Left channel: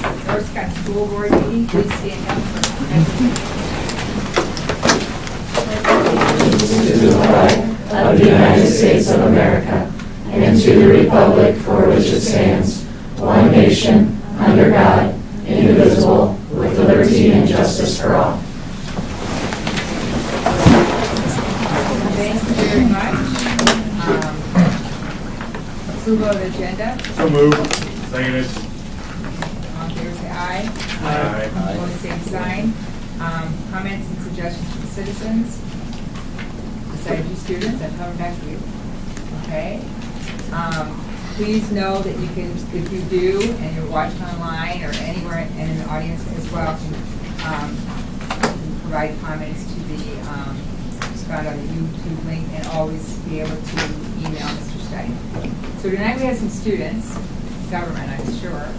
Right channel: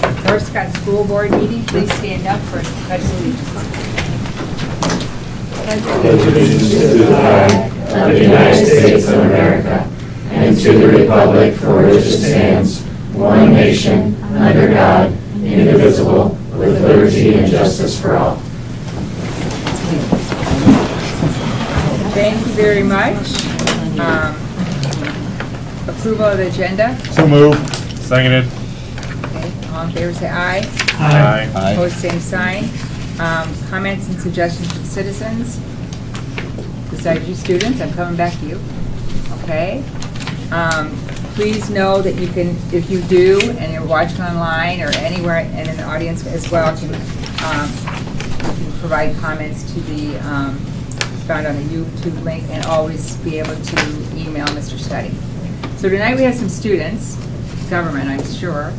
North Scott School Board meeting. Please stand up for pledge of Allegiance to the flag of the United States of America and to the republic for which it stands, one nation, under God, indivisible, with liberty and justice for all. Thank you very much. Approval of the agenda. So moved. Seconded. Okay. All in favor say aye. Aye. Opposed, same sign. Comments and suggestions from citizens. Besides you students, I'm coming back to you. Okay. Please know that you can, if you do, and you're watching online or anywhere and in the audience as well, can provide comments to the, it's found on the YouTube link, and always be able to email Mr. Study. So tonight we have some students, government, I'm sure.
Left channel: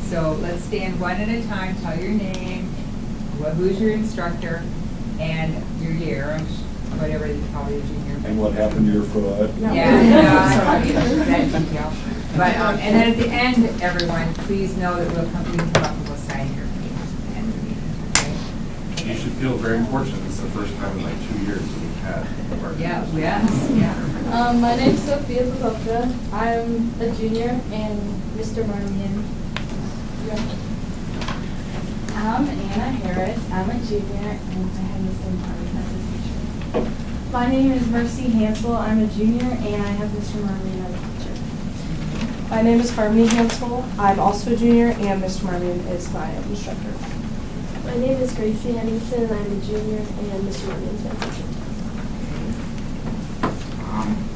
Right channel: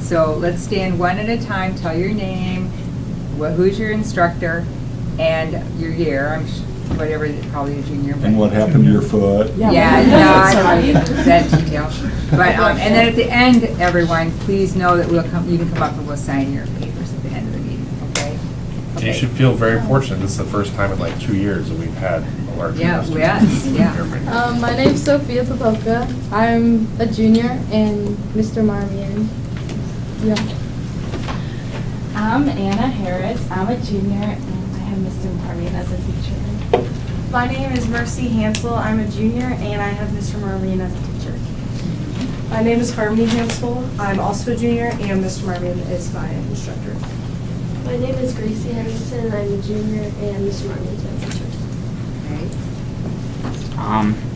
So let's stand one at a time, tell your name, who's your instructor, and your year, whatever, probably a junior. And what happened to your foot? Yeah, that detail. But, and then at the end, everyone, please know that you can come up and we'll sign your papers at the end of the meeting, okay? And you should feel very fortunate. This is the first time in like 2 years that we've had our Yeah, students. yes, yeah. My name's Sophia Popovka. I'm a junior, and Mr. Marmion. Yeah. I'm Anna Harris. I'm a junior, and I have Mr. Marmion as a teacher. My name is Mercy Hansel. I'm a junior, and I have Mr. Marmion as a teacher. My name is Harmony Hansel. I'm also a junior, and Mr. Marmion is my instructor. My name is Gracie Anderson. I'm a junior, and Mr. Marmion is my teacher.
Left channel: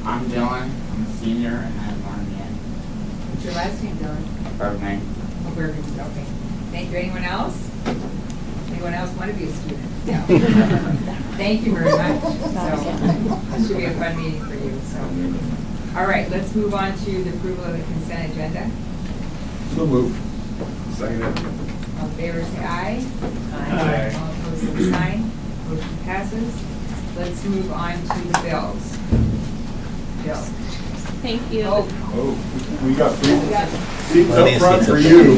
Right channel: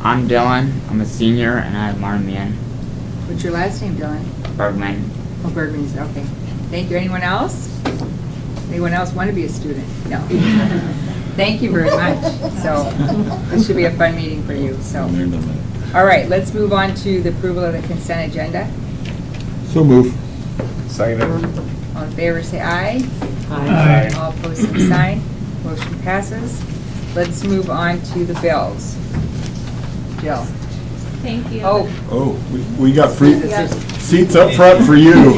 I'm Dylan. I'm a senior, and I have Marmion. What's your last name, Dylan? Bergman. Oh, Bergman's, okay. Thank you. Anyone else? Anyone else want to be a student? Yeah. Thank you very much. So this should be a fun meeting for you. So, all right, let's move on to the approval of the consent agenda. So moved. Seconded. All in favor, say aye. Aye. All opposed, same sign. Motion passes. Let's move on to the bills. Bill. Thank you. Oh, Oh, we got free seats up front for you.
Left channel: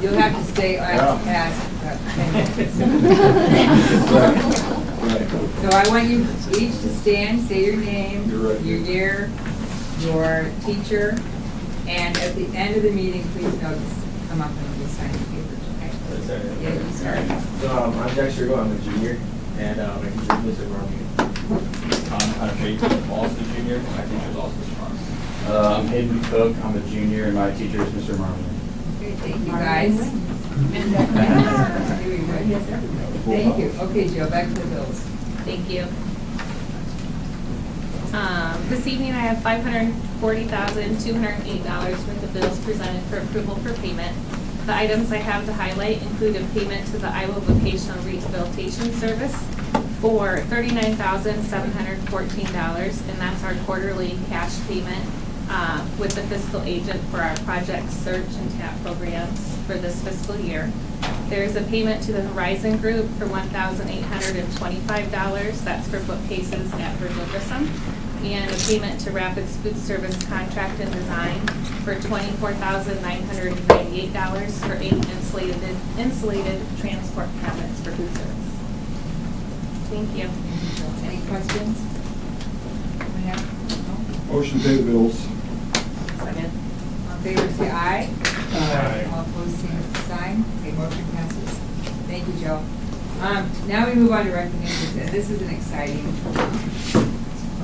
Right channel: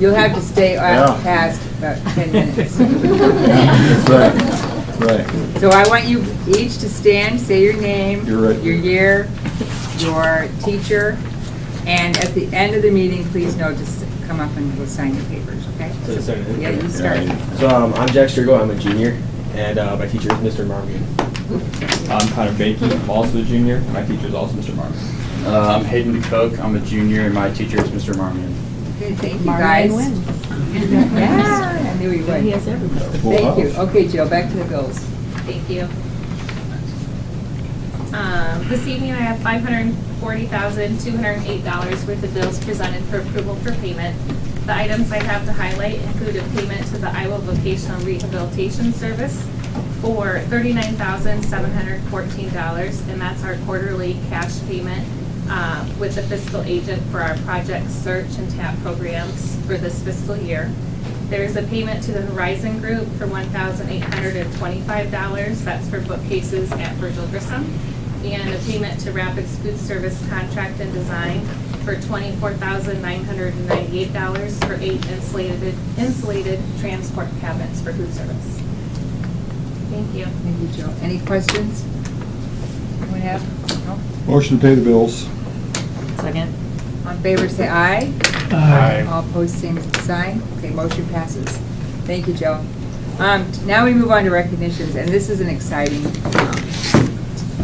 you'll have to stay Yeah. past about 10 minutes. Right. So I want you each to stand, say your name, You're right. your year, your teacher, and at the end of the meeting, please note to come up and we'll sign your papers, okay? Yeah, you start. So I'm Jack Strigo, I'm a junior, and my teacher is Mr. Marmion. I'm Connor Bates, I'm also a junior. My teacher is also Mr. Marmion. I'm Hayden Cook, I'm a junior, and my teacher is Mr. Marmion. Okay, thank you, guys. Yeah, I knew he would. He has everything. Thank you. Okay, Jill, back to the bills. Thank you. This evening, I have $540,208 worth of bills presented for approval for payment. The items I have to highlight include a payment to the Iowa Vocational Rehabilitation Service for $39,714, and that's our quarterly cash payment with the fiscal agent for our project search and TAP programs for this fiscal year. There's a payment to the Horizon Group for $1,825. That's for bookcases at Virgil Grissom. And a payment to Rapids Food Service Contract and Design for $24,998 for 8 insulated transport cabinets for food service. Thank you. Thank you, Jill. Any questions? Anyone have? No? Motion to pay the bills. Second. All in favor, say aye. Aye. All opposed, same sign. Okay, motion passes. Thank you, Joe. Now we move on to recognitions, and this is an exciting,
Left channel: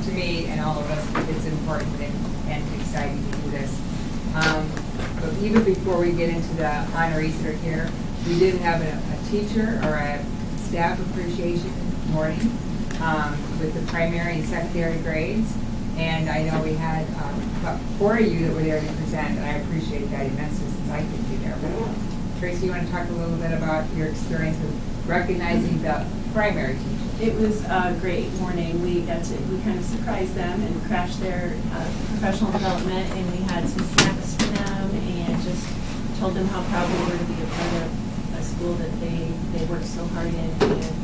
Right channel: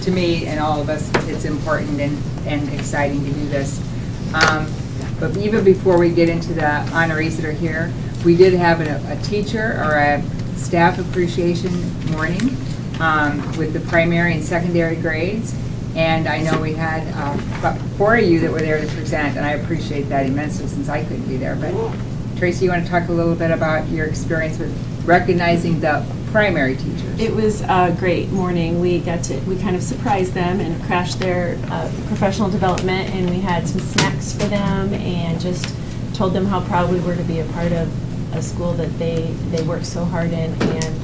to me and all of us, it's important and exciting to do this. But even before we get into the honorees that are here, we did have a teacher or a staff appreciation morning with the primary and secondary grades. And I know we had about 4 of you that were there to present, and I appreciate that immensely since I couldn't be there. But Tracy, you want to talk a little bit about your experience with recognizing the primary teachers? It was a great morning. We kind of surprised them and crashed their professional development, and we had some snacks for them and just told them how proud we were to be a part of a school that they work so hard in, and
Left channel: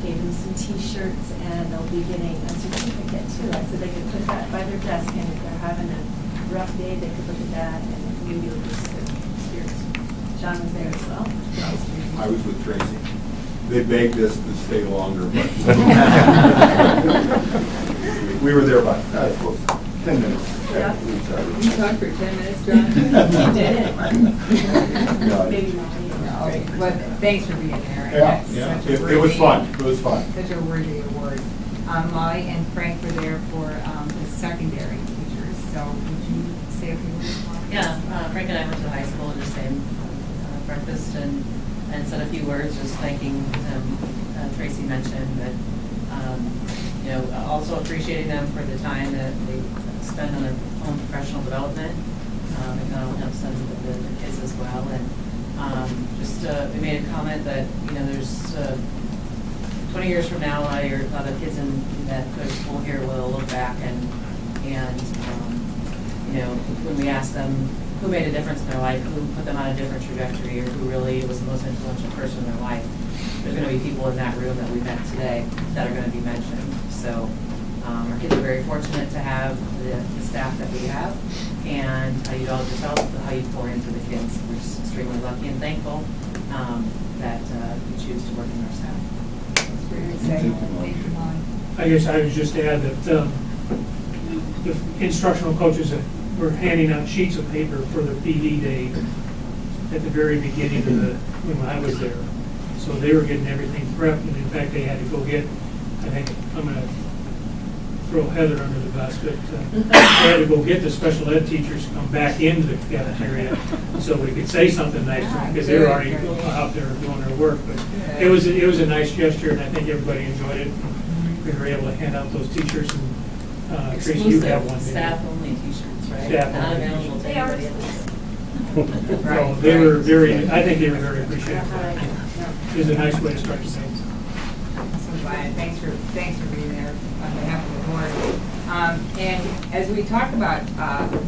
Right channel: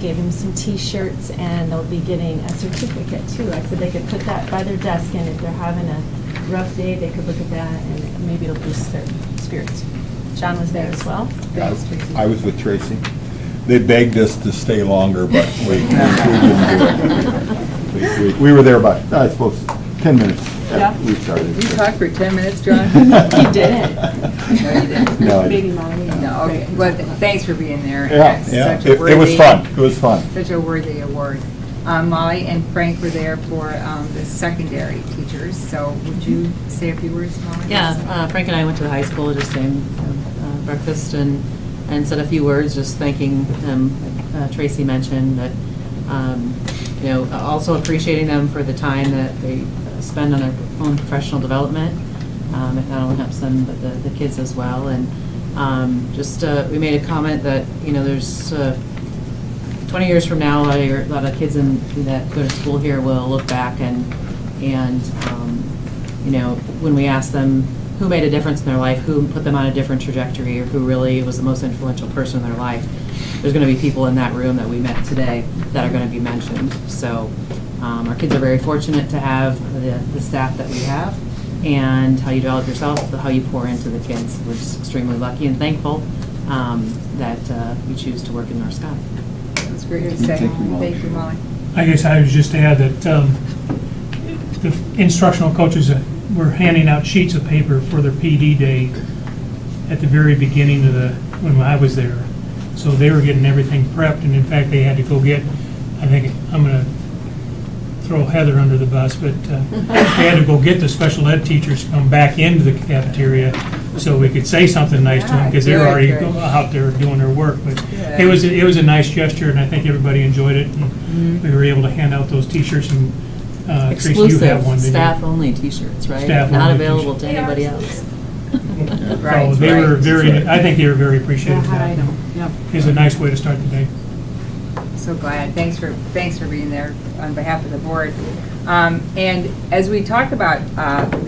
gave them some t-shirts, and they'll be getting a certificate too. I said they could put that by their desk, and if they're having a rough day, they could look at that, and maybe it'll boost their spirits. John was there as well. Yeah, I was with Tracy. They begged us to stay longer, but we were there about, I suppose, 10 minutes Yeah. after we started. You talked for 10 minutes, John? You didn't. No, I Maybe didn't. Molly. No, okay, well, thanks for being there. Yeah, That's yeah, such a it was worthy- fun, it was fun. Such a worthy award. Molly and Frank were there for the secondary teachers, so would you say a few words, Molly? Yeah, Frank and I went to the high school, just saying breakfast and said a few words, just thanking them. Tracy mentioned that, you know, also appreciating them for the time that they spend on their own professional development. It not only helps them, but the kids as well. And we made a comment that, you know, there's 20 years from now, a lot of kids that go to school here will look back and you know, when we ask them who made a difference in their life, who put them on a different trajectory, or who really was the most influential person in their life, there's going to be people in that room that we met today that are going to be mentioned. So our kids are very fortunate to have the staff that we have, and how you develop yourself, how you pour into the kids. We're just extremely lucky and thankful that we choose to work in our staff. That's great to say. Thank you, Molly. I guess I would just add that the instructional coaches were handing out sheets of paper for their PD day at the very beginning of when I was there. So they were getting everything prepped, and in fact, they had to go get, I think, I'm gonna throw Heather under the bus, but they had to go get the special ed teachers to come back into the cafeteria so we could say something nice to them, because they were already out there doing their work. But it was a nice gesture, and I think everybody enjoyed it. And we were able to hand out those t-shirts, and Tracy, you have one. Exclusive, staff-only T-shirts, right? Staff Not only available t-shirts. to anybody else. Right, So they were right. very, I think they were very appreciative of that. Yep. It was a nice way to start the day. So glad. Thanks for being there on behalf of the board. And as we talk about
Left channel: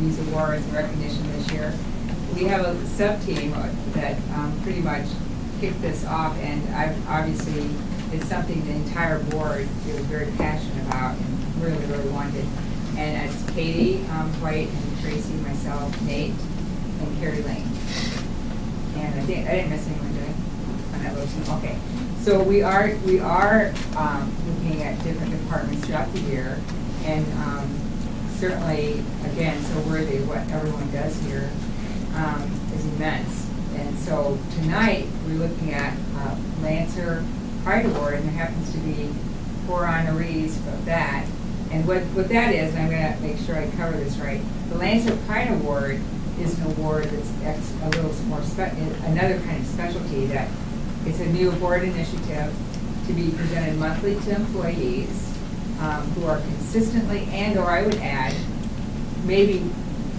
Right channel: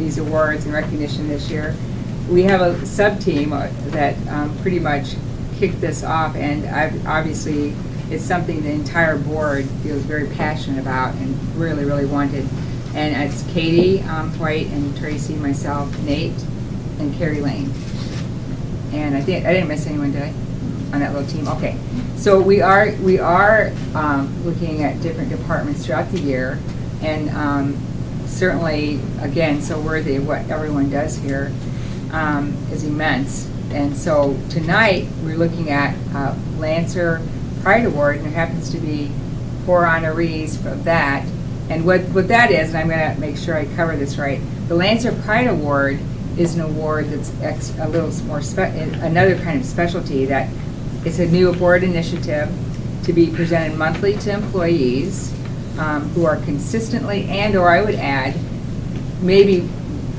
these awards and recognition this year, we have a sub-team that pretty much kicked this off, and obviously it's something the entire board feels very passionate about and really, really wanted. And it's Katie White and Tracy, myself, Nate, and Carrie Lane. And I didn't miss anyone, did I? On that little team? Okay. So we are looking at different departments throughout the year, and certainly, again, so worthy of what everyone does here is immense. And so tonight, we're looking at Lancer Pride Award, and there happens to be 4 honorees of that. And what that is, and I'm going to make sure I cover this right, the Lancer Pride Award is an award that's a little more another kind of specialty. That it's a new board initiative to be presented monthly to employees who are consistently, or I would add, maybe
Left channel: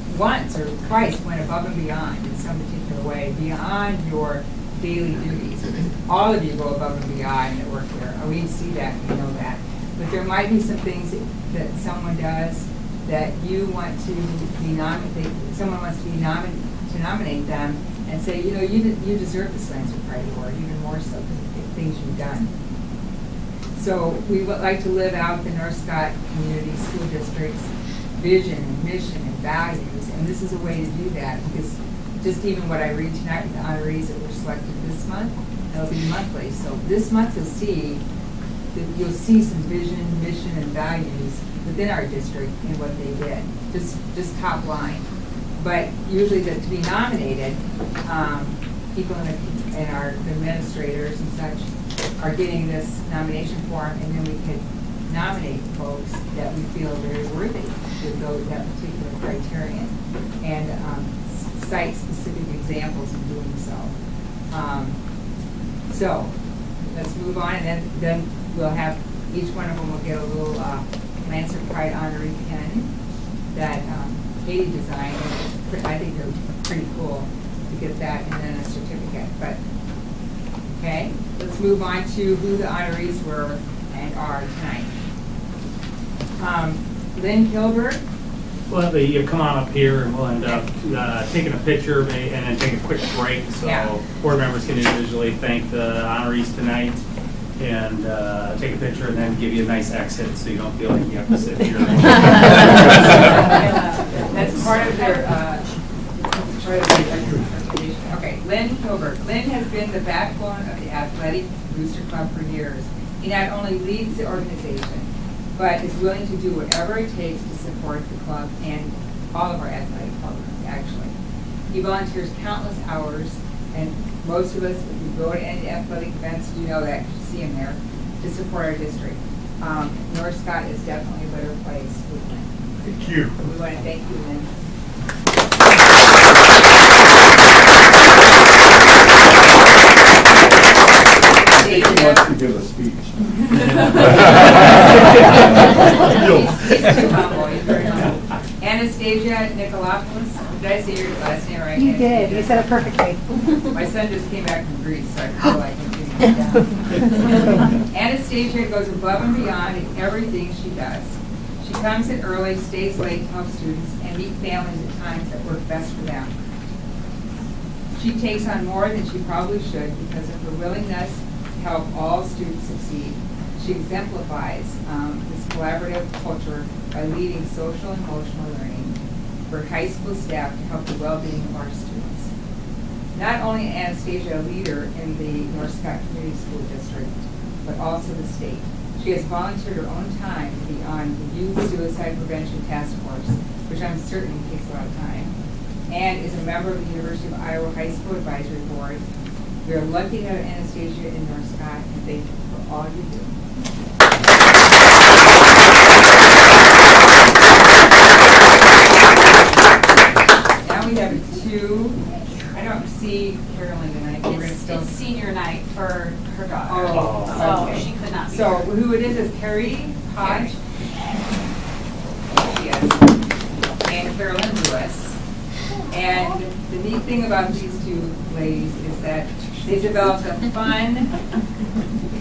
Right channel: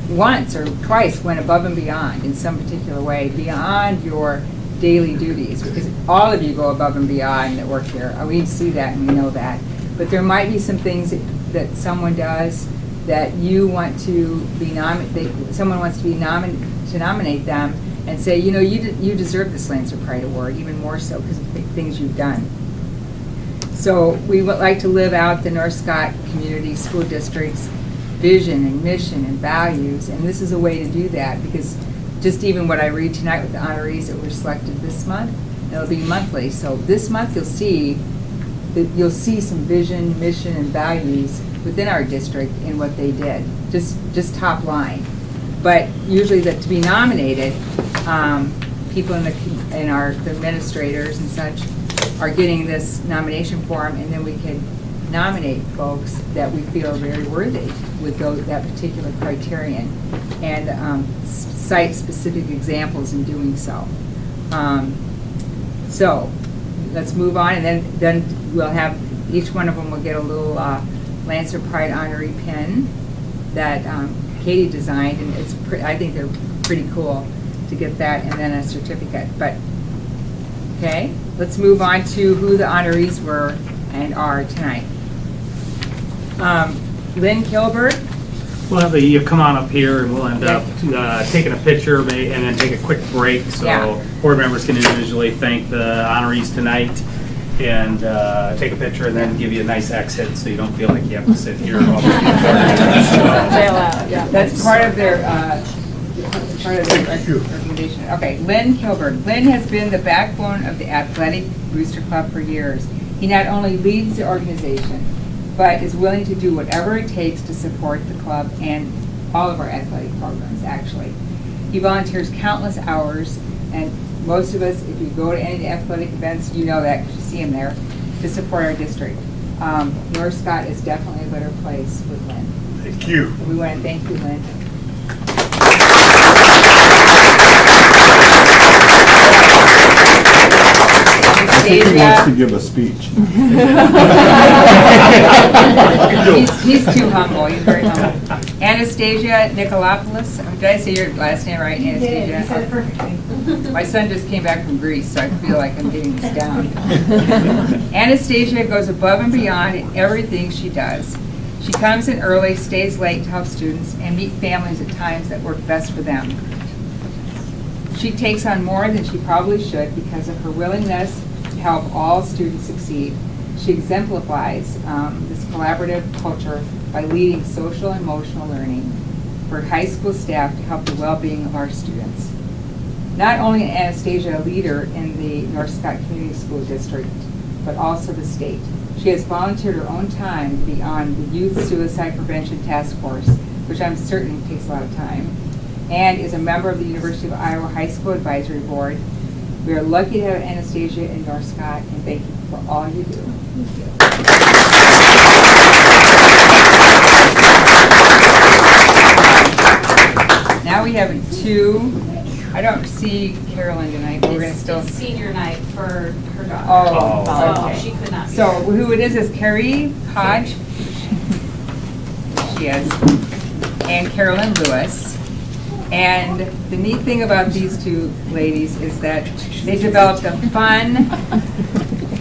once or twice went above and beyond in some particular way, beyond your daily duties, because all of you go above and beyond that work here. We see that and we know that. But there might be some things that someone does that you want to be someone wants to be to nominate them and say, you know, you deserve this Lancer Pride Award, even more so because of the things you've done. So we would like to live out the North Scott Community School District's vision and mission and values, and this is a way to do that, because just even what I read tonight with the honorees that were selected this month, it'll be monthly. So this month you'll see some vision, mission, and values within our district in what they did, just top line. But usually to be nominated, people in our administrators and such are getting this nomination form, and then we can nominate folks that we feel are very worthy with that particular criterion, and cite specific examples in doing so. So let's move on, and then we'll have, each one of them will get a little Lancer Pride honoree pin that Katie designed, and I think they're pretty cool to get that, and then a certificate. But okay, let's move on to who the honorees were and are tonight. Lynn Kilburg. We'll have you come on up here, and we'll end up taking a picture and then take a quick break, so board members can individually thank the honorees tonight and take a picture, and then give you a nice exit so you don't feel like you have to sit here. That's part of their recognition. Okay, Lynn Kilburg. Lynn has been the backbone of the Athletic Booster Club for years. He not only leads the organization, but is willing to do whatever it takes to support the club and all of our athletic programs, actually. He volunteers countless hours, and most of us, if we go to any of the athletic events, you know that because you see him there, to support our district. North Scott is definitely a better place with Lynn. Thank you. We want to thank you, Lynn. I think he wants to give a speech. He's too humble. He's very humble. Anastasia Nicolopolis. Did I say your last name right? You did. You said it perfectly. My son just came back from Greece, so I feel like I'm getting this down. Anastasia goes above and beyond in everything she does. She comes in early, stays late to help students, and meet families at times that work best for them. She takes on more than she probably should because of her willingness to help all students succeed. She exemplifies this collaborative culture by leading social and emotional learning for high school staff to help the well-being of our students. Not only is Anastasia a leader in the North Scott Community School District, but also the state. She has volunteered her own time to be on the Youth Suicide Prevention Task Force, which I'm certain takes a lot of time, and is a member of the University of Iowa High School Advisory Board. We are lucky to have Anastasia in North Scott, and thank you for all you do. Now we have two. I don't see Carolyn tonight. We're going to still. It's senior night for her daughter. Oh, So okay. she could not be So here. who it is Carrie Hodge. She is. And Carolyn Lewis. And the neat thing about these two ladies is that they developed a fun,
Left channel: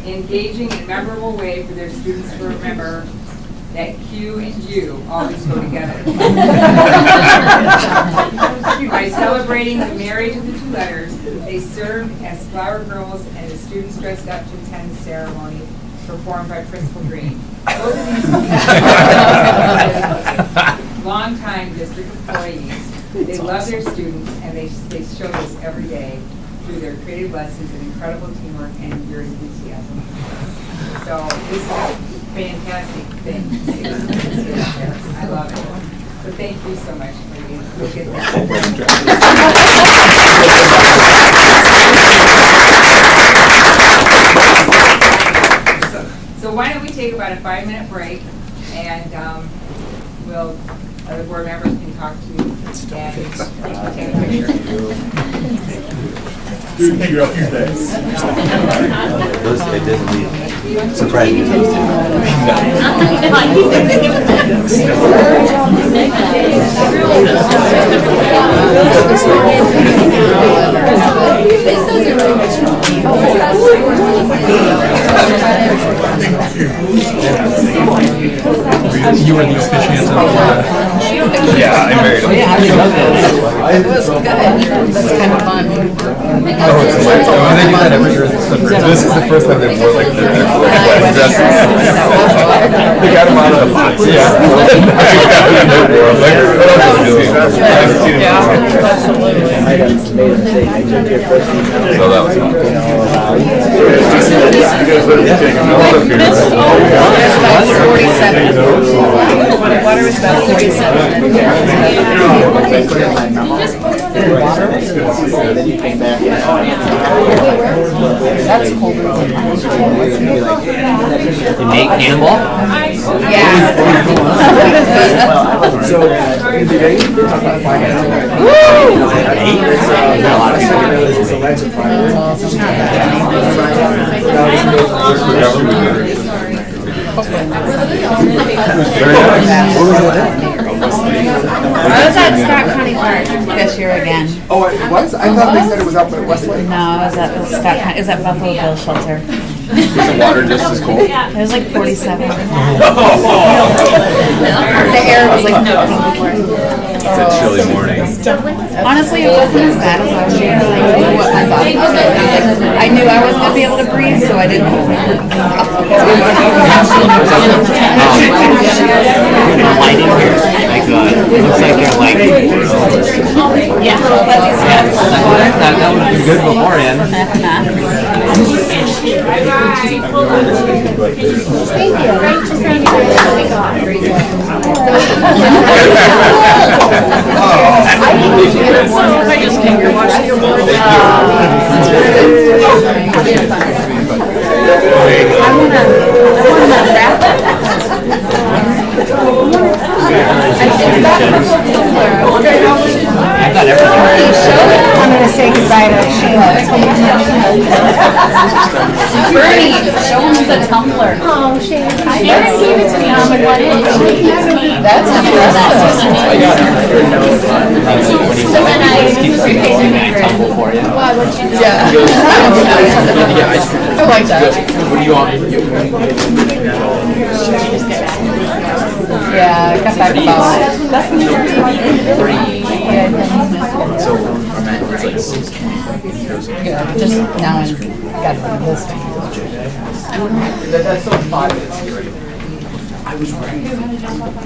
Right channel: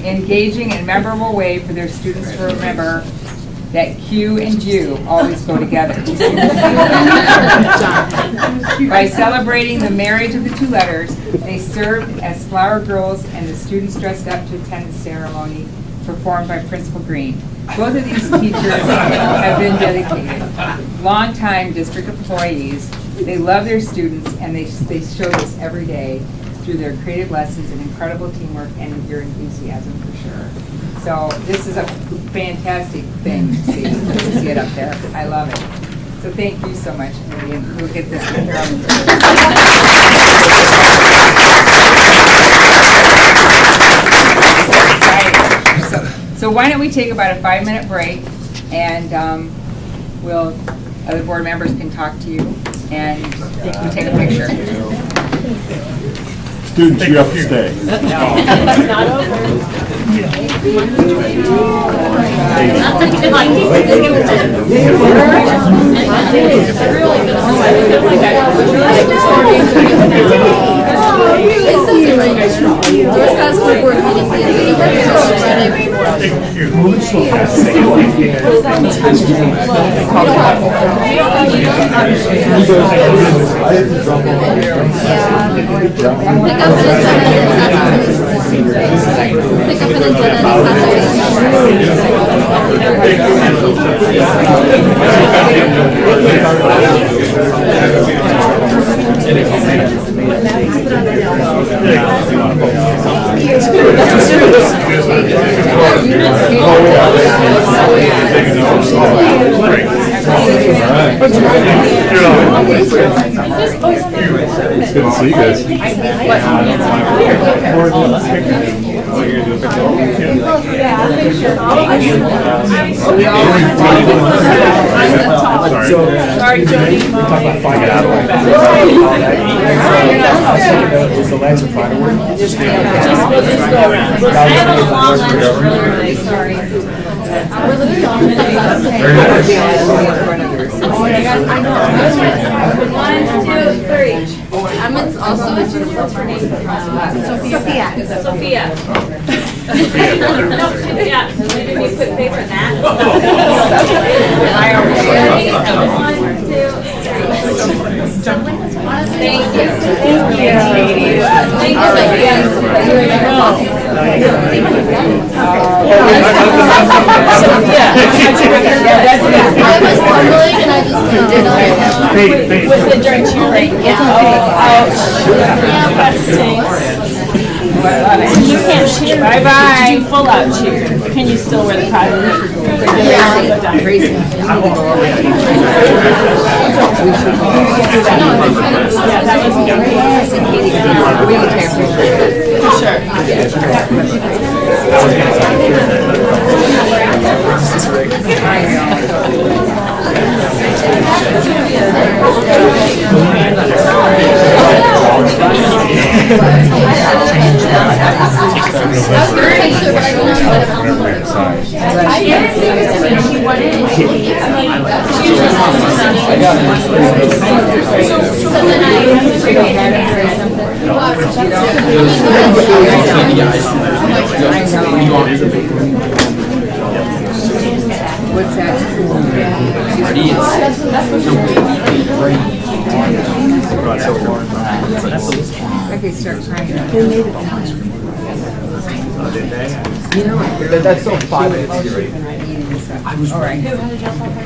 engaging, and memorable way for their students to remember that Q and U always go together. By celebrating the marriage of the two letters, they served as flower girls, and the students dressed up to attend the ceremony performed by Principal Green. Both of these teachers have been dedicated, longtime district employees. They love their students, and they show this every day through their creative lessons and incredible teamwork and your enthusiasm, for sure. So this is a fantastic thing to see it up there. I love it. So thank you so much, Vivian. We'll get this So why don't we take about a 5-minute break, and other board members can talk to you, and we'll take a picture. Students, you have to stay. Is that Buffalo Shelter? Yeah. It was like 47. Honestly, it wasn't bad. I knew I was not able to breathe, so I didn't. Bye-bye. Do full out cheer. Can you still wear the product? That's so fun.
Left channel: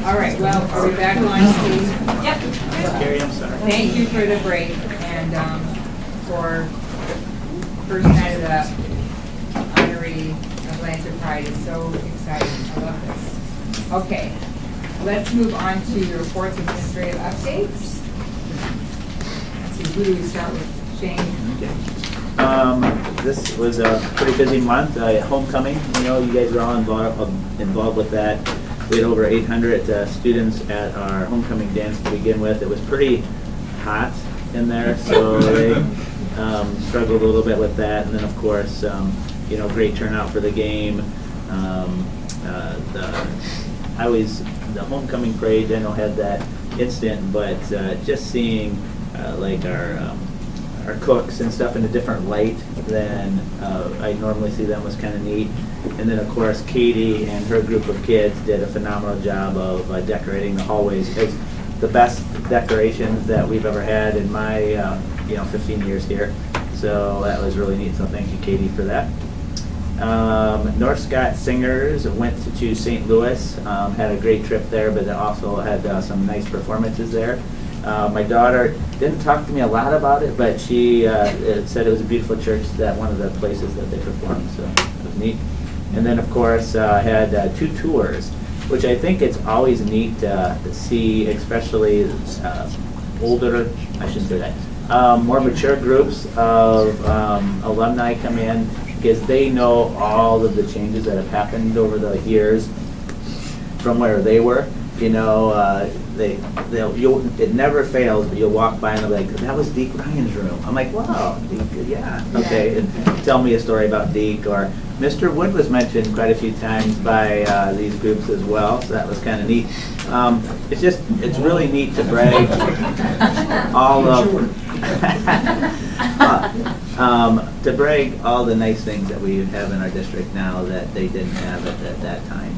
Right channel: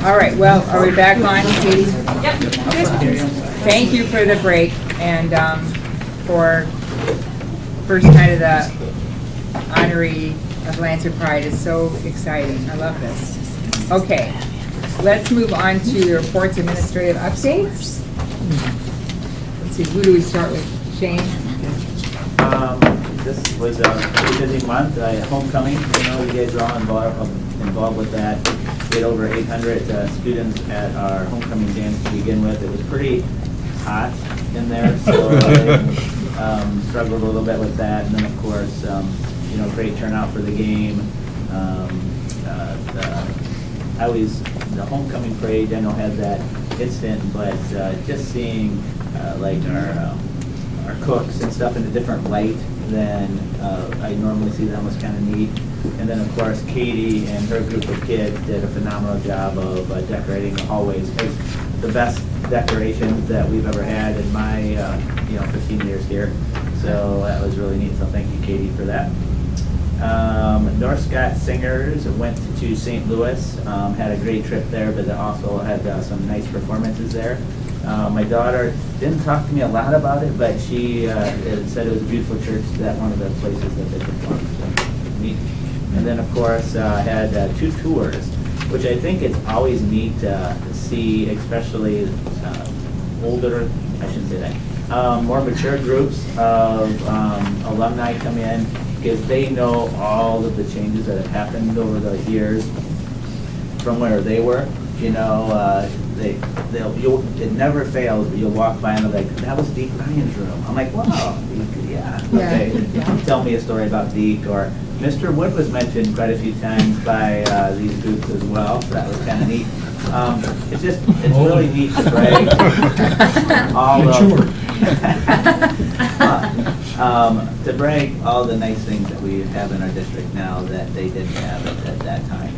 All right, well, are we back on? Yep. Thank you for the break and for first night of the honoree of Lancer Pride. Is so exciting. I love this. Okay, let's move on to the reports, administrative updates. Let's see, who do we start with? Shane? This was a pretty busy month. Homecoming, I know you guys are all involved with that. We had over 800 students at our homecoming dance to begin with. It was pretty hot in there, so they struggled a little bit with that. And then, of course, great turnout for the game. The homecoming parade, I know, had that instant, but just seeing like our cooks and stuff in a different light than I normally see them was kind of neat. And then, of course, Katie and her group of kids did a phenomenal job of decorating the hallways. It was the best decorations that we've ever had in my 15 years here. So that was really neat. So thank you, Katie, for that. North Scott Singers went to St. Louis, had a great trip there, but they also had some nice performances there. My daughter didn't talk to me a lot about it, but she said it was a beautiful church, that one of the places that they performed, so it was neat. And then, of course, had 2 tours, which I think it's always neat to see, especially older, I shouldn't say that, more mature groups of alumni come in, because they know all of the changes that have happened over the years from where they were. It never fails, but you'll walk by and they'll be like, that was Deke Ryan's room. I'm like, wow, Deke, yeah, okay. Tell me a story about Deke. Or Mr. Wood was mentioned quite a few times by these groups as well, so that was kind of neat. It's really neat to brag to brag all the nice things that we have in our district now that they didn't have at that time.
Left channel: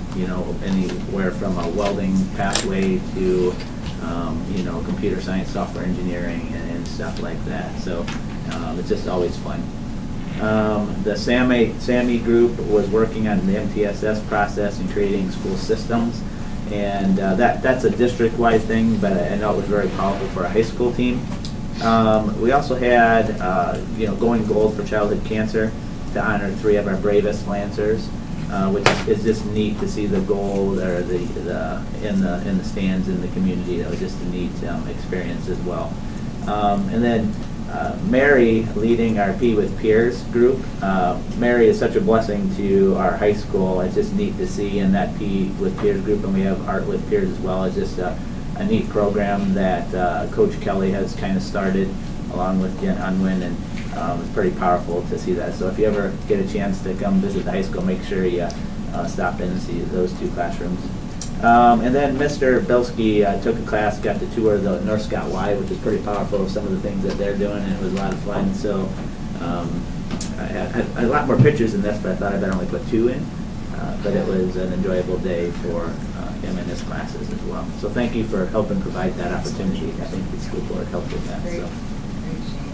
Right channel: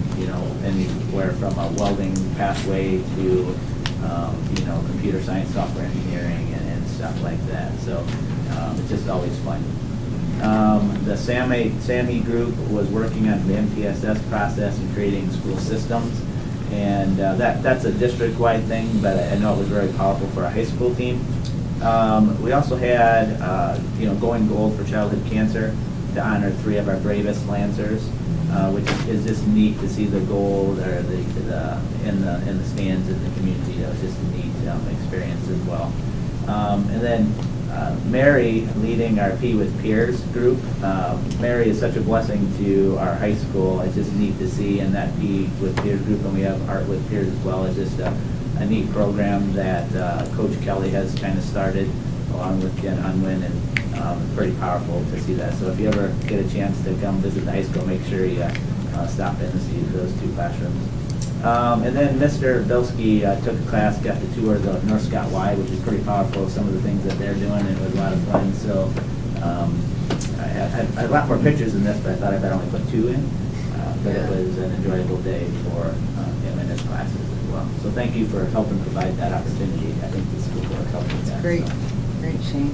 Anywhere from a welding pathway to, computer science, software engineering, and stuff like that. So it's just always fun. The SAMI group was working on the MTSS process and creating school systems. And that's a district-wide thing, but I know it was very powerful for a high school team. We also had, going gold for childhood cancer to honor 3 of our bravest Lancers, which is just neat to see the gold or in the stands in the community. That was just a neat experience as well. And then Mary leading our P with Peers group. Mary is such a blessing to our high school. It's just neat to see in that P with Peers group, and we have Art with Peers as well. It's just a neat program that Coach Kelly has kind of started along with Jen Unwin, and it's pretty powerful to see that. So if you ever get a chance to come visit the high school, make sure you stop in and see those 2 classrooms. And then Mr. Bilski took a class, got to tour the North Scott Y, which is pretty powerful of some of the things that they're doing, and it was a lot of fun. So I had a lot more pictures in this, but I thought I'd only put 2 in. But it was an enjoyable day for him and his classes as well. So thank you for helping provide that opportunity. I think the school board helped with that. Great, so. great, Shane.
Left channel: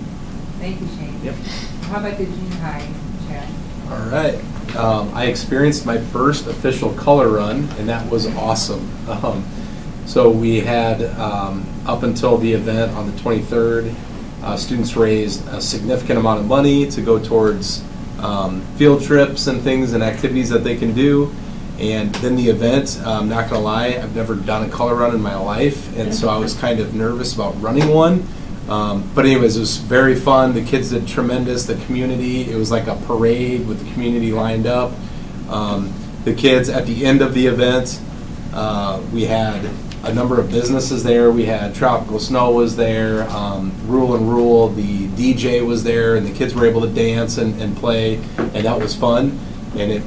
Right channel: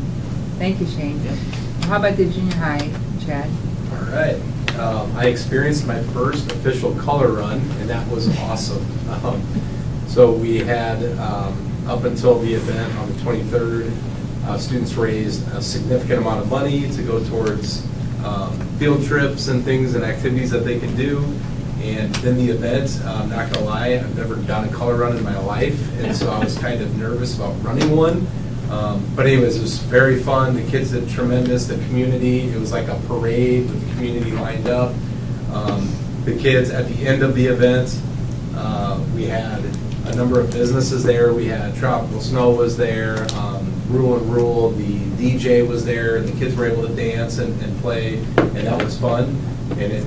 Thank you, Shane. Yep. How about the junior high, Chad? All right. I experienced my first official color run, and that was awesome. So we had, up until the event on the 23rd, Students raised a significant amount of money to go towards field trips and things and activities that they can do. And then the event, I'm not gonna lie, I've never done a color run in my life, and so I was kind of nervous about running one. But anyways, it was very fun. The kids did tremendous. The community, it was like a parade with the community lined up. The kids, at the end of the event, we had a number of businesses there. We had Tropical Snow was there, Rule and Rule, the DJ was there, and the kids were able to dance and play, and that was fun. And it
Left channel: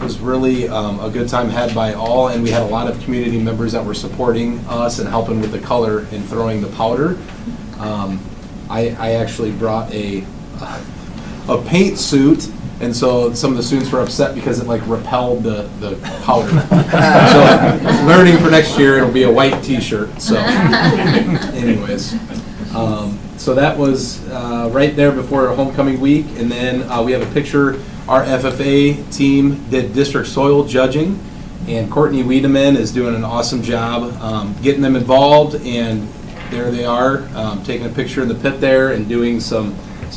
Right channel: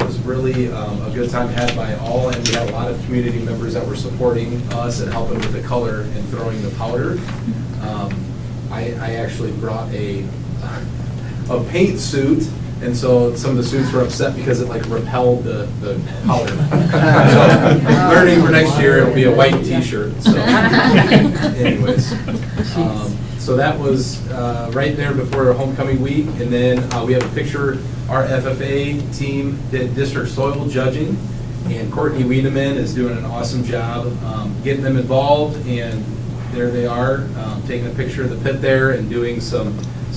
was really a good time had by all, and we had a lot of community members that were supporting us and helping with the color and throwing the powder. I actually brought a paint suit, and so some of the students were upset because it like repelled the powder. So learning for next year, it'll be a white T-shirt. So, anyways, so that was right there before homecoming week, and then we have a picture. Our FFA team did district soil judging, and Courtney Wiedemann is doing an awesome job getting them involved, and there they are, taking a picture in the pit there and doing some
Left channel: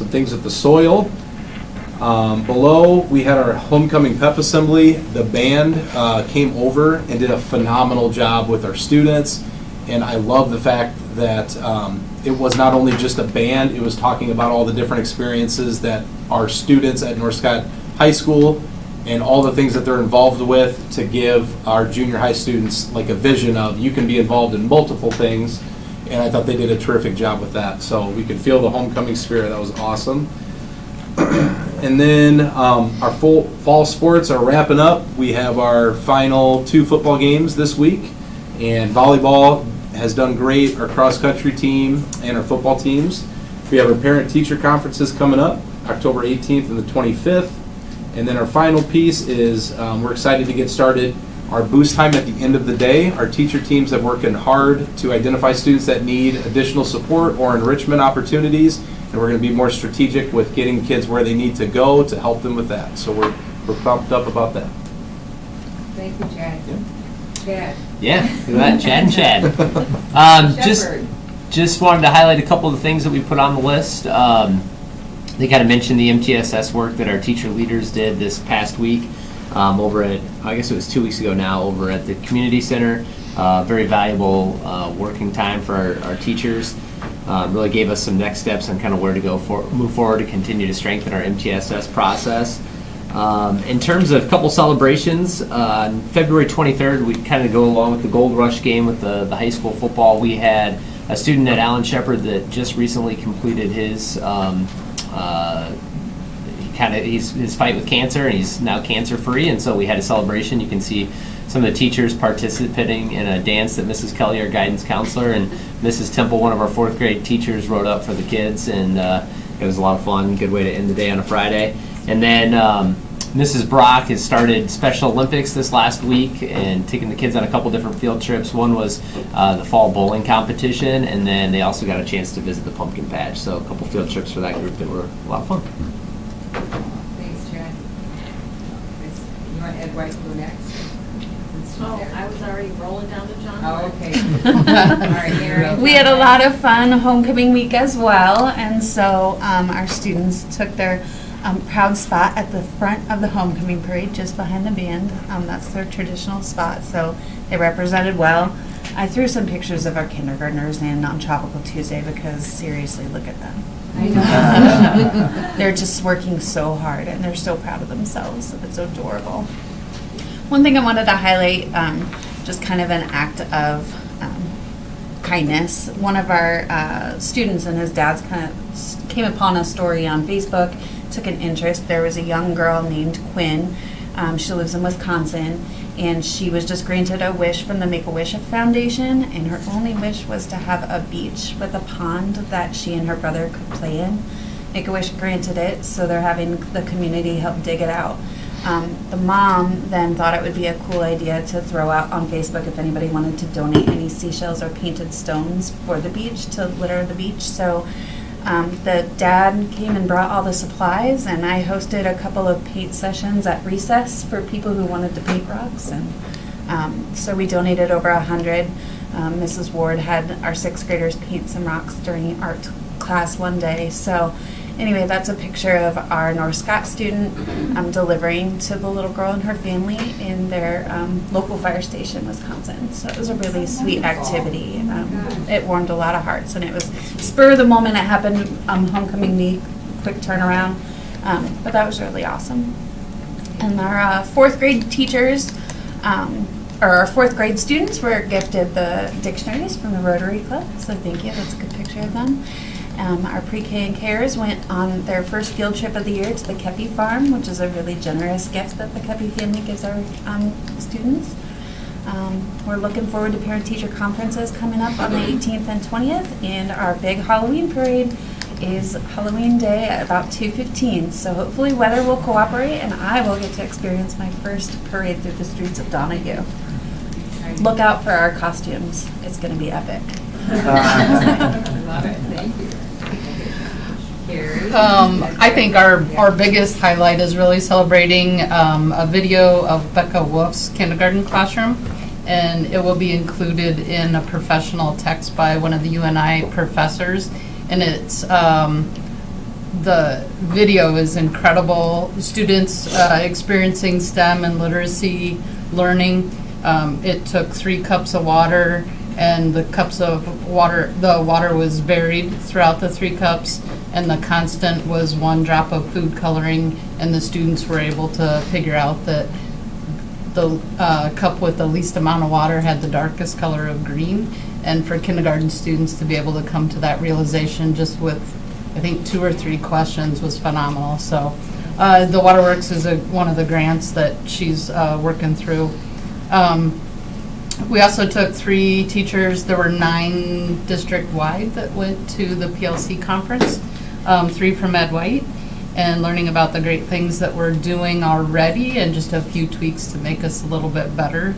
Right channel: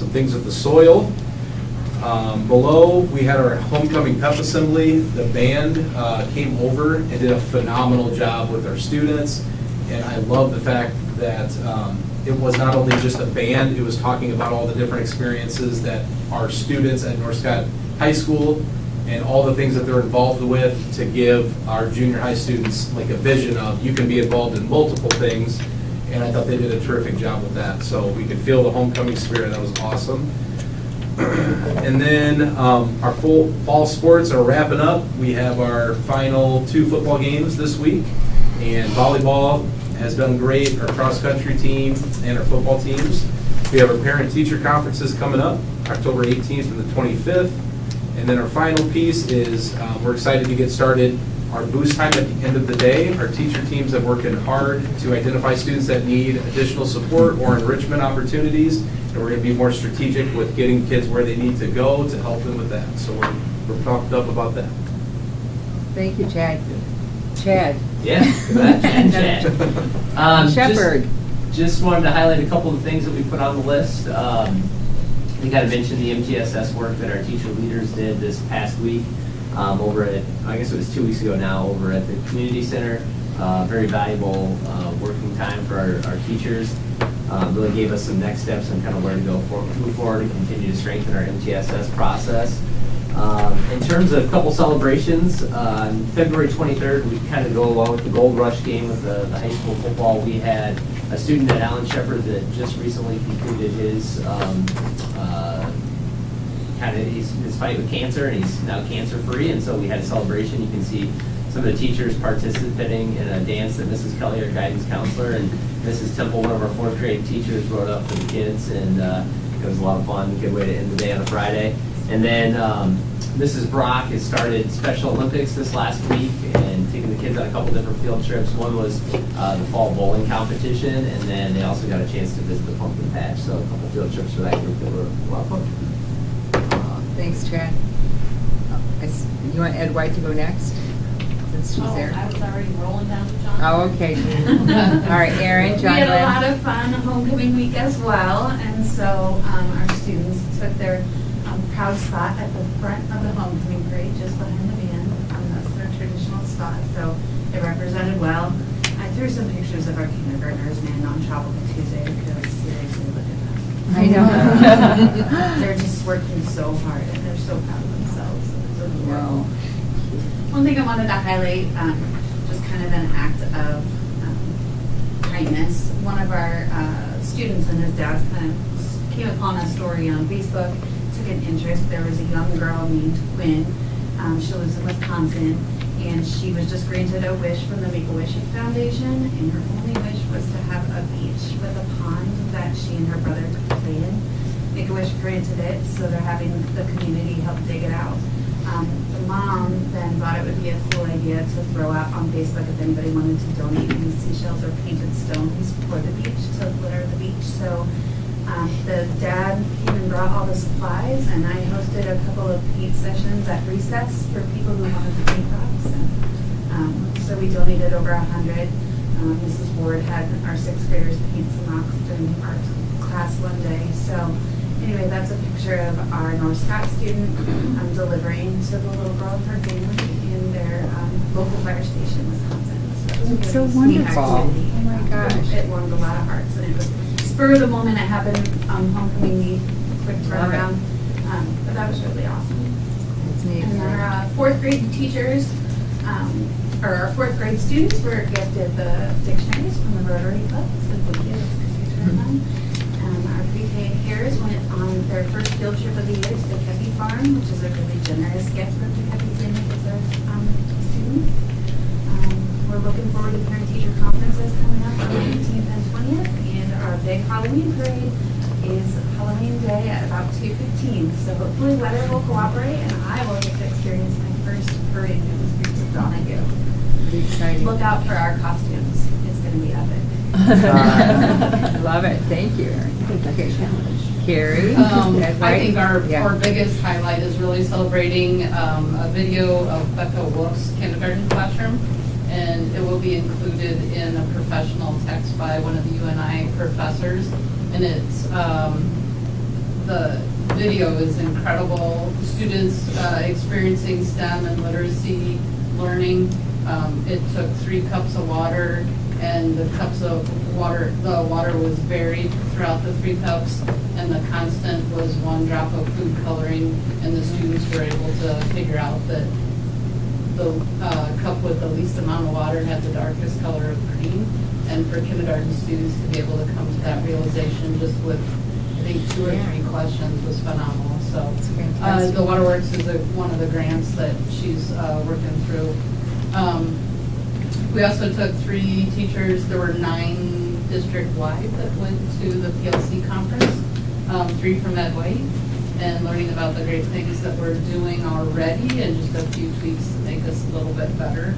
things with the soil. Below, we had our homecoming pep assembly. The band came over and did a phenomenal job with our students, and I love the fact that it was not only just a band, it was talking about all the different experiences that our students at North Scott High School and all the things that they're involved with to give our junior high students like a vision of you can be involved in multiple things, and I thought they did a terrific job with that. So we could feel the homecoming spirit. That was awesome. And then our fall sports are wrapping up. We have our final 2 football games this week, and volleyball has done great, our cross-country team and our football teams. We have our parent-teacher conferences coming up, October 18th and the 25th. And then our final piece is we're excited to get started our boost time at the end of the day. Our teacher teams have worked hard to identify students that need additional support or enrichment opportunities, and we're going to be more strategic with getting kids where they need to go to help them with that. So we're pumped up about that. Thank you, Chad. Chad. Yeah, good that, Chad. Shepherd. Just wanted to highlight a couple of the things that we put on the list. They kind of mentioned the MTSS work that our teacher leaders did this past week over at, I guess it was 2 weeks ago now, over at the community center. Very valuable working time for our teachers. Really gave us some next steps on kind of where to go move forward to continue to strengthen our MTSS process. In terms of couple celebrations, on February 23rd, we kind of go along with the Gold Rush game with the high school football. We had a student at Alan Shepard that just recently completed his his fight with cancer, and he's now cancer-free, and so we had a celebration. You can see some of the teachers participating in a dance that Mrs. Kelly, our guidance counselor, and Mrs. Temple, one of our 4th grade teachers, wrote up for the kids, and it was a lot of fun. Good way to end the day on a Friday. And then Mrs. Brock has started Special Olympics this last week and taking the kids on a couple different field trips. One was the fall bowling competition, and then they also got a chance to visit the pumpkin patch. So a couple field trips for that group that were a lot of fun. Thanks, Chad. You want Ed White to go next? Since she's there. I was already rolling down to John. Oh, okay. All right, Erin. We had a lot of fun homecoming week as well, and so our students took their proud spot at the front of the homecoming parade, just behind the band. That's their traditional spot, so they represented well. I threw some pictures of our kindergartners in on Tropical Tuesday because seriously, look at them. I know. They're just working so hard, and they're so proud of themselves. It's adorable. One thing I wanted to highlight, just kind of an act of kindness. One of our students and his dad's kind of came upon a story on Facebook, took an interest. There was a young girl named Quinn. She lives in Wisconsin, and she was just granted a wish from the Make-A-Wish Foundation, and her only wish was to have a beach with a pond that she and her brother could play in. Make-A-Wish granted it, so they're having the community help dig it out. The mom then thought it would be a cool idea to throw out on Facebook if anybody wanted to donate any seashells or painted stones for the beach to litter the beach. So the dad came and brought all the supplies, and I hosted a couple of paint sessions at recess for people who wanted to paint rocks. And so we donated over 100. Mrs. Ward had our 6th graders paint some rocks during art class one day. So anyway, that's a picture of our North Scott student delivering to the little girl and her family in their local fire station, Wisconsin. So it was a That's really so sweet wonderful. activity. Oh my gosh. It warmed a lot of hearts, and it was spur of the moment. It happened homecoming week, quick turnaround. But that was really awesome. And our fourth grade teachers, or our fourth grade students were gifted the dictionaries from the Rotary Club, so thank you, that's a good picture of them. Our pre-K and Kers went on their first field trip of the year to the Kepi Farm, which is a really generous gift that the Kepi family gives our students. We're looking forward to parent-teacher conferences coming up on the 18th and 20th, and our big Halloween parade is Halloween Day at about 2:15. So hopefully weather will cooperate, and I will get to experience my first parade through the streets of Donahue. Look out for our costumes. It's going to be epic. Love it, thank you. Carrie? I think our biggest highlight is really celebrating a video of Becca Wolf's kindergarten classroom, and it will be included in a professional text by one of the UNI professors, and it's the video is incredible. Students experiencing STEM and literacy learning. It took 3 cups of water, and the water was varied throughout the 3 cups, and the constant was 1 drop of food coloring, and the students were able to figure out that the cup with the least amount of water had the darkest color of green. And for kindergarten students to be able to come to that realization just with, I think, 2 or 3 questions was phenomenal. So the Waterworks is one of the grants that she's working through. We also took 3 teachers. There were 9 district-wide that went to the PLC conference, 3 from Ed White, and learning about the great things that we're doing already and just a few tweaks to make us a little bit better.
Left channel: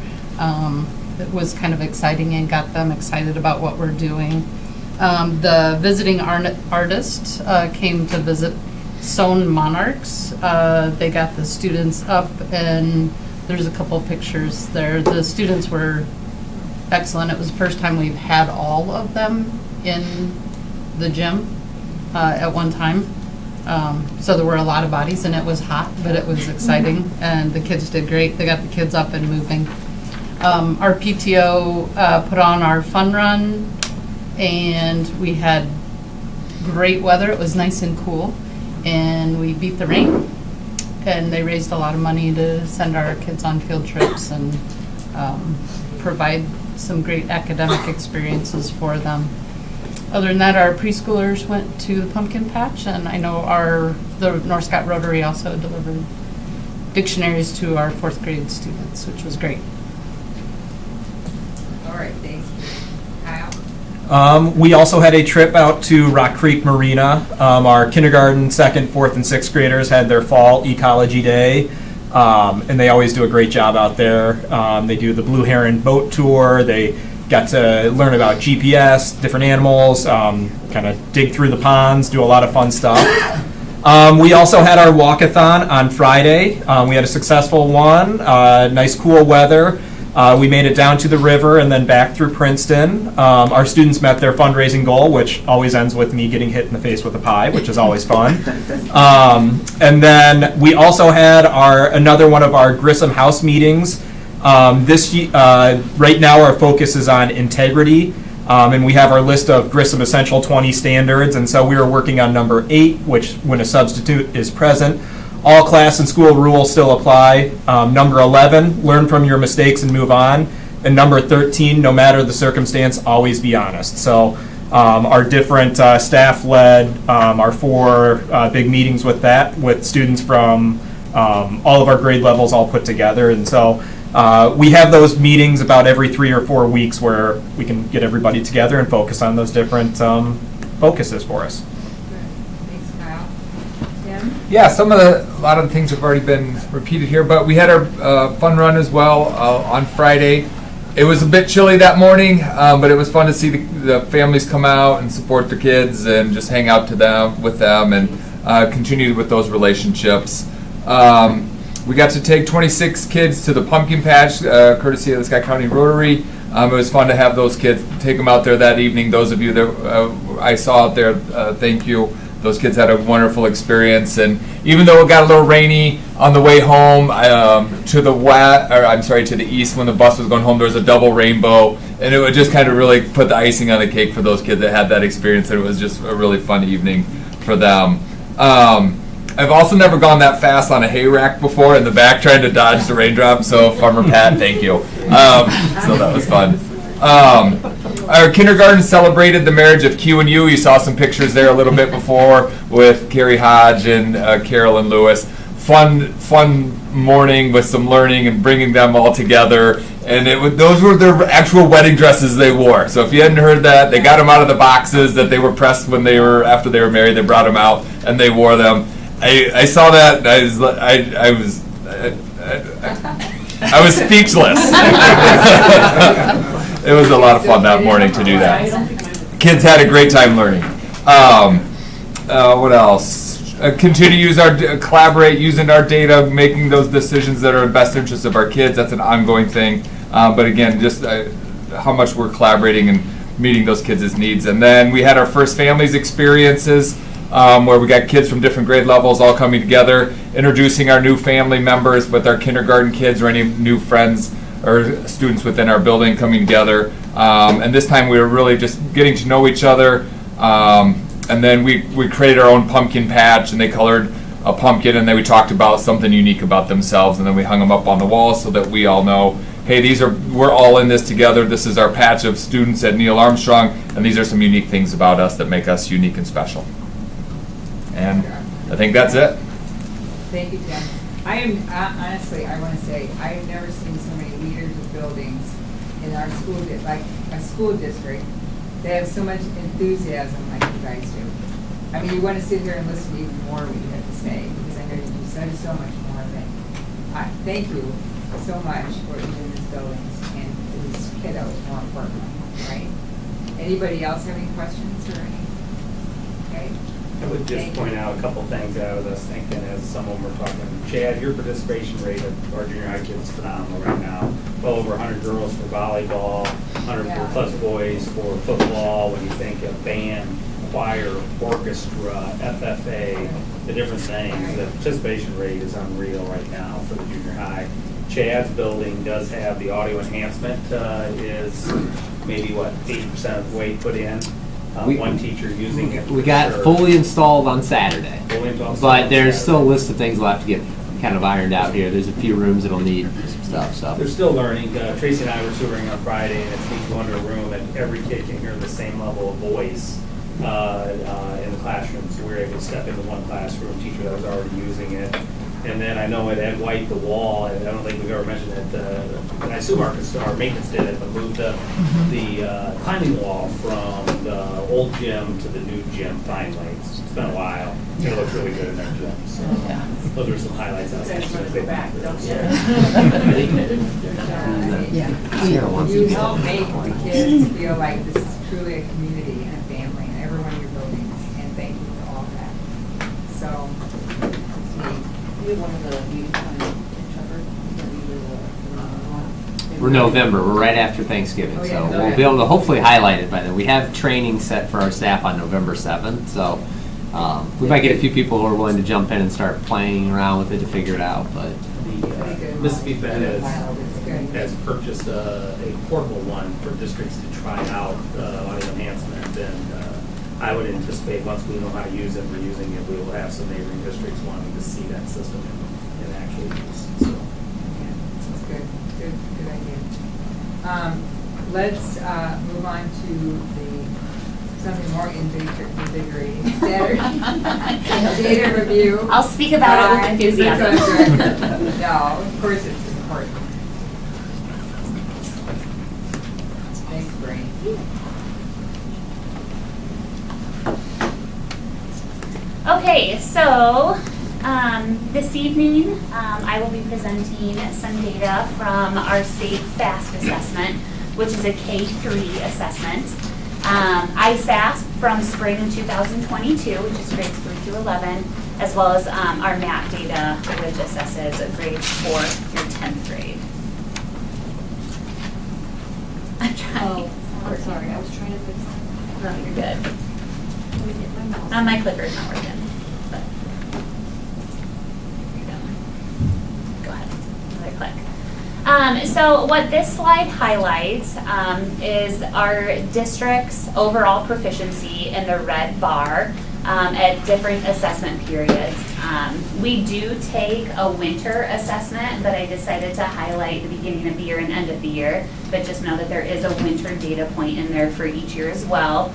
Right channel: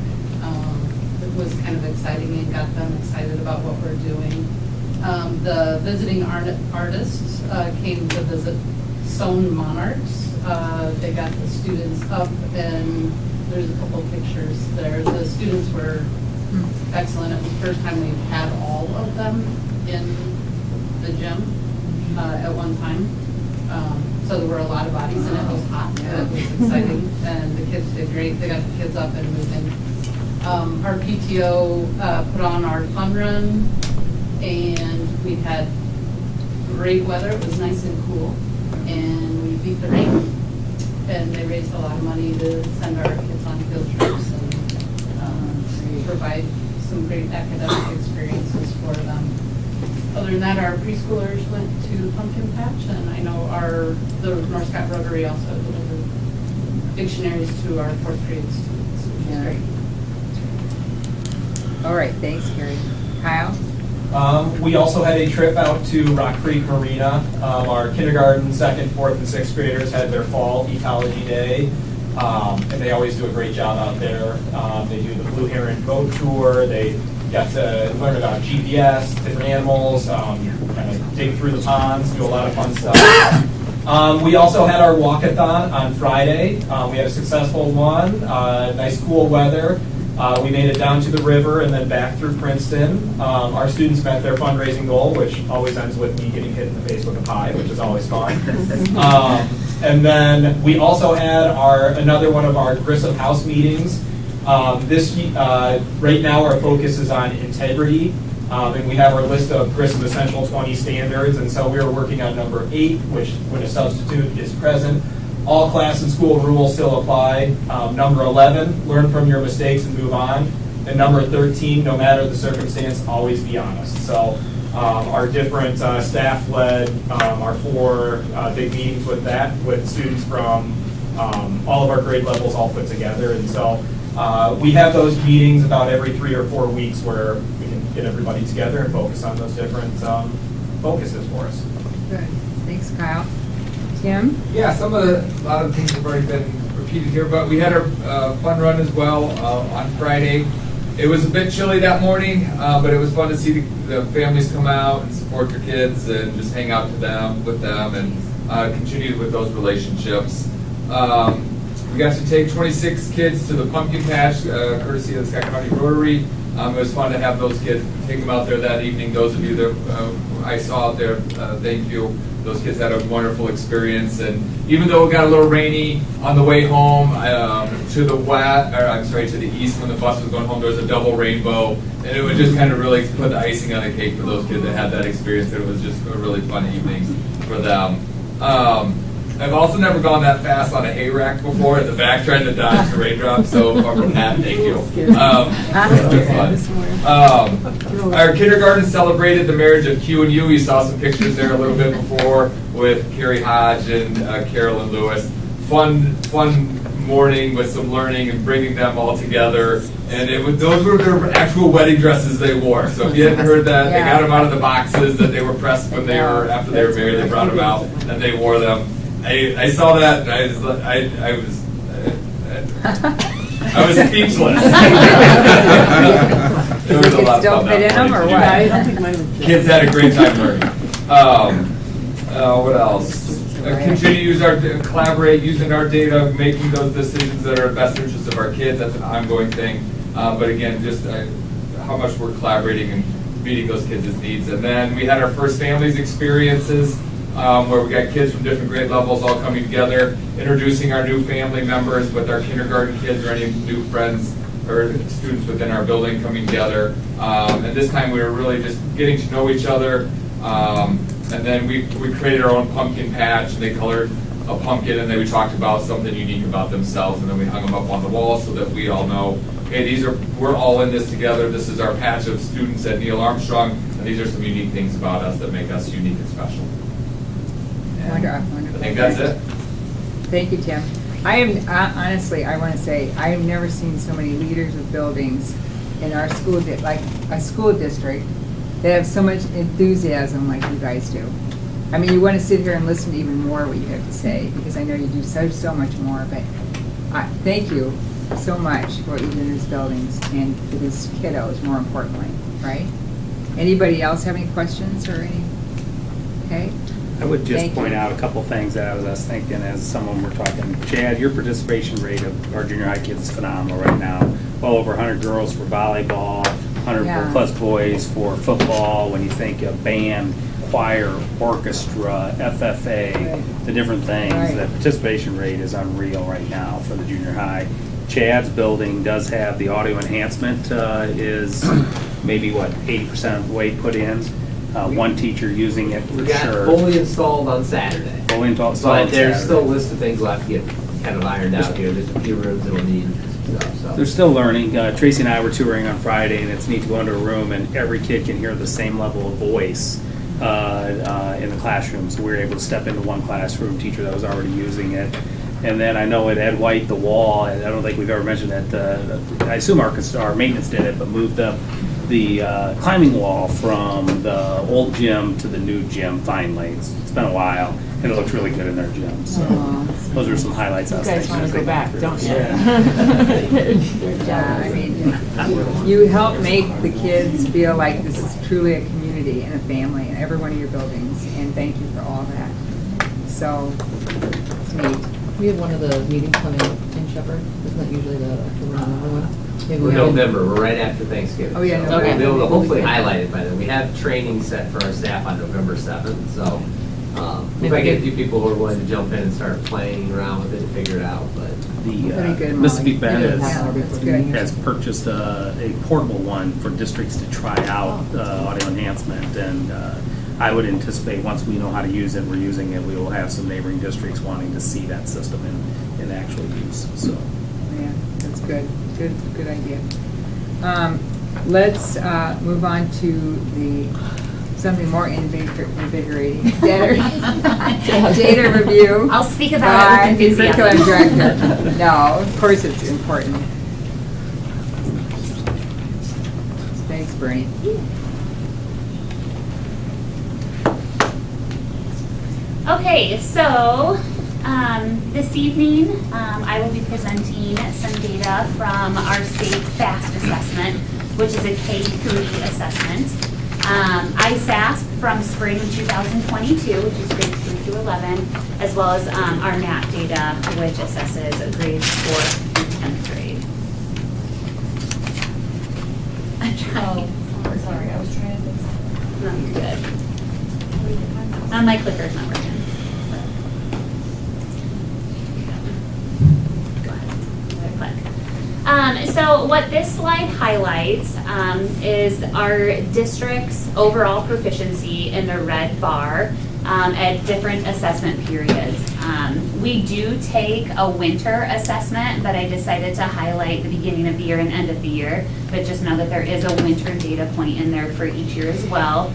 It was kind of exciting and got them excited about what we're doing. The visiting artists came to visit Sewn Monarchs. They got the students up, and there's a couple pictures there. The students were excellent. It was the first time we've had all of them in the gym at one time. So there were a lot of bodies, and it was hot, but it was exciting, and the kids did great. They got the kids up and moving. Our PTO put on our fun run, and we had great weather. It was nice and cool, and we beat the rain, and they raised a lot of money to send our kids on field trips and provide some great academic experiences for them. Other than that, our preschoolers went to the pumpkin patch, and I know the North Scott Rotary also delivered dictionaries to our 4th grade students, which was great. All right, thanks, Carrie. Kyle? We also had a trip out to Rock Creek Marina. Our kindergarten, 2nd, 4th, and 6th graders had their fall ecology day, and they always do a great job out there. They do the Blue Heron boat tour. They got to learn about GPS, different animals, kind of dig through the ponds, do a lot of fun stuff. We also had our walkathon on Friday. We had a successful one, nice cool weather. We made it down to the river and then back through Princeton. Our students met their fundraising goal, which always ends with me getting hit in the face with a pie, which is always fun. And then we also had another one of our Grissom House meetings. Right now our focus is on integrity, and we have our list of Grissom Essential 20 standards, and so we are working on number 8, which when a substitute is present, all class and school rules still apply. Number 11, learn from your mistakes and move on. And number 13, no matter the circumstance, always be honest. So our different staff-led, our 4 big meetings with students from all of our grade levels all put together. And so we have those meetings about every 3 or 4 weeks where we can get everybody together and focus on those different focuses for us. Good. Thanks, Kyle. Tim? Yeah, a lot of the things have already been repeated here, but we had our fun run as well on Friday. It was a bit chilly that morning, but it was fun to see the families come out and support their kids and just hang out with them and continue with those relationships. We got to take 26 kids to the pumpkin patch, courtesy of the Scott County Rotary. It was fun to have those kids, take them out there that evening. Those of you that I saw out there, thank you. Those kids had a wonderful experience, and even though it got a little rainy on the way home, to the east when the bus was going home, there was a double rainbow, and it would just kind of really put the icing on the cake for those kids that had that experience. It was just a really fun evening for them. I've also never gone that fast on a hay rack before in the back trying to dodge the raindrops, so Farmer Pat, thank you. So that was fun. Our kindergarten celebrated the marriage of Q and U. You saw some pictures there a little bit before with Carrie Hodge and Carolyn Lewis. Fun morning with some learning and bringing them all together. And those were their actual wedding dresses they wore. So if you hadn't heard that, they got them out of the boxes that they were pressed after they were married. They brought them out and they wore them. I saw that and I was speechless. It was a lot of fun that morning to do that. Kids had a great time learning. What else? Continue to collaborate, using our data, making those decisions that are in best interest of our kids. That's an ongoing thing. But again, just how much we're collaborating and meeting those kids' needs. And then we had our first families experiences where we got kids from different grade levels all coming together, introducing our new family members with our kindergarten kids or any new friends or students within our building coming together. And this time we were really just getting to know each other. And then we created our own pumpkin patch, and they colored a pumpkin, and then we talked about something unique about themselves, and then we hung them up on the wall so that we all know, hey, we're all in this together. This is our patch of students at Neil Armstrong, and these are some unique things about us that make us unique and special. And I think that's it. Thank you, Tim. I am, honestly, I want to say, I have never seen so many leaders of buildings in our school, like a school district, that have so much enthusiasm like you guys do. I mean, you want to sit here and listen to even more what you have to say, because I know you do so much more, but thank you so much for what you do in these buildings and for these kiddos, more importantly, right? Anybody else have any questions or any? Okay. I would just point out a couple things that I was thinking as someone we're talking. Chad, your participation rate of our junior high kids is phenomenal right now. Well over 100 girls for volleyball, 100 plus boys for football. When you think of band, choir, orchestra, FFA, the different things, the participation rate is unreal right now for the junior high. Chad's building does have the audio enhancement, is maybe 80% of the way put in. One teacher using it. We got fully installed on Saturday. But there's still a list of things we'll have to get kind of ironed out here. There's a few rooms that'll need some stuff. So they're still learning. Tracy and I were touring on Friday, and it's neat to go into a room and every kid can hear the same level of voice in the classroom. So we were able to step into one classroom teacher that was already using it. And then I know at Ed White, the wall, and I don't think we've ever mentioned that, I assume our maintenance did it, but moved the climbing wall from the old gym to the new gym finally. It's been a while, and it looks really good in their gym. So those are some highlights I was thinking. You guys want to go back, don't you? You help make the kids feel like this is truly a community and a family in every one of your buildings, and thank you for all that. So, it's neat. We had one of the meetings in Shepherd, isn't that usually the November one? we're November, we're right after Thanksgiving. Oh, yeah, So we'll be able to hopefully highlight it by then. We have training set for our staff on November 7th, so we might get a few people who are willing to jump in and start playing around with it to figure it out, but. The Mississippi Fed has purchased a portable one for districts to try out audio enhancement, and I would anticipate once we know how to use it, we're using it, we will have some neighboring districts wanting to see that system in actual use. So, yeah, that's good. Good idea. Let's move on to something more invigorating. Data review. I'll speak about it with enthusiasm. Curriculum director. No, of course it's important. Thanks, Brain. Okay, so this evening I will be presenting some data from our state FAST assessment, which is a K-3 assessment. ISASP from spring 2022, which is grades 3 through 11, as well as our MAT data, which assesses grades 4th through 10th grade. trying. Oh, sorry, I was trying to fix that. No, you're good. My clicker's not working. Go ahead. Right click. So what this slide highlights is our district's overall proficiency in the red bar at different assessment periods. We do take a winter assessment, but I decided to highlight the beginning of the year and end of the year, but just know that there is a winter data point in there for each year as well.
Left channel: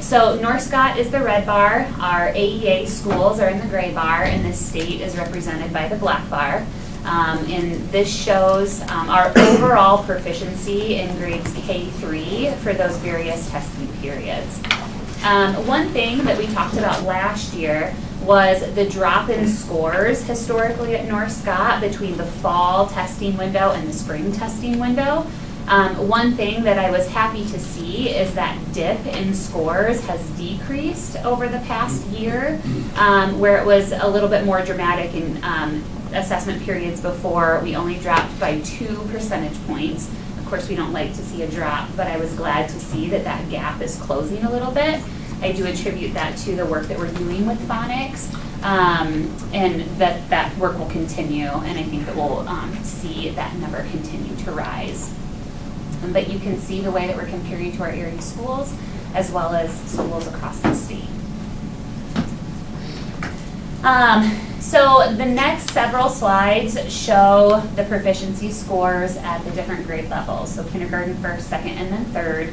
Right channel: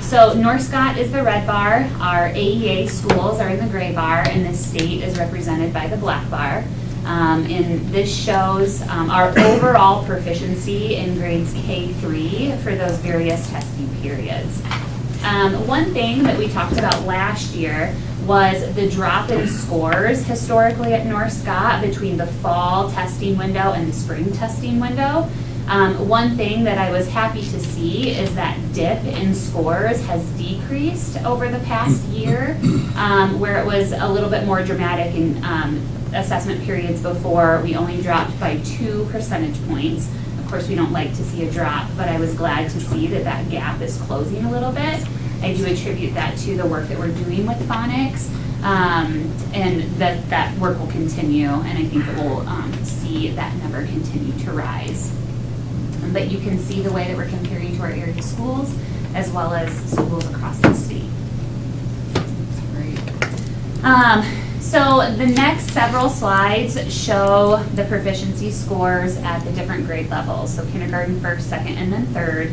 So North Scott is the red bar, our AEA schools are in the gray bar, and the state is represented by the black bar. And this shows our overall proficiency in grades K-3 for those various testing periods. One thing that we talked about last year was the drop in scores historically at North Scott between the fall testing window and the spring testing window. One thing that I was happy to see is that dip in scores has decreased over the past year, where it was a little bit more dramatic in assessment periods before. We only dropped by 2 percentage points. Of course, we don't like to see a drop, but I was glad to see that that gap is closing a little bit. I do attribute that to the work that we're doing with phonics, and that work will continue, and I think that we'll see that number continue to rise. But you can see the way that we're comparing to our area schools as well as schools across the state. So the next several slides show the proficiency scores at the different grade levels. So kindergarten, first, second, and then third.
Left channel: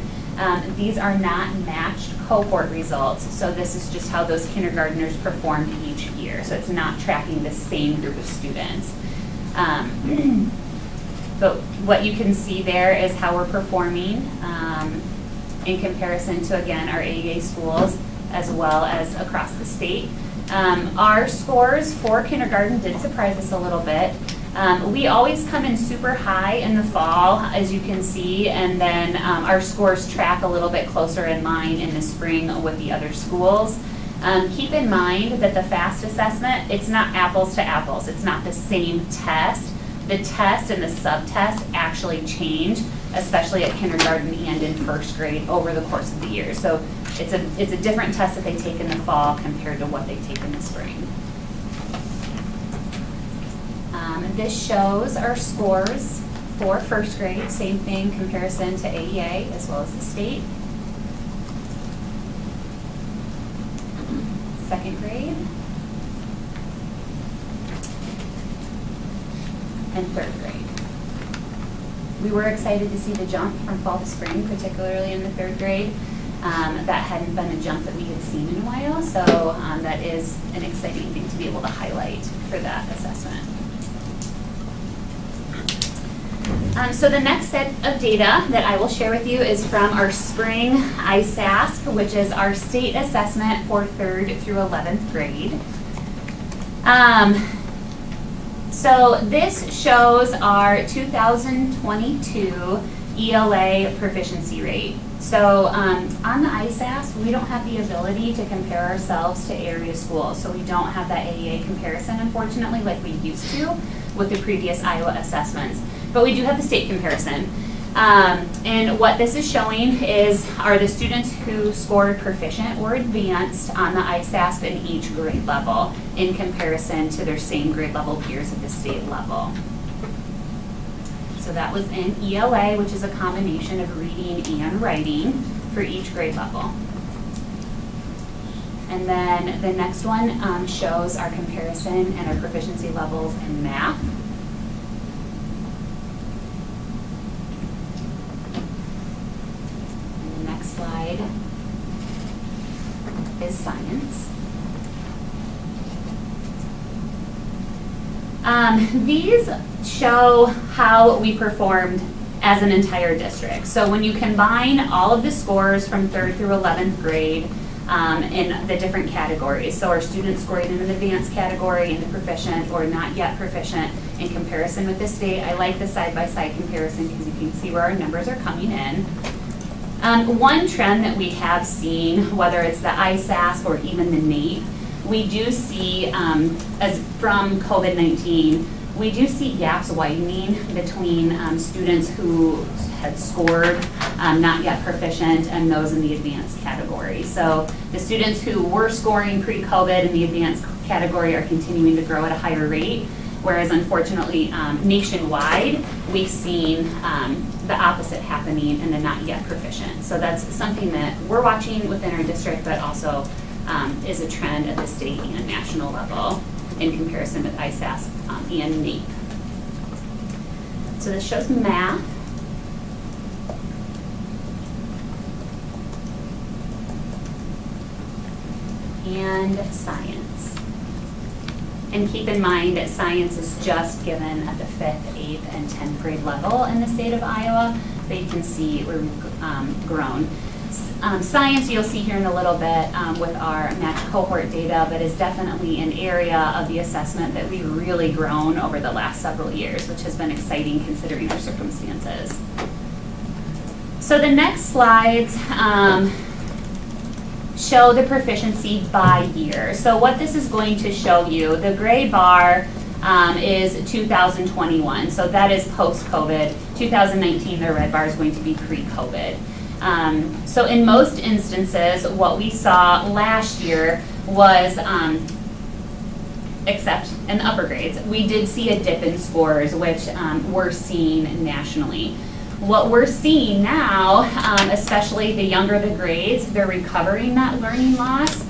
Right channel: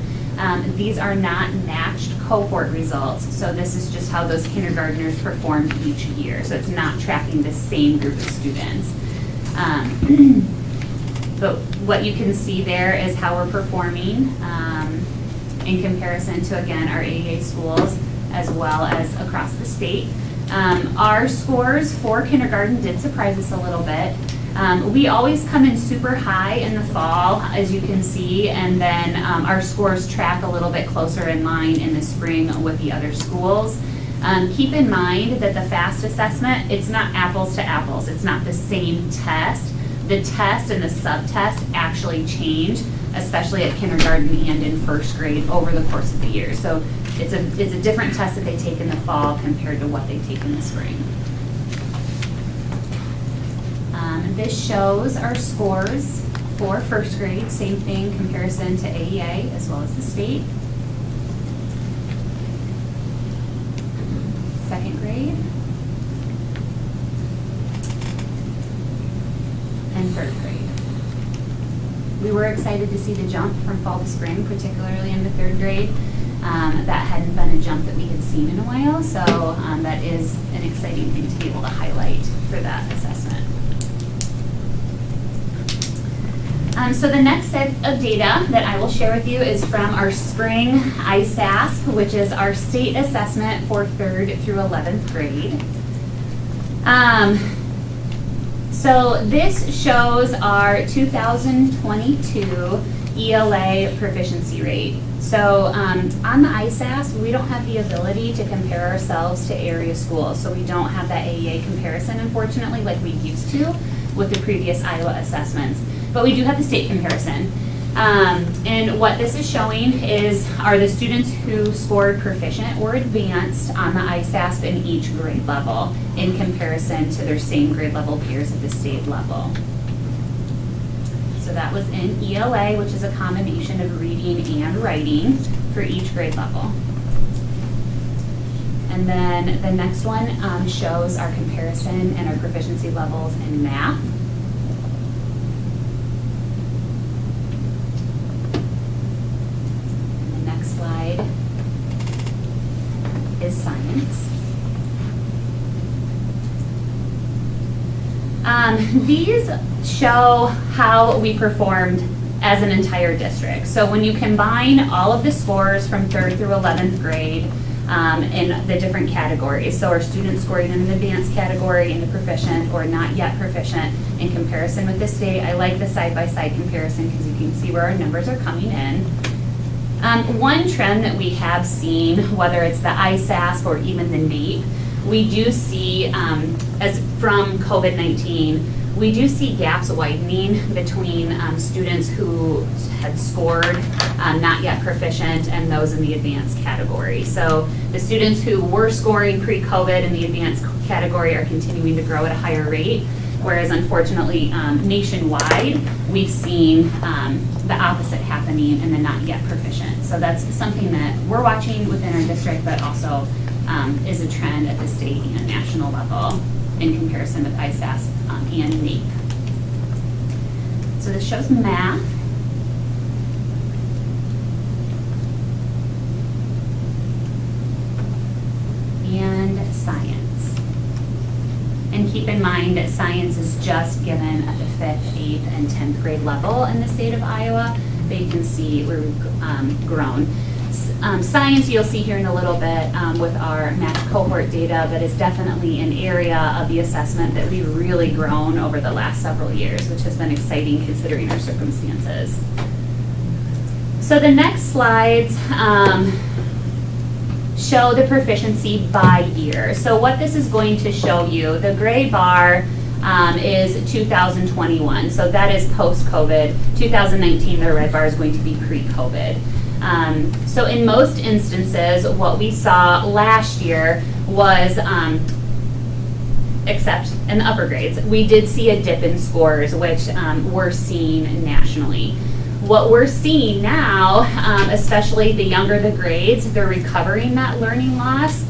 These are not matched cohort results. So this is just how those kindergartners performed each year. So it's not tracking the same group of students. But what you can see there is how we're performing in comparison to, again, our AEA schools as well as across the state. Our scores for kindergarten did surprise us a little bit. We always come in super high in the fall, as you can see, and then our scores track a little bit closer in line in the spring with the other schools. Keep in mind that the FAST assessment, it's not apples to apples. It's not the same test. The test and the sub-test actually change, especially at kindergarten and in first grade over the course of the year. So it's a different test that they take in the fall compared to what they take in the spring. This shows our scores for first grade, same thing, comparison to AEA as well as the state. Second grade. And third grade. We were excited to see the jump from fall to spring, particularly in the third grade. That hadn't been a jump that we had seen in a while, so that is an exciting thing to be able to highlight for that assessment. So the next set of data that I will share with you is from our spring ISASP, which is our state assessment for 3rd through 11th grade. So this shows our 2022 ELA proficiency rate. So on the ISASP, we don't have the ability to compare ourselves to area schools. So we don't have that AEA comparison, unfortunately, like we used to with the previous Iowa assessments. But we do have the state comparison. And what this is showing are the students who scored proficient or advanced on the ISASP in each grade level in comparison to their same grade level peers at the state level. So that was in ELA, which is a combination of reading and writing for each grade level. And then the next one shows our comparison and our proficiency levels in math. And the next slide is science. These show how we performed as an entire district. So when you combine all of the scores from 3rd through 11th grade in the different categories, so our students scoring in an advanced category, in the proficient or not yet proficient in comparison with the state, I like the side-by-side comparison because you can see where our numbers are coming in. One trend that we have seen, whether it's the ISASP or even the NAEP, we do see, as from COVID-19, we do see gaps widening between students who had scored not yet proficient and those in the advanced category. So the students who were scoring pre-COVID in the advanced category are continuing to grow at a higher rate, whereas unfortunately nationwide we've seen the opposite happening in the not yet proficient. So that's something that we're watching within our district, but also is a trend at the state and national level in comparison with ISASS and NAEP. So this shows math. And science. And keep in mind that science is just given at the 5th, 8th, and 10th grade level in the state of Iowa. But you can see we've grown. Science you'll see here in a little bit with our matched cohort data, but is definitely an area of the assessment that we've really grown over the last several years, which has been exciting considering our circumstances. So the next slides show the proficiency by year. So what this is going to show you, the gray bar is 2021. So that is post-COVID. 2019, the red bar is going to be pre-COVID. So in most instances, what we saw last year was, except in the upper grades, we did see a dip in scores, which we're seeing nationally. What we're seeing now, especially the younger the grades, they're recovering that learning loss,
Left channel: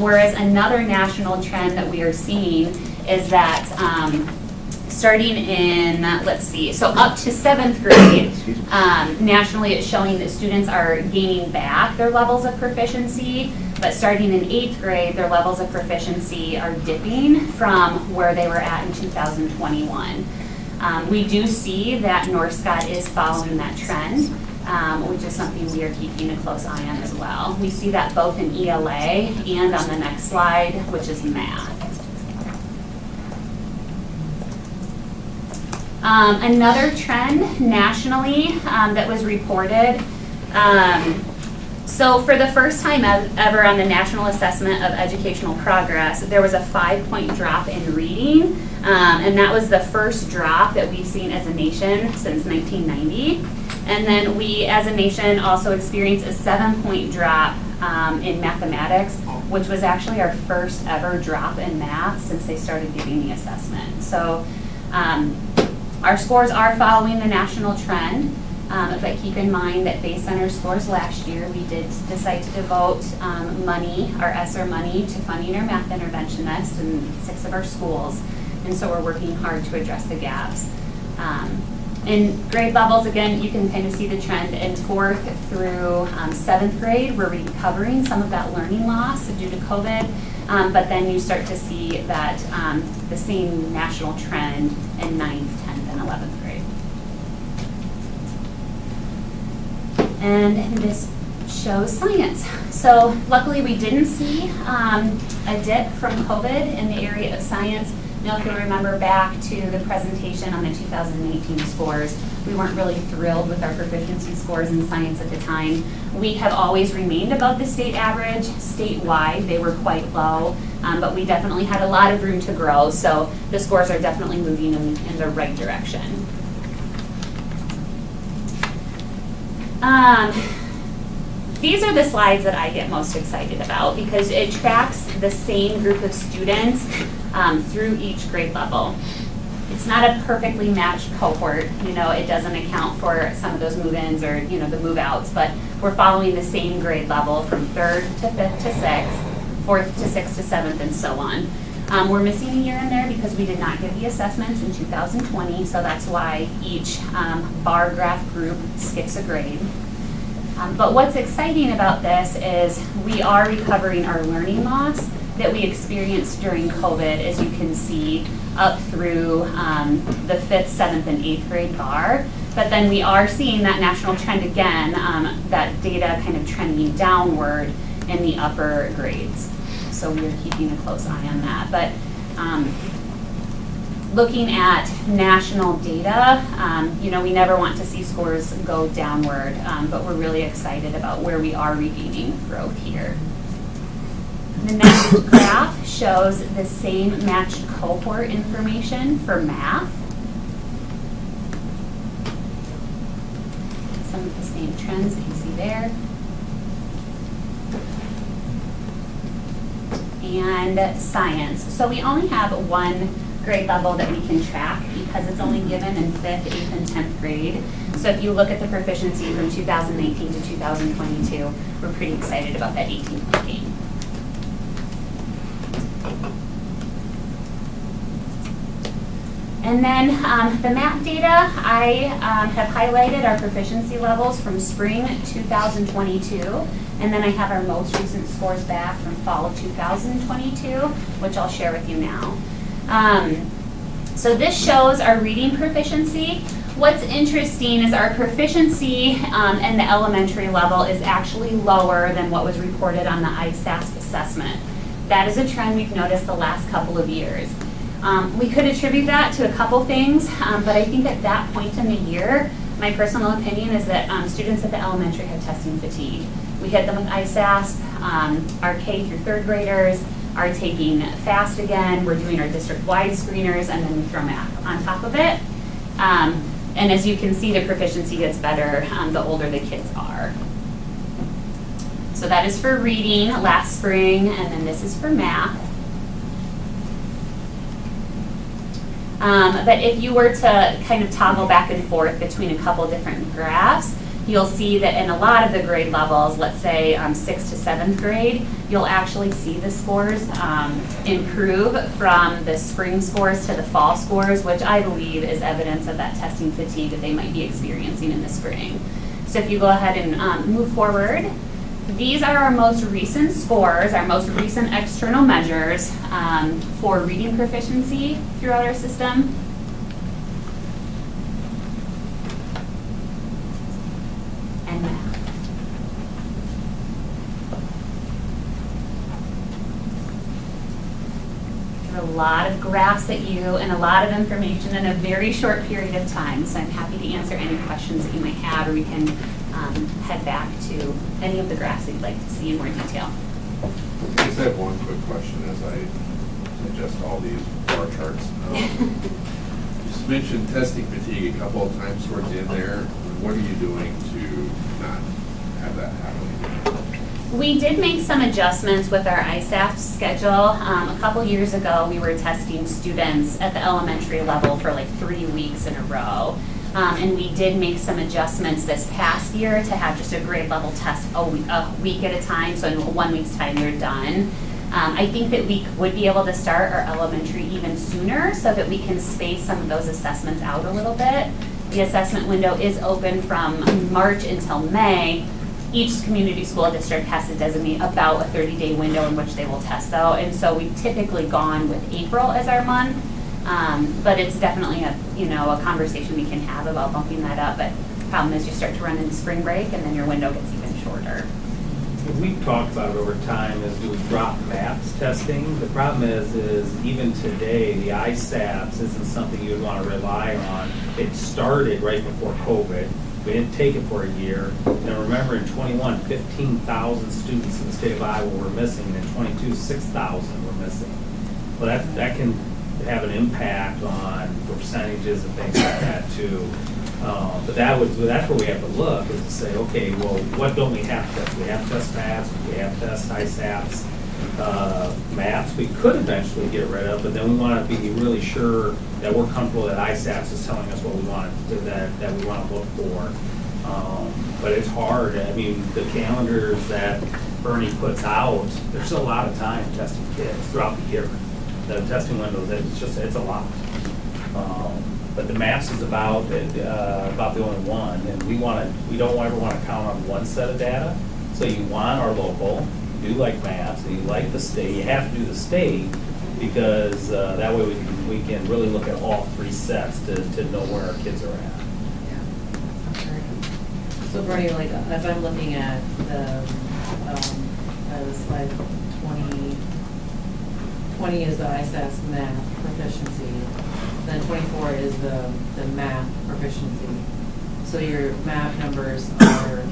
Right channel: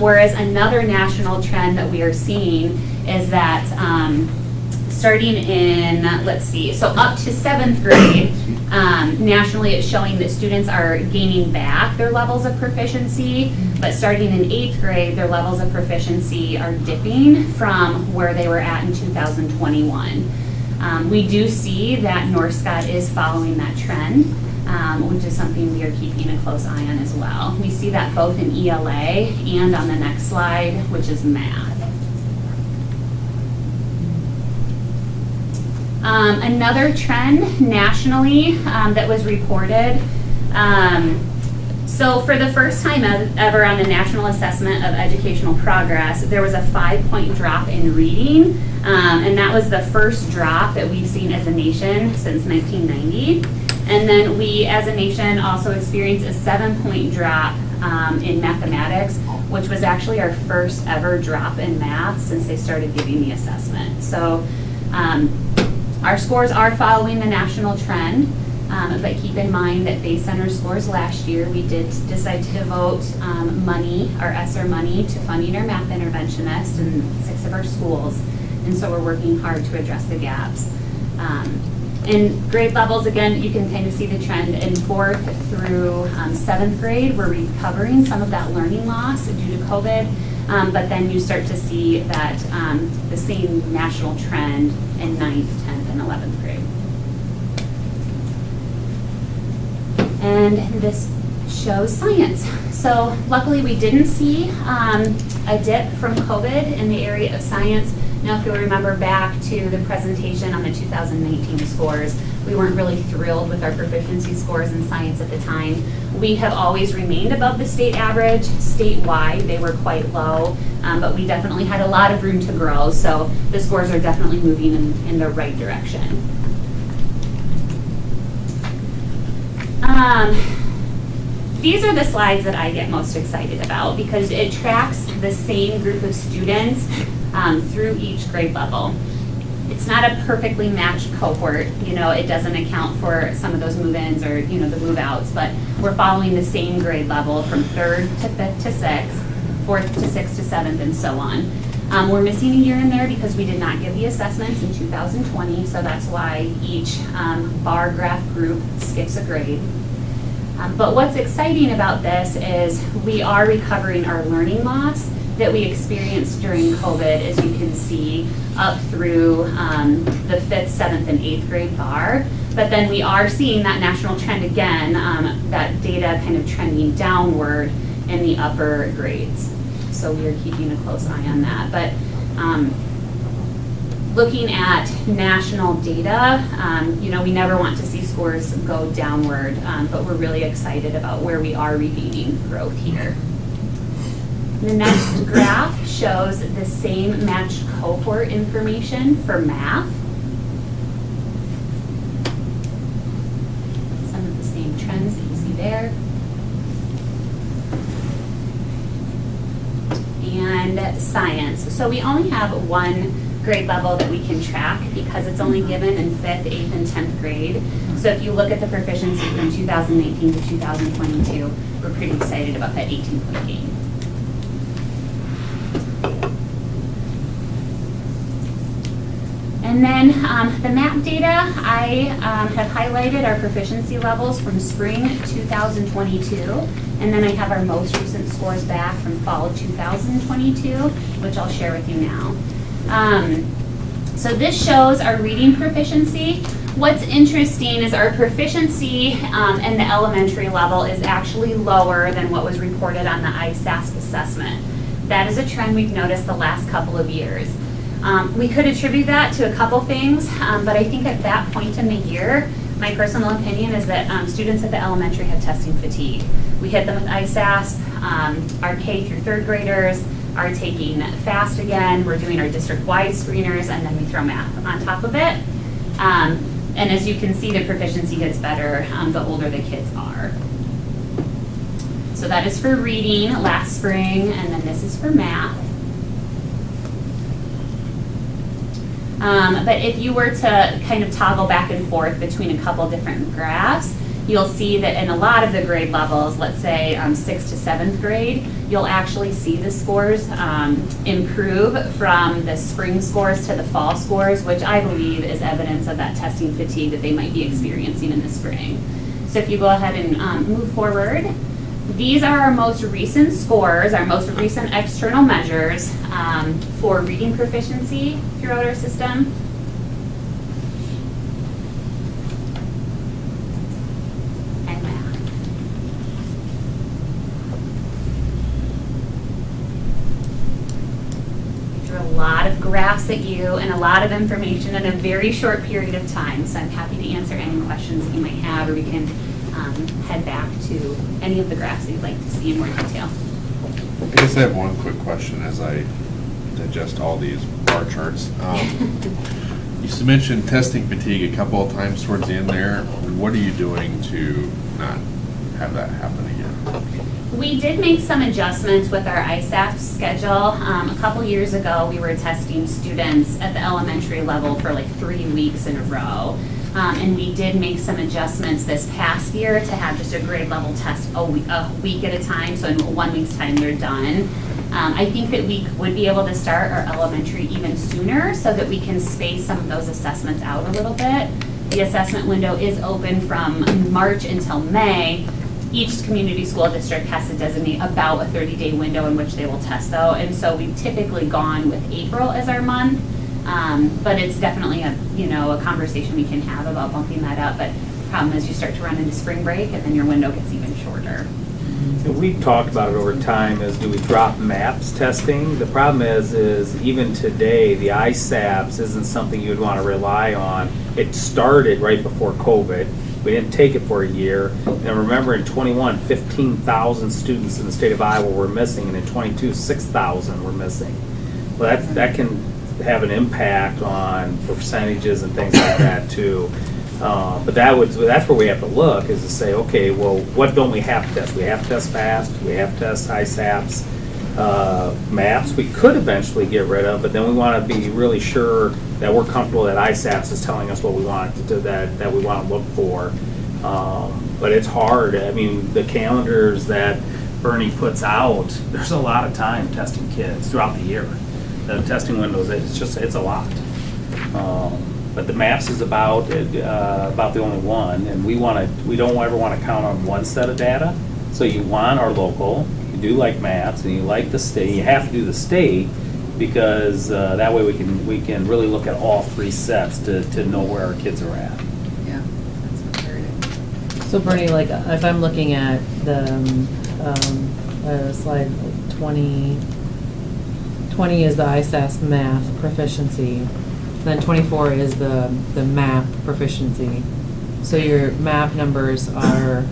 whereas another national trend that we are seeing is that starting in, let's see, so up to 7th grade, nationally it's showing that students are gaining back their levels of proficiency, but starting in 8th grade, their levels of proficiency are dipping from where they were at in 2021. We do see that Northscott is following that trend, which is something we are keeping a close eye on as well. We see that both in ELA and on the next slide, which is math. Another trend nationally that was reported, so for the first time ever on the National Assessment of Educational Progress, there was a 5-point drop in reading, and that was the first drop that we've seen as a nation since 1990. And then we as a nation also experienced a 7-point drop in mathematics, which was actually our first ever drop in math since they started giving the assessment. So our scores are following the national trend, but keep in mind that based on our scores last year, we did decide to devote money, our ESSER money, to funding our math interventionists in 6 of our schools. And so we're working hard to address the gaps. In grade levels, again, you can kind of see the trend in 4th through 7th grade. We're recovering some of that learning loss due to COVID, but then you start to see that the same national trend in 9th, 10th, and 11th grade. And this shows science. So luckily we didn't see a dip from COVID in the area of science. Now if you'll remember back to the presentation on the 2019 scores, we weren't really thrilled with our proficiency scores in science at the time. We have always remained above the state average. Statewide, they were quite low, but we definitely had a lot of room to grow, so the scores are definitely moving in the right direction. These are the slides that I get most excited about because it tracks the same group of students through each grade level. It's not a perfectly matched cohort, it doesn't account for some of those move-ins or, the move-outs, but we're following the same grade level from 3rd to 5th to 6th, 4th to 6th to 7th, and so on. We're missing a year in there because we did not give the assessments in 2020, so that's why each bar graph group skips a grade. But what's exciting about this is we are recovering our learning loss that we experienced during COVID, as you can see, up through the 5th, 7th, and 8th grade bar. But then we are seeing that national trend again, that data kind of trending downward in the upper grades. So we are keeping a close eye on that. But looking at national data, we never want to see scores go downward, but we're really excited about where we are regaining growth here. The next graph shows the same matched cohort information for math. Some of the same trends that you see there. And science. So we only have one grade level that we can track because it's only given in 5th, 8th, and 10th grade. So if you look at the proficiency from 2018 to 2022, we're pretty excited about that 18-point gain. And then the map data, I have highlighted our proficiency levels from spring 2022, and then I have our most recent scores back from fall 2022, which I'll share with you now. So this shows our reading proficiency. What's interesting is our proficiency in the elementary level is actually lower than what was reported on the ISASP assessment. That is a trend we've noticed the last couple of years. We could attribute that to a couple things, but I think at that point in the year, my personal opinion is that students at the elementary have testing fatigue. We hit them with ISASP, our K through 3rd graders are taking FAST again, we're doing our district-wide screeners, and then we throw math on top of it. And as you can see, the proficiency gets better the older the kids are. So that is for reading last spring, and then this is for math. But if you were to kind of toggle back and forth between a couple different graphs, you'll see that in a lot of the grade levels, let's say 6th to 7th grade, you'll actually see the scores improve from the spring scores to the fall scores, which I believe is evidence of that testing fatigue that they might be experiencing in the spring. So if you go ahead and move forward, these are our most recent scores, our most recent external measures for reading proficiency throughout our system. And math. There are a lot of graphs at you and a lot of information in a very short period of time, so I'm happy to answer any questions that you might have, or we can head back to any of the graphs that you'd like to see in more detail. I guess I have one quick question as I digest all these bar charts. You mentioned testing fatigue a couple of times towards the end there. What are you doing to not have that happen again? We did make some adjustments with our ISAF schedule. A couple years ago, we were testing students at the elementary level for like 3 weeks in a row. And we did make some adjustments this past year to have just a grade level test a week at a time, so in 1 week's time they're done. I think that we would be able to start our elementary even sooner so that we can space some of those assessments out a little bit. The assessment window is open from March until May. Each community school district has to designate about a 30-day window in which they will test though, and so we've typically gone with April as our month. But it's definitely a conversation we can have about bumping that up. But the problem is you start to run into spring break and then your window gets even shorter. We've talked about it over time, is do we drop MAPS testing? The problem is even today, the ISAPS isn't something you would want to rely on. It started right before COVID. We didn't take it for a year. And remember in 21, 15,000 students in the state of Iowa were missing, and in 22, 6,000 were missing. Well, that can have an impact on percentages and things like that too. But that's where we have to look, is to say, okay, well, what don't we have to test? We have to test FAST, we have to test ISAPS, MAPS we could eventually get rid of, but then we want to be really sure that we're comfortable that ISAPS is telling us what we want to do, that we want to look for. But it's hard. I mean, the calendars that Bernie puts out, there's a lot of time testing kids throughout the year. The testing windows, it's a lot. But the MAPS is about the only one, and we don't ever want to count on one set of data. So you want our local, you do like MAPS, and you like the state. You have to do the state because that way we can really look at all 3 sets to know where our kids are at. Yeah. So Bernie, like if I'm looking at the slide 20 is the ISAS math proficiency. Then 24 is the math proficiency. So your map numbers are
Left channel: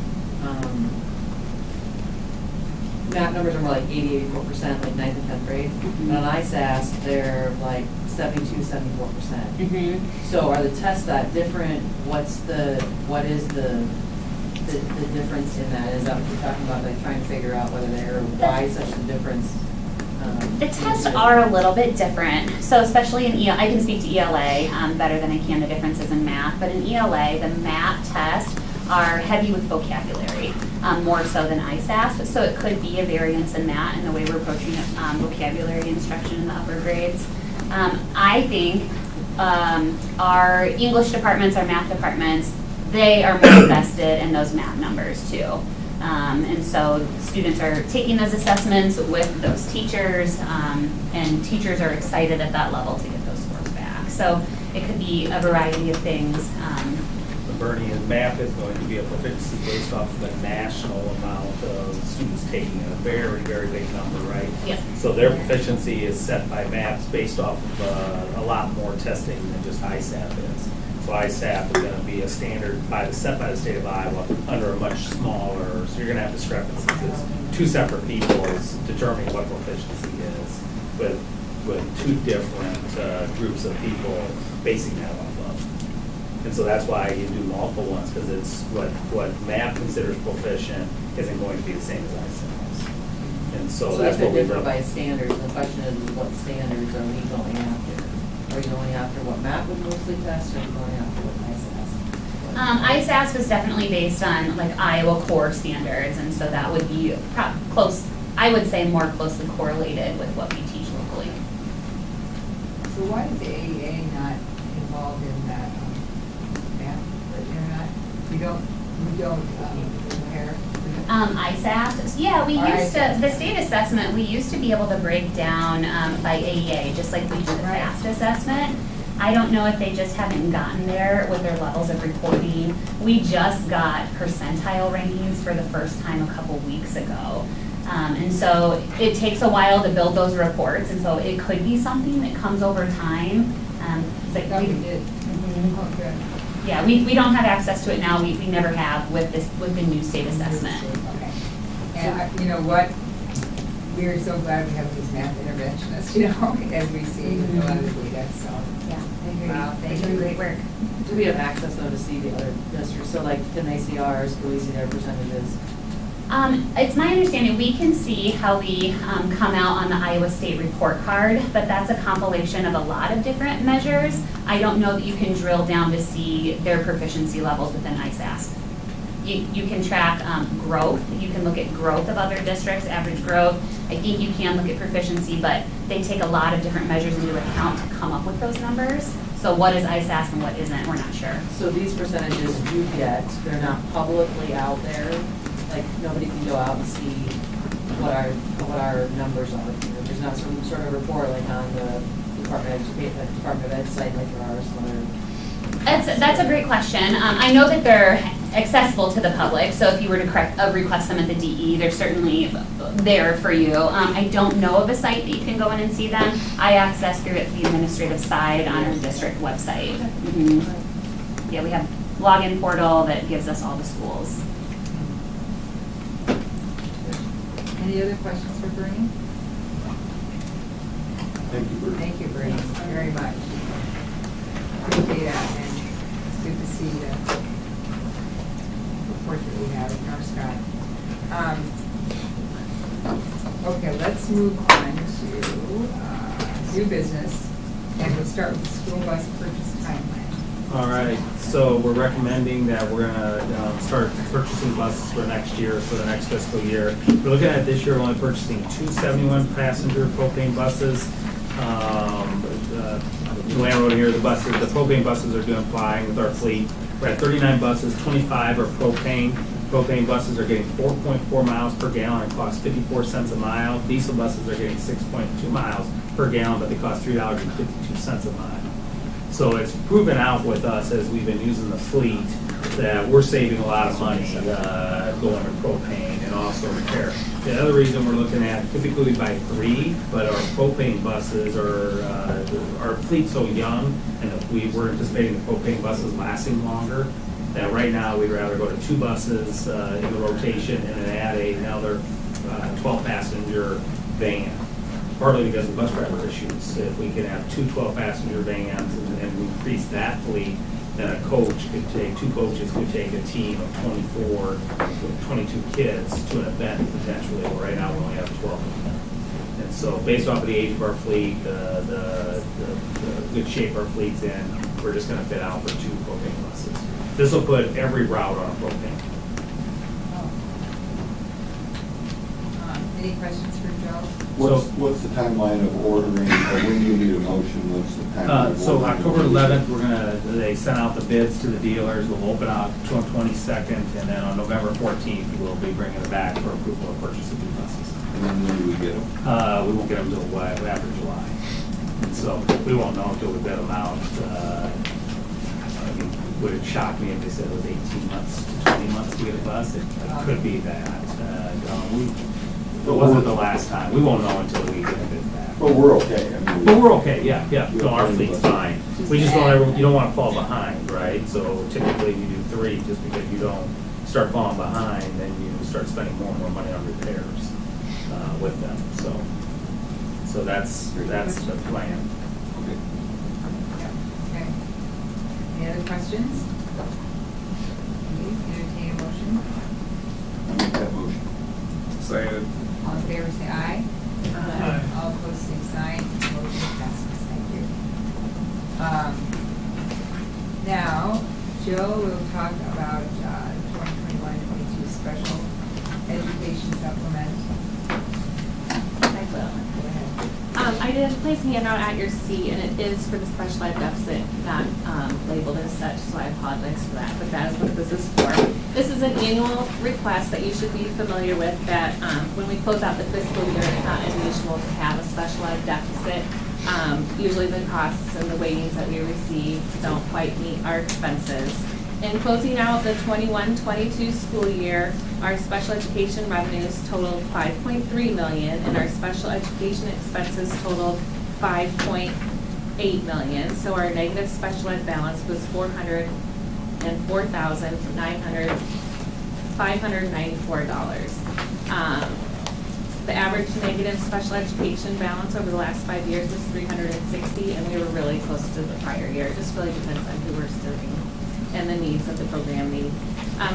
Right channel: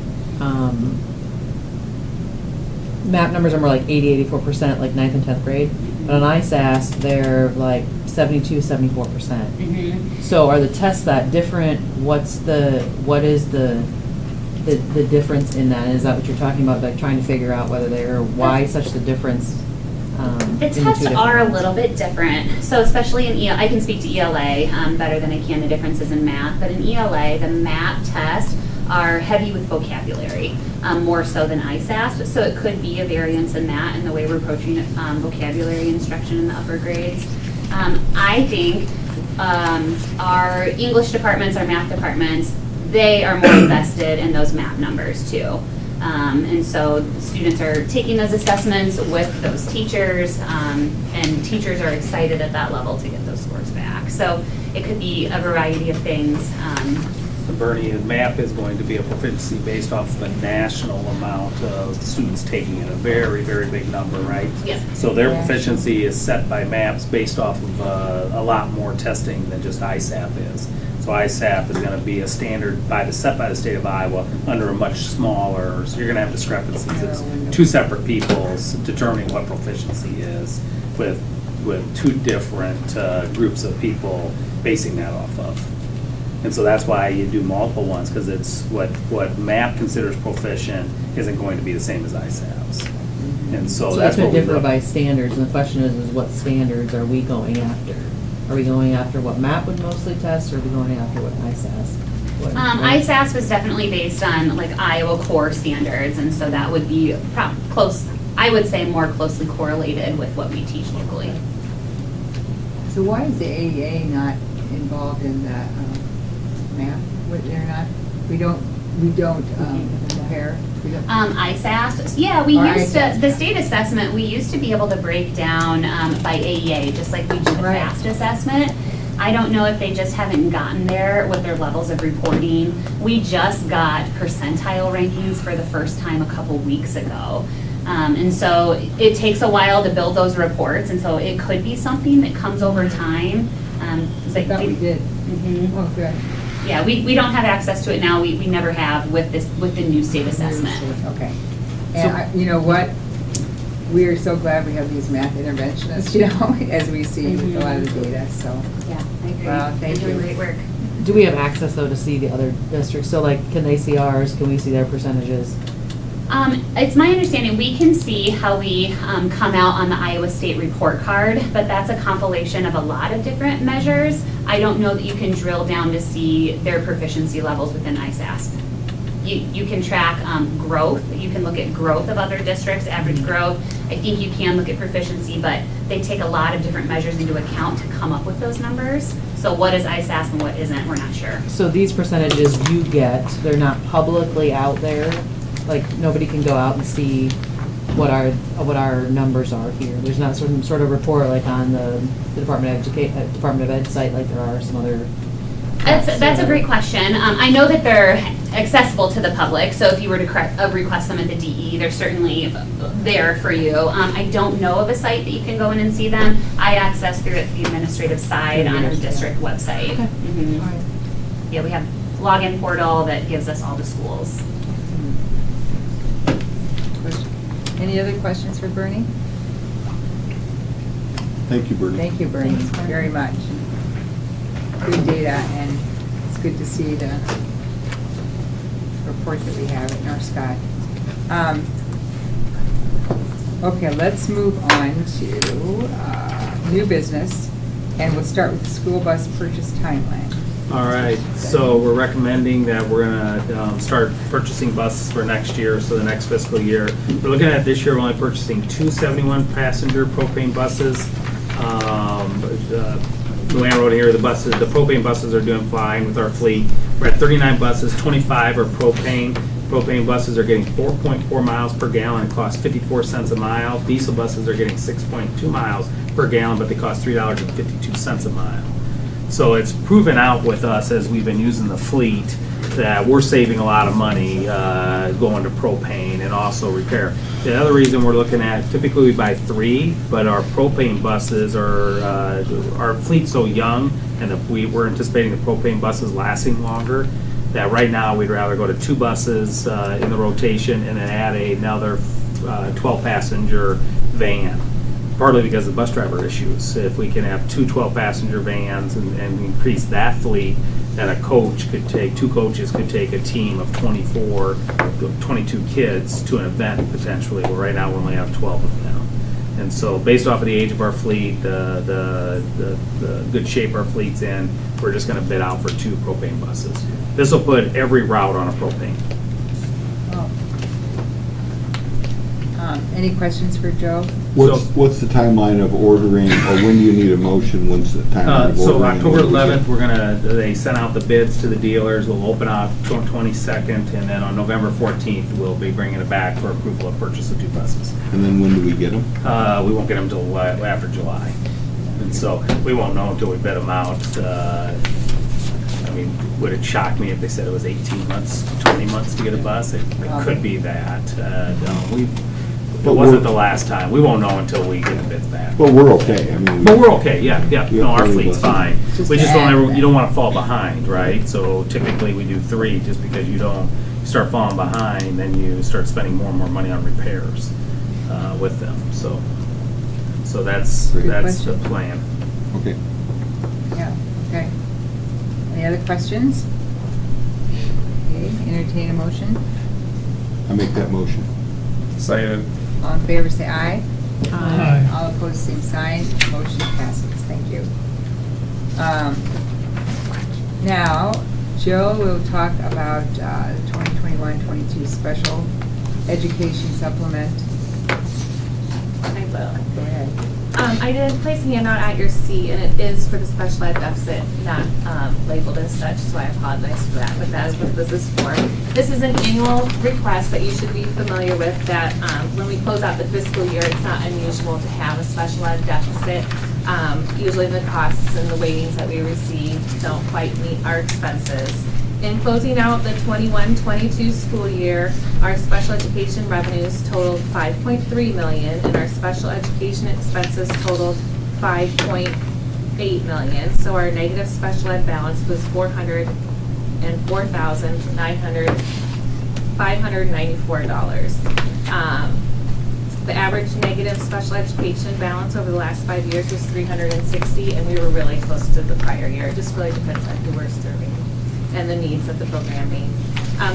MAP numbers are more like 80-84%, like 9th and 10th grade. But on ISAS, they're like 72-74%. So are the tests that different? What is the difference in that? Is that what you're talking about, like trying to figure out why such the difference? The tests are a little bit different. So especially in I can speak to ELA better than I can the differences in math, but in ELA, the MAP tests are heavy with vocabulary, more so than ISAS. So it could be a variance in that and the way we're approaching vocabulary instruction in the upper grades. I think our English departments, our math departments, they are more invested in those MAP numbers too. And so students are taking those assessments with those teachers, and teachers are excited at that level to get those scores back. So it could be a variety of things. Bernie, math is going to be a proficiency based off of a national amount of students taking it, a very, very big number, right? Yeah. So their proficiency is set by MAPs based off of a lot more testing than just ISAP is. So ISAP is going to be a standard set by the state of Iowa under a much smaller, so you're going to have discrepancies. It's two separate people determining what proficiency is with two different groups of people basing that off of. And so that's why you do multiple ones, because it's what MAP considers proficient isn't going to be the same as ISAPs. And so that's what we differ by standards, and the question is what standards are we going after? Are we going after what MAP would mostly test, or are we going after what ISAS? ISAS was definitely based on like Iowa core standards, and so that would be close, I would say more closely correlated with what we teach locally. So why is the AEA not involved in that map? They're not, we don't compare? ISAS, yeah, we used to, the state assessment, we used to be able to break down by AEA, just like we do the FAST assessment. I don't know if they just haven't gotten there with their levels of reporting. We just got percentile rankings for the first time a couple weeks ago. And so it takes a while to build those reports, and so it could be something that comes over time. I thought we did. Oh, good. Yeah, we don't have access to it now. We never have with the new state assessment. Okay. And you know what? We are so glad we have these math interventionists, you know, as we see a lot of the data, so. Yeah, I agree. Wow, They do great work. Do we have access though to see the other districts? So like, can they see ours? Can we see their percentages? It's my understanding we can see how we come out on the Iowa State report card, but that's a compilation of a lot of different measures. I don't know that you can drill down to see their proficiency levels within ISAS. You can track growth. You can look at growth of other districts, average growth. I think you can look at proficiency, but they take a lot of different measures into account to come up with those numbers. So what is ISAS and what isn't, we're not sure. So these percentages you get, they're not publicly out there? Like, nobody can go out and see what our numbers are here? There's not some sort of report like on the Department of Ed site like there are some other... That's a great question. I know that they're accessible to the public, so if you were to request them at the DE, they're certainly there for you. I don't know of a site that you can go in and see them. I access through the administrative side on our district website. Mm-hmm. Yeah, we have login portal that gives us all the schools. Any other questions for Bernie? Thank you, Bernie. Thank you, Bernie, very much. Good data, and it's good to see the report that we have in our sky. Okay, let's move on to new business, and we'll start with the school bus purchase timeline. All right, so we're recommending that we're gonna start purchasing buses for next year, so the next fiscal year. We're looking at this year, we're only purchasing 2 71-passenger propane buses. Luann wrote here, the propane buses are doing fine with our fleet. We're at 39 buses, 25 are propane. Propane buses are getting 4.4 miles per gallon, it costs 54 cents a mile. Diesel buses are getting 6.2 miles per gallon, but they cost $3.52 a mile. So it's proven out with us as we've been using the fleet that we're saving a lot of money going to propane and also repair. The other reason we're looking at, typically we buy 3, but our propane buses are, our fleet's so young, and we're anticipating the propane buses lasting longer, that right now we'd rather go to 2 buses in the rotation and then add another 12-passenger van, partly because of bus driver issues. If we can have 2 12-passenger vans and increase that fleet, then two coaches could take a team of 24, 22 kids to an event potentially. Well, right now we only have 12 of them now. And so based off of the age of our fleet, the good shape our fleet's in, we're just gonna bid out for 2 propane buses. This will put every route on a propane. Any questions for Joe? What's the timeline of ordering, or when do you need a motion, when's the timeline of ordering? So October 11th, they sent out the bids to the dealers, we'll open up 22nd, and then on November 14th, we'll be bringing it back for approval of purchase of 2 buses. And then when do we get them? We won't get them until after July. And so we won't know until we bid them out. I mean, would it shock me if they said it was 18 months, 20 months to get a bus? It could be that. It wasn't the last time. We won't know until we get a bid back. Well, we're okay. I mean, Well, we're okay, yeah. No, our fleet's fine. Just We just add don't, that. you don't want to fall behind, right? So typically we do 3, just because you start falling behind, then you start spending more and more money on repairs with them. So that's the plan. Okay. Yeah, okay. Any other questions? Okay, entertain a motion. I make that motion. Second. All in favor, say aye. Aye. All opposed, same sign. Motion passes. Thank you. Now, Joe will talk about the 2021-22 special education supplement. I will. Go ahead. I did place a handout at your seat, and it is for the special ed deficit, not labeled as such, so I apologize for that, but that is what this is for. This is an annual request that you should be familiar with, that when we close out the fiscal year, it's not unusual to have a special ed deficit. Usually the costs and the weightings that we receive don't quite meet our expenses. In closing out the 21-22 school year, our special education revenues totaled $5.3 million, and our special education expenses totaled $5.8 million. So our negative special ed balance was $404,594. The average negative special education balance over the last 5 years was $360, and we were really close to the prior year. It just really depends on who we're serving and the needs that the program needs.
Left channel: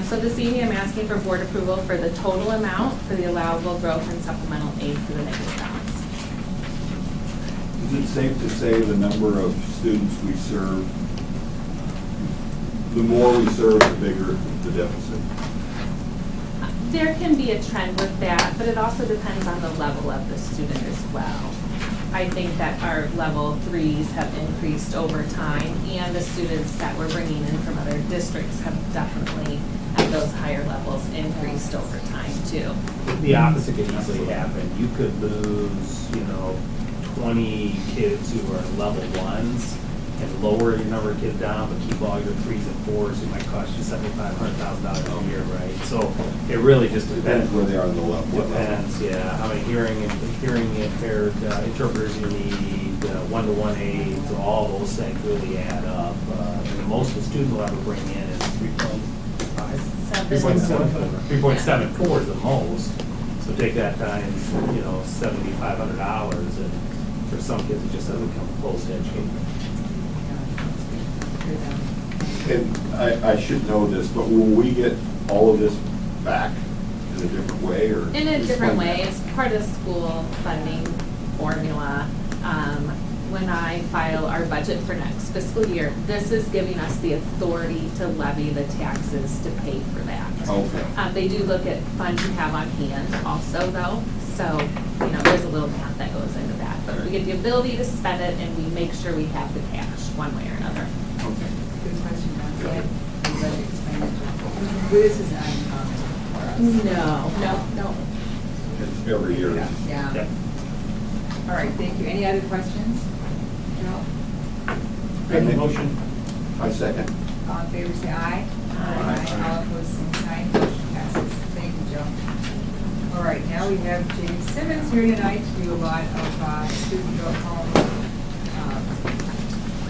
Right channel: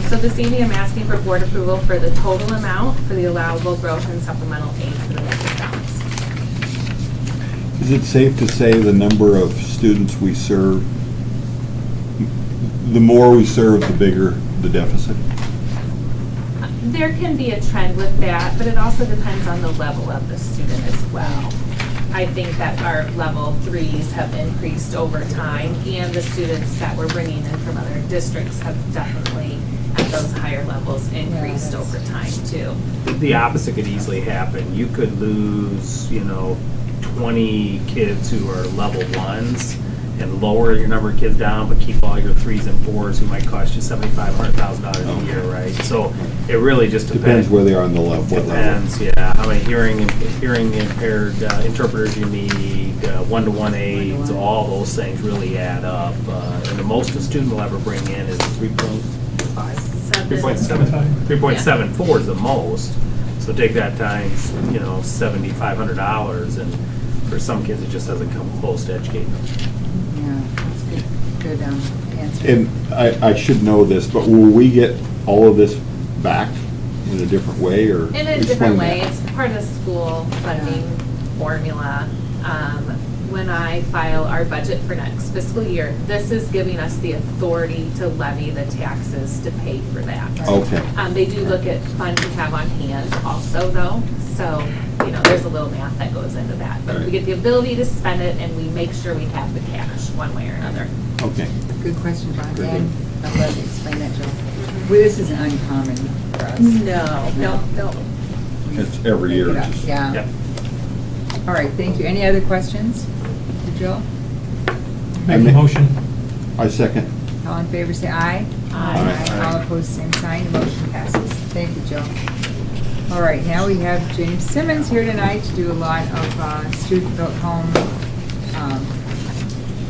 So this evening, I'm asking for board approval for the total amount for the allowable growth and supplemental aid to the negative balance. Is it safe to say the number of students we serve, the more we serve, the bigger the deficit? There can be a trend with that, but it also depends on the level of the student as well. I think that our level 3s have increased over time, and the students that we're bringing in from other districts have definitely, at those higher levels, increased over time too. The opposite could easily happen. You could lose, 20 kids who are level 1s and lower your number of kids down, but keep all your 3s and 4s who might cost you $7,500 a year, right? So it really just depends. Depends where they are on the level. Depends, yeah. How many hearing impaired interpreters you need, one-to-one aids, all those things really add up. And the most a student will ever bring in is 3.74 is the most. So take that times, $7,500, and for some kids it just doesn't come close to educating them. Yeah, that's good answer. And I should know this, but will we get all of this back in a different way, or? In a different way, it's part of the school funding formula. When I file our budget for next fiscal year, this is giving us the authority to levy the taxes to pay for that. Okay. They do look at funds you have on hand also though, so, there's a little math that goes into that. But we get the ability to spend it, and we make sure we have the cash one way or another. Okay. Good question, John. And I'm glad you explained that, Joe. Well, this isn't uncommon for us. No. It's every year. Yeah. Yep. All right, thank you. Any other questions for Joe? Make a motion. I second. All in favor, say aye. Aye. All opposed, same sign. The motion passes. Thank you, Joe. All right, now we have James Simmons here tonight to do a lot of student-built home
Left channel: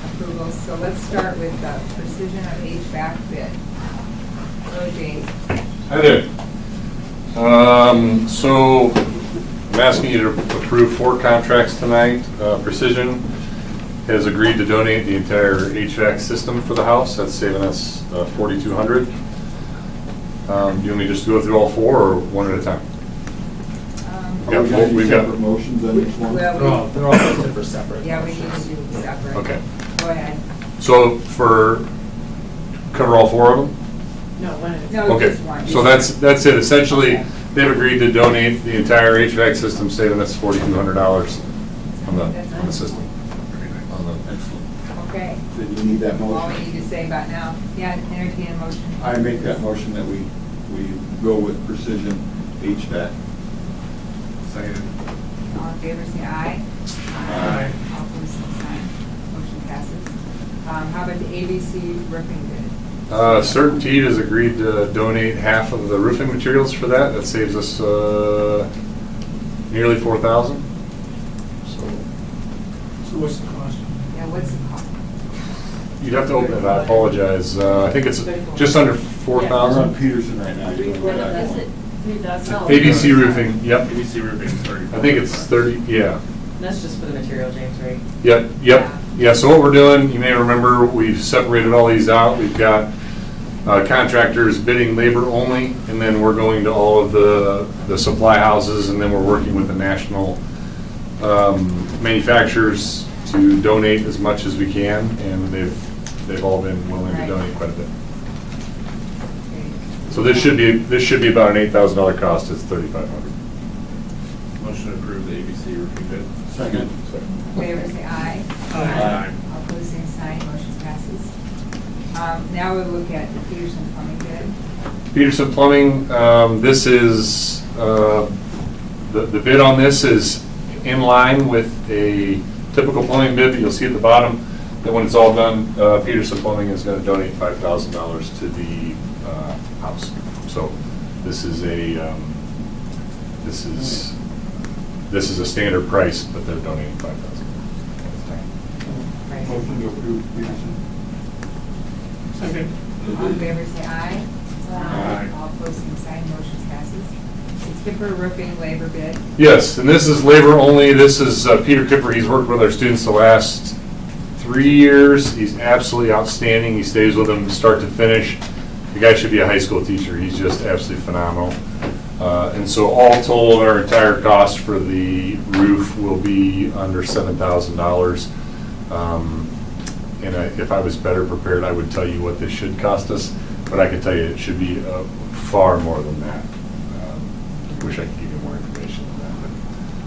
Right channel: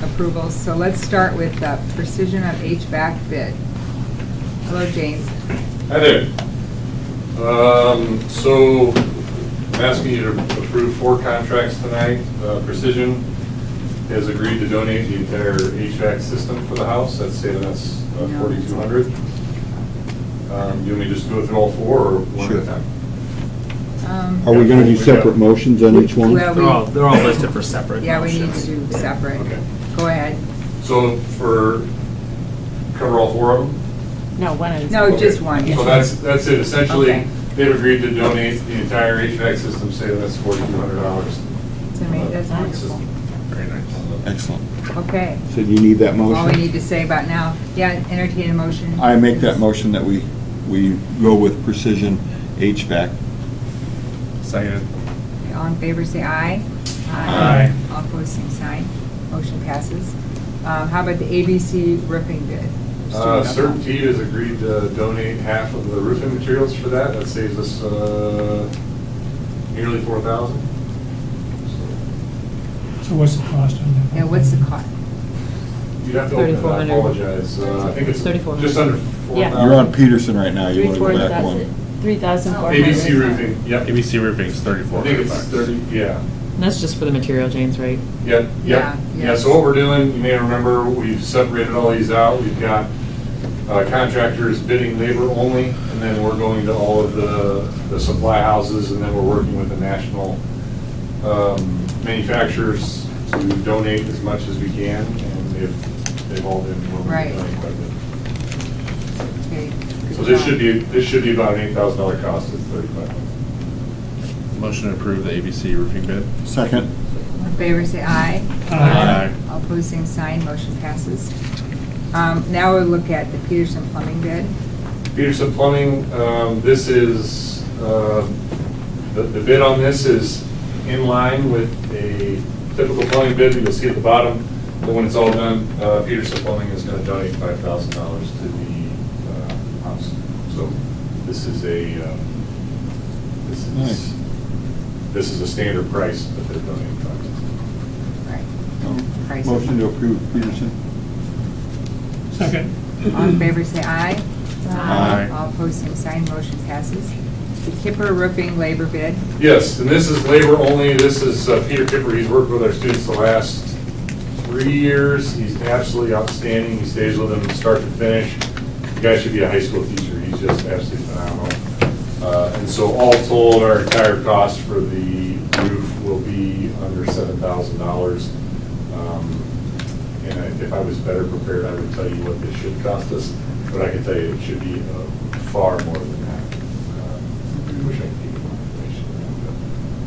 approvals. So let's start with the precision of HVAC bid. Hello, James. Hi there. So I'm asking you to approve 4 contracts tonight. Precision has agreed to donate the entire HVAC system for the house. That's saving us $4,200. Do you want me to just go through all 4 or one at a time? Are we gonna do separate motions on each one? Well, They're all listed for separate. Yeah, we need motions. to do separate. Okay. Go ahead. So cover all 4 of them? No, one is. No, Okay. just one. So that's it. Essentially, Okay. they've agreed to donate the entire HVAC system, saving us $4,200 on the system. Very nice. Excellent. Okay. So do you need that motion? All we need to say about now, yeah, entertain a motion. I make that motion that we go with Precision HVAC. Second. All in favor, say aye. Aye. All opposed, same sign. Motion passes. How about the ABC roofing bid? Certainty has agreed to donate half of the roofing materials for that. That saves us nearly $4,000. So what's the cost on that? Yeah, what's the cost? You'd have to open it. I apologize. I think it's just under $4,000. You're on Peterson right now. You want to go back one. 3,000. ABC roofing, yep. ABC roofing is 34. I think it's 30, yeah. And that's just for the material, James, right? Yep. Yeah, so what we're doing, you may remember, we've separated all these out. We've got contractors bidding labor only, and then we're going to all of the supply houses, and then we're working with the national manufacturers to donate as much as we can, and they've all been willing Right. to donate quite a bit. Okay. So this should be about an $8,000 cost. It's $3,500. Motion to approve the ABC roofing bid. Second. All in favor, say aye. Aye. All opposed, same sign. Motion passes. Now we'll look at the Peterson Plumbing bid. Peterson Plumbing, this is, the bid on this is in line with a typical plumbing bid that you'll see at the bottom. And when it's all done, Peterson Plumbing is going to donate $5,000 to the house. So this is this is a standard price, but they're donating $5,000. Motion to approve Peterson. Second. All in favor, say aye. Aye. All opposed, same sign. Motion passes. The Kipper Roofing labor bid. Yes, and this is labor only. This is Peter Kipper. He's worked with our students the last 3 years. He's absolutely outstanding. He stays with them start to finish. The guy should be a high school teacher. He's just absolutely phenomenal. And so all told, our entire cost for the roof will be under $7,000. And if I was better prepared, I would tell you what this should cost us, but I can tell you it should be far more than that. I wish I could give you more information on that, but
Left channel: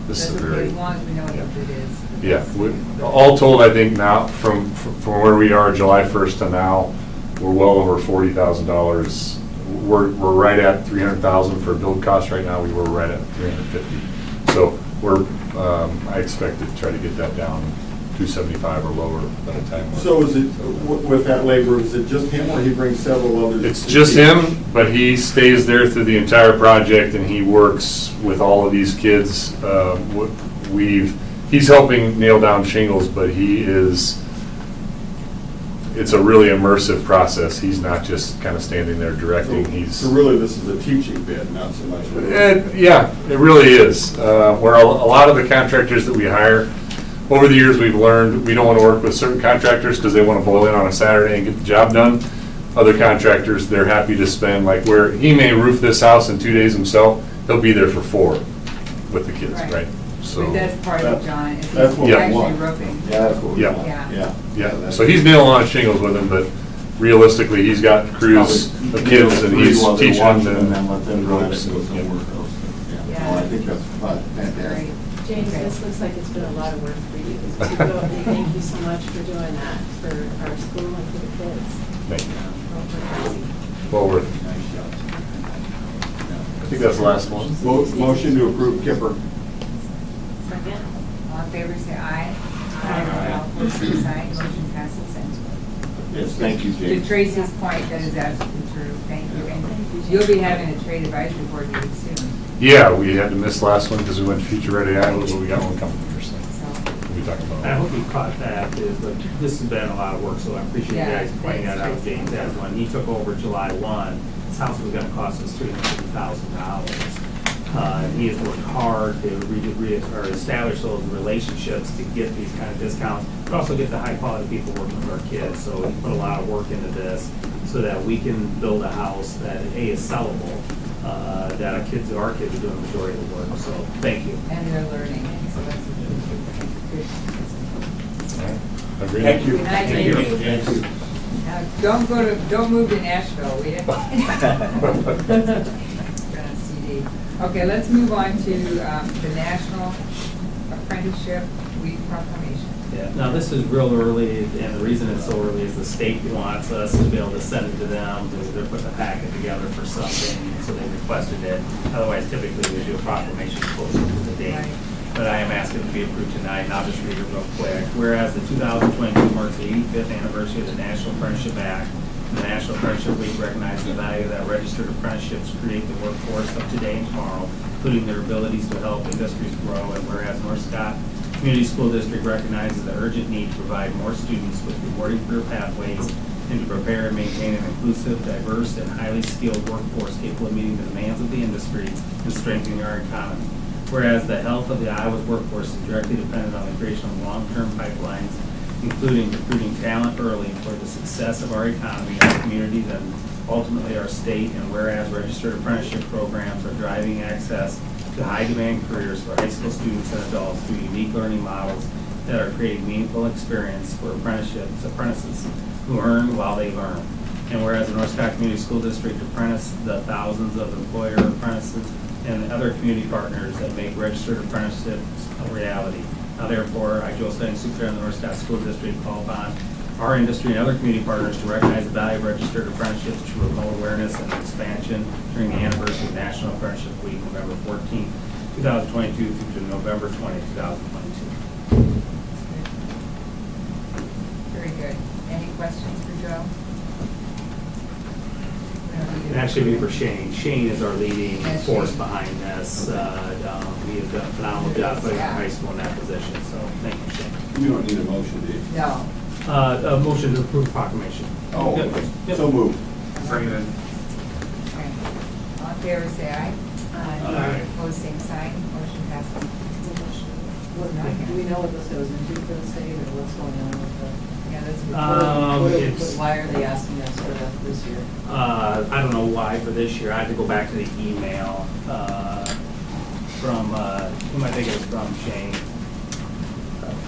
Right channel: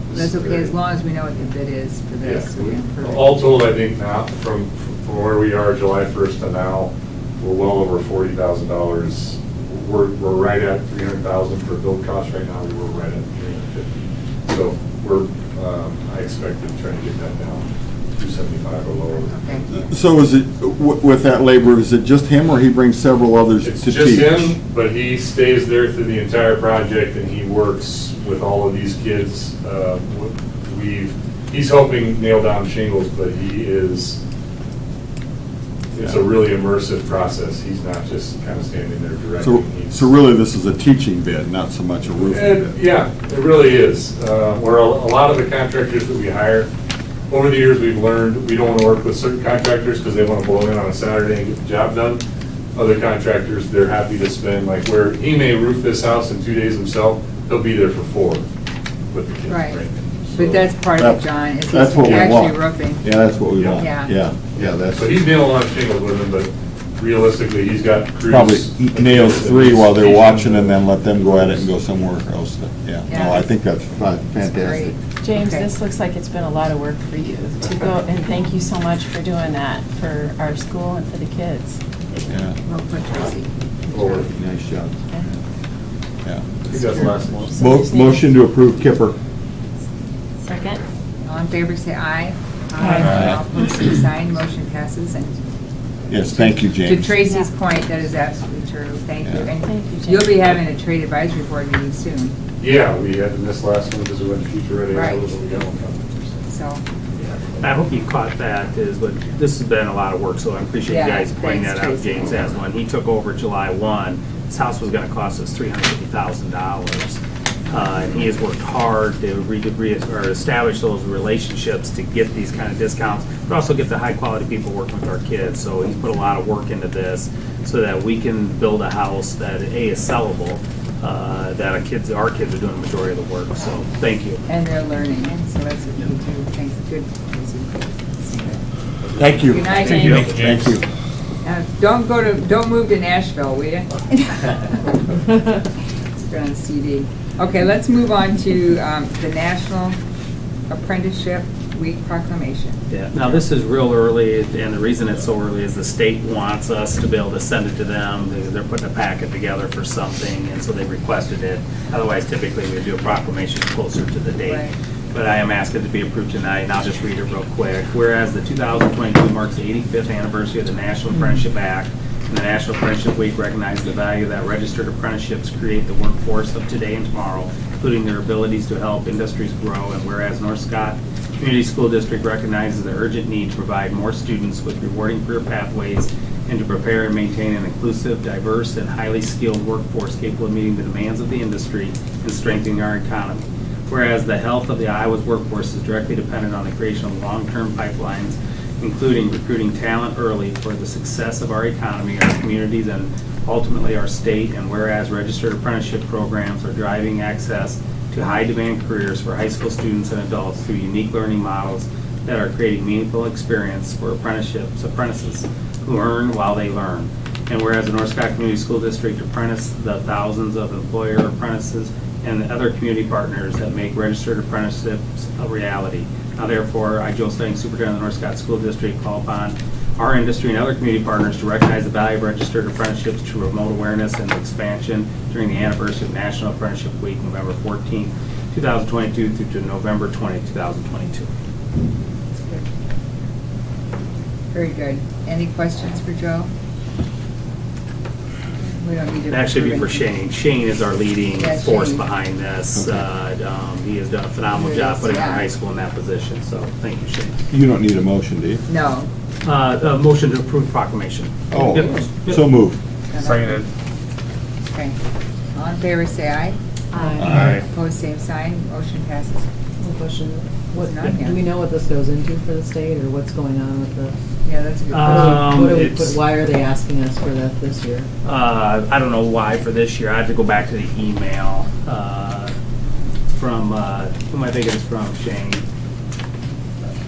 this That's is a okay, very. as long as we know what the bid is for Yeah, this. all told, I think now, from where we are July 1st to now, we're well over $40,000. We're right at $300,000 for build cost right now. We were right at $350,000. So I expect to try to get that down $275,000 or lower by the time. So is it, with that labor, is it just him, or he brings several others? It's to just teach? him, but he stays there through the entire project, and he works with all of these kids. He's helping nail down shingles, but it's a really immersive process. He's not just kind of standing there directing. So really, this is a teaching bid, not so much a roofing bid? Yeah, it really is. Where a lot of the contractors that we hire, over the years, we've learned we don't want to work with certain contractors because they want to boil in on a Saturday and get the job done. Other contractors, they're happy to spend, like where he may roof this house in 2 days himself, he'll be there for 4 with the kids, right? So But that's part of it, John, is That's what we actually want. roofing. Yeah, that's what we Yeah. want. Yeah. Yeah, So he's nailing on shingles with him, but realistically, he's got crews. Probably of nail kids that 3 he's while they're teaching watching, them and then to- let them go at it and go somewhere else. Yeah, Yeah. no, I think that's fantastic. James, Okay. this looks like it's been a lot of work for you to go, and thank you so much for doing that for our school and for the kids. Yeah. Real quick, Tracy. Well worth it. Nice job. Yeah. I think that's the last one. Motion to approve Kipper. Second. All in favor, say aye. Aye. All opposed, same sign. Motion passes. And Yes, thank you, to James. Tracy's point, that is absolutely true. Thank you. Yeah. And Thank you, James. you'll be having a trade advisory board meeting soon, Yeah, we had to miss last one because we went future ready Iowa, Right. but we got one coming for so. We talked about I that. hope you caught that, but this has been a lot of work, so I appreciate you Yeah, guys pointing thanks, that out, Tracy. James, as when he took over July 1, this house was gonna cost us $350,000. He has worked hard to establish those relationships to get these kind of discounts, but also get the high-quality people working with our kids. So he's put a lot of work into this so that we can build a house that, A, is sellable, that our kids are doing the majority of the work. So thank you. And they're learning, so that's a good, thanks, good. Thank you. Good night, Thank you. James. Thank you. Don't move to Nashville, will you? You're on CD. Okay, let's move on to the National Apprenticeship Week Proclamation. Yeah, now this is real early, and the reason it's so early is the state wants us to be able to send it to them, because they're putting a packet together for something, and so they requested it. Otherwise, typically, we do a proclamation closer to the date. Right. But I am asking to be approved tonight, and I'll just read it real quick. Whereas the 2022 marks the 85th anniversary of the National Apprenticeship Act, and the National Apprenticeship Week recognizes the value that registered apprenticeships create the workforce of today and tomorrow, including their abilities to help industries grow. And whereas North Scott Community School District recognizes the urgent need to provide more students with rewarding career pathways and to prepare and maintain an inclusive, diverse, and highly skilled workforce capable of meeting the demands of the industry and strengthening our economy. Whereas the health of the Iowa's workforce is directly dependent on the creation of long-term pipelines, including recruiting talent early for the success of our economy and our communities and ultimately our state. And whereas registered apprenticeship programs are driving access to high-demand careers for high school students and adults through unique learning models that are creating meaningful experience for apprentices who earn while they learn. And whereas the North Scott Community School District apprentice the thousands of employer apprentices and other community partners that make registered apprenticeships a reality. Now therefore, I, Joe Slayton, Superintendent of the North Scott School District, call upon our industry and other community partners to recognize the value of registered apprenticeships to promote awareness and expansion during the anniversary of National Apprenticeship Week, November 14, 2022 through to November 20, 2022. Very good. Any questions for Joe? We don't need to. That should be for Shane. Shane is our leading Yes, force Shane. behind this. Okay. He has done a phenomenal He job is, putting our yeah. high school in that position, so thank you, Shane. You don't need a motion, do you? No. A motion to approve proclamation. Oh, Yep. so moved. Seconded. Okay. All in favor, say aye. Aye. Opposed, same sign. Motion passes. What, not Do we know what this goes into for the state, or what's going on with the? Yeah, that's. Why are they asking us for that this year? I don't know why for this year. I have to go back to the email from, who am I thinking it's from, Shane?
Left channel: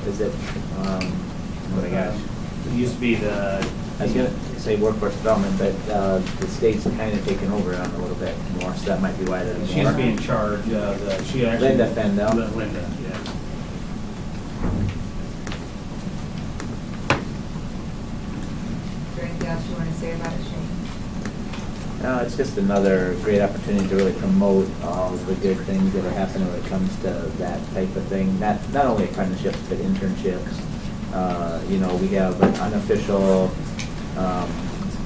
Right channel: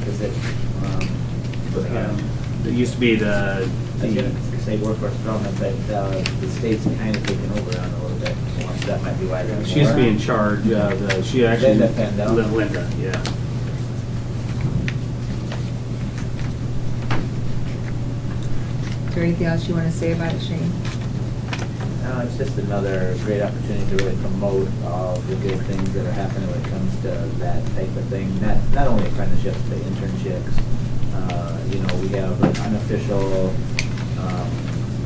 Is it, It used to be the. I was gonna say workforce development, but the state's kind of taken over on it a little bit more, so that might be why they're. She used to be in charge of she actually. Linda Fendel. Linda, yeah. Is there anything else you want to say about it, Shane? It's just another great opportunity to really promote all the good things that are happening when it comes to that type of thing. Not only apprenticeships, but internships. We have an unofficial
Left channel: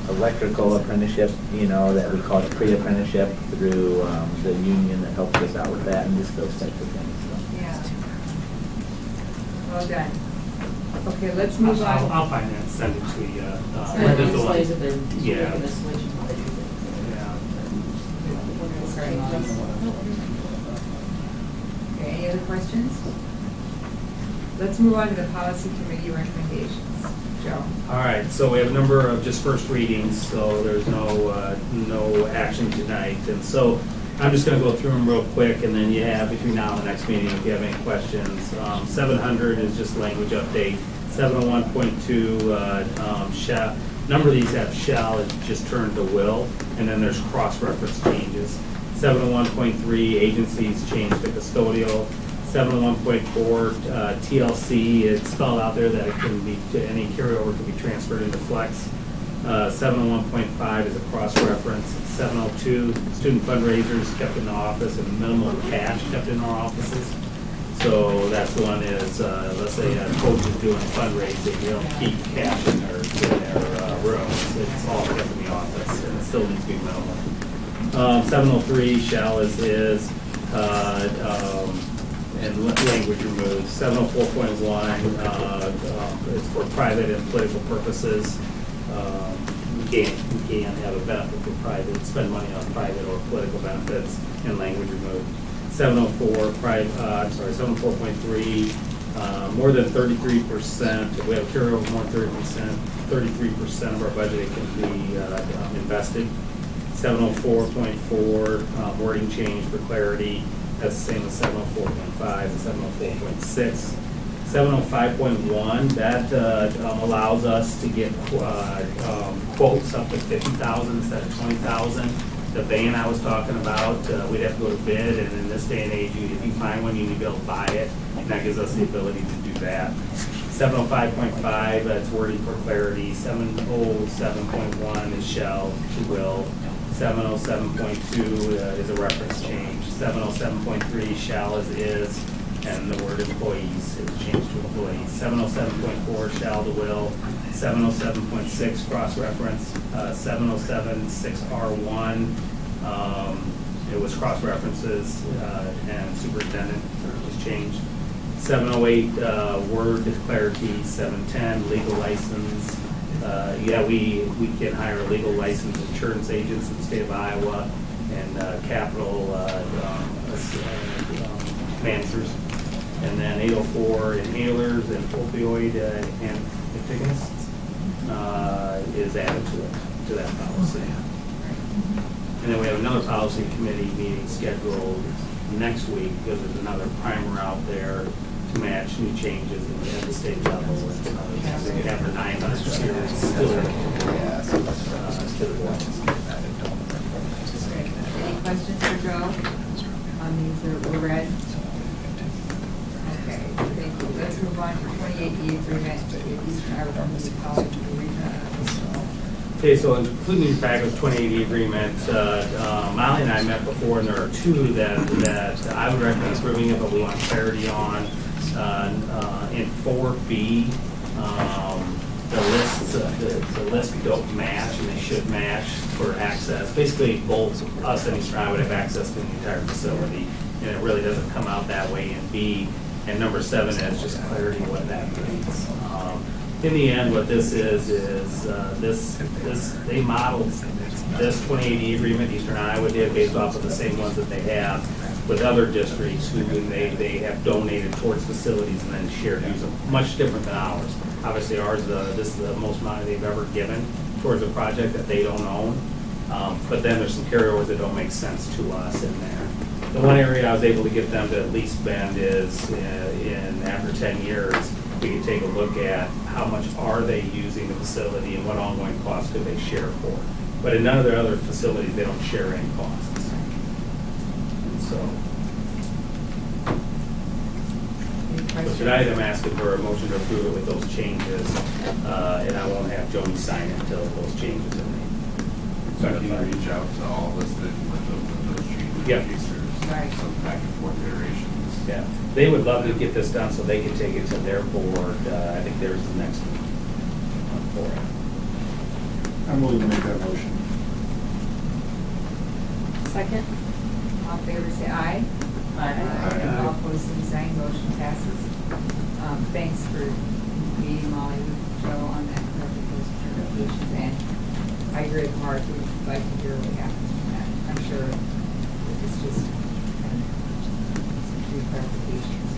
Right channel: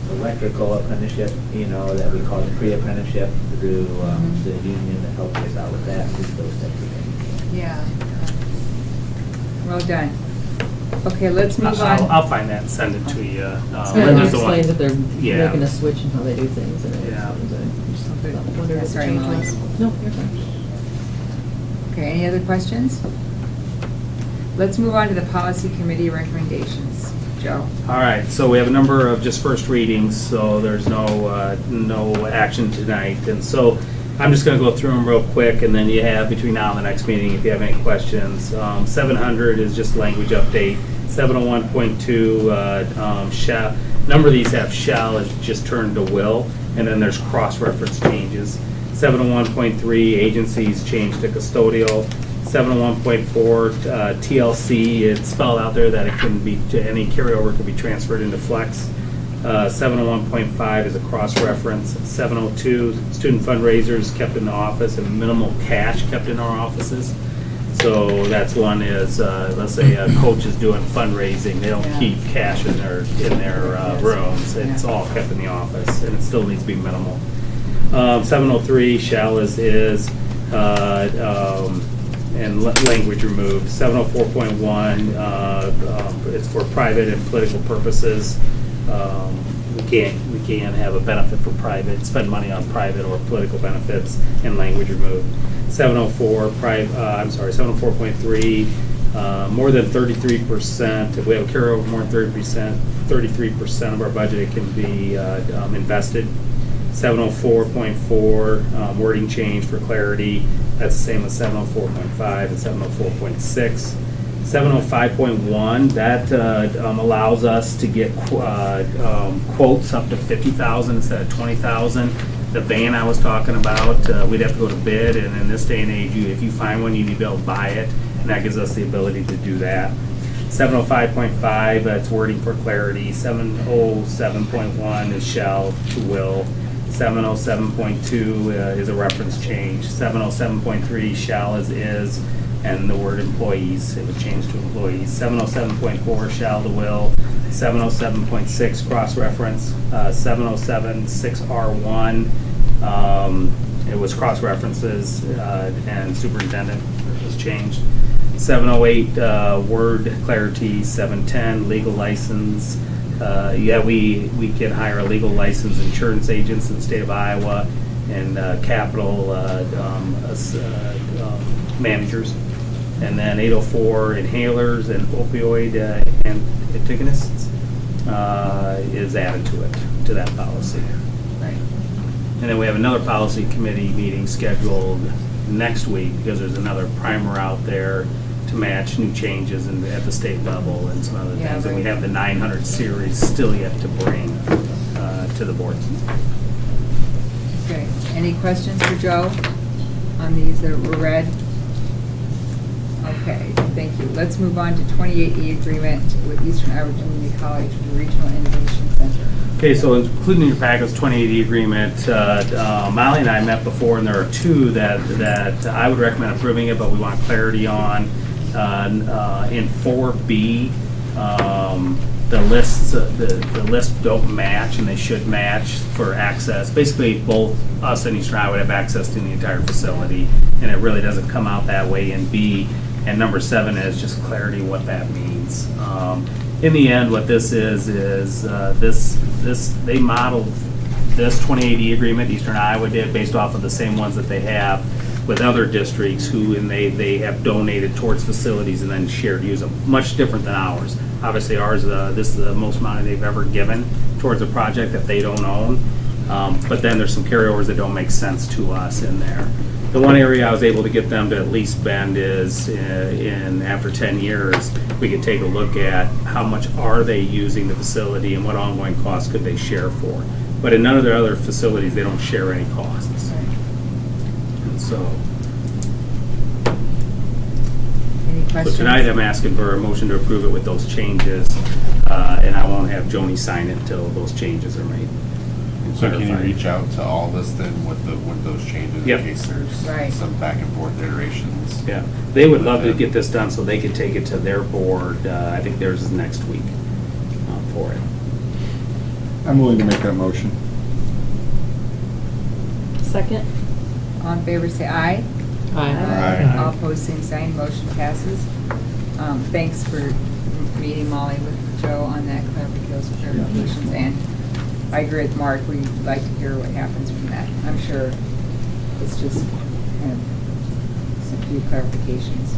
electrical apprenticeship, that we call it pre-apprenticeship through the union that helps us out with that and just those types of things. So. Yeah. Well done. Okay, let's move on. I'll find that and send it to you. Linda's the one. That they're Yeah. making a switch in how they do things. Sorry, Melissa. No. Okay, any other questions? Let's move on to the policy committee recommendations. Joe? All right, so we have a number of just first readings, so there's no action tonight. And so I'm just going to go through them real quick, and then you have between now and the next meeting if you have any questions. 700 is just language update. 701.2, shall. Number of these have shall is just turned to will, and then there's cross-reference changes. 701.3, agencies changed to custodial. 701.4, TLC, it's spelled out there that it can be, any carryover can be transferred into flex. 701.5 is a cross-reference. 702, student fundraisers kept in the office and minimal cash kept in our offices. So that's one is, let's say a coach is doing fundraising, they'll keep cash in their rooms. It's all kept in the office, and it still needs to be minimal. 703, shall is, and language removed. 704.1 is for private and political purposes. can't have a benefit for private, spend money on private or political benefits and language removed. 704.3, more than 33%, if we have a carryover more than 33% of our budget can be invested. 704.4, wording change for clarity, that's the same as 704.5 and 704.6. 705.1, that allows us to get quotes up to 50,000 instead of 20,000. The van I was talking about, we'd have to go to bid, and in this day and age, if you find one, you need to be able to buy it, and that gives us the ability to do that. 705.5, that's wording for clarity. 707.1 is shall to will. 707.2 is a reference change. 707.3 shall is, and the word employees, it was changed to employees. 707.4 shall to will. 707.6 cross-reference. 707.6R1, it was cross-references, and superintendent was changed. 708 word clarity. 710 legal license. We can hire legal licensed insurance agents in the state of Iowa and capital managers. And then 804 inhalers and opioid antagonists is added to that policy. And then we have another policy committee meeting scheduled next week because there's another primer out there to match new changes at the state level and some other things. And we have the 900 series still yet to bring to the board. Okay. Any questions for Joe on these that were read? Okay, thank you. Let's move on to 28E agreement with Eastern Iowa Community College Regional International. Okay, so including in your package, 2080 agreement, Molly and I met before, and there are two that I would recommend approving it, but we want clarity on. In 4B, the lists don't match, and they should match for access. Basically, both us and Eastern Iowa would have access to the entire facility, and it really doesn't come out that way in B. And number 7 is just clarity what that means. In the end, what this is they modeled this 2080 agreement Eastern Iowa did based off of the same ones that they have with other districts and they have donated towards facilities and then shared use them. Much different than ours. Obviously ours, this is the most money they've ever given towards a project that they don't own. But then there's some carryovers that don't make sense to us in there. The one area I was able to get them to at least bend is after 10 years, we could take a look at how much are they using the facility and what ongoing costs could they share for. But in none of their other facilities, they don't share any costs. And so tonight I'm asking for a motion to approve it with those changes, and I won't have Joni sign it until those changes are made. So can you reach out to all of us then with those changes in case there's some back and forth iterations? Yeah, they would love to get this done so they can take it to their board. I think theirs is next week for it. I'm willing to make that motion. Second. All in favor, say aye. Aye. All opposed, same sign. Motion passes. Thanks for meeting Molly with Joe on that clarifications, and I agree with Mark. We'd like to hear what happens from that. I'm sure it's just kind of some few clarifications.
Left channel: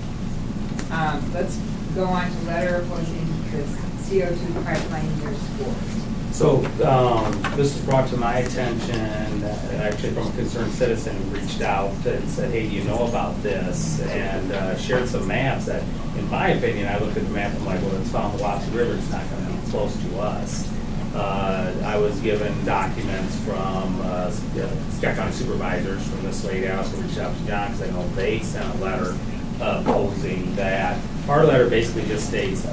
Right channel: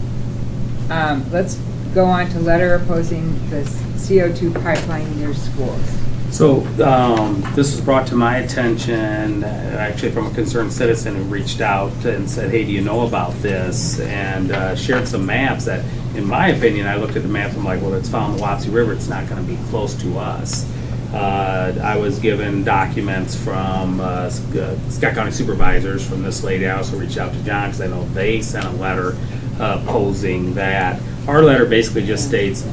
Let's go on to letter opposing the CO2 pipeline in your schools. So this was brought to my attention, actually from a concerned citizen who reached out and said, hey, do you know about this? And shared some maps that, in my opinion, I looked at the map, I'm like, well, it's found the Wapsie River, it's not going to be close to us. I was given documents from Scott County supervisors from this lady. I also reached out to John because I know they sent a letter opposing that. Our letter basically just states,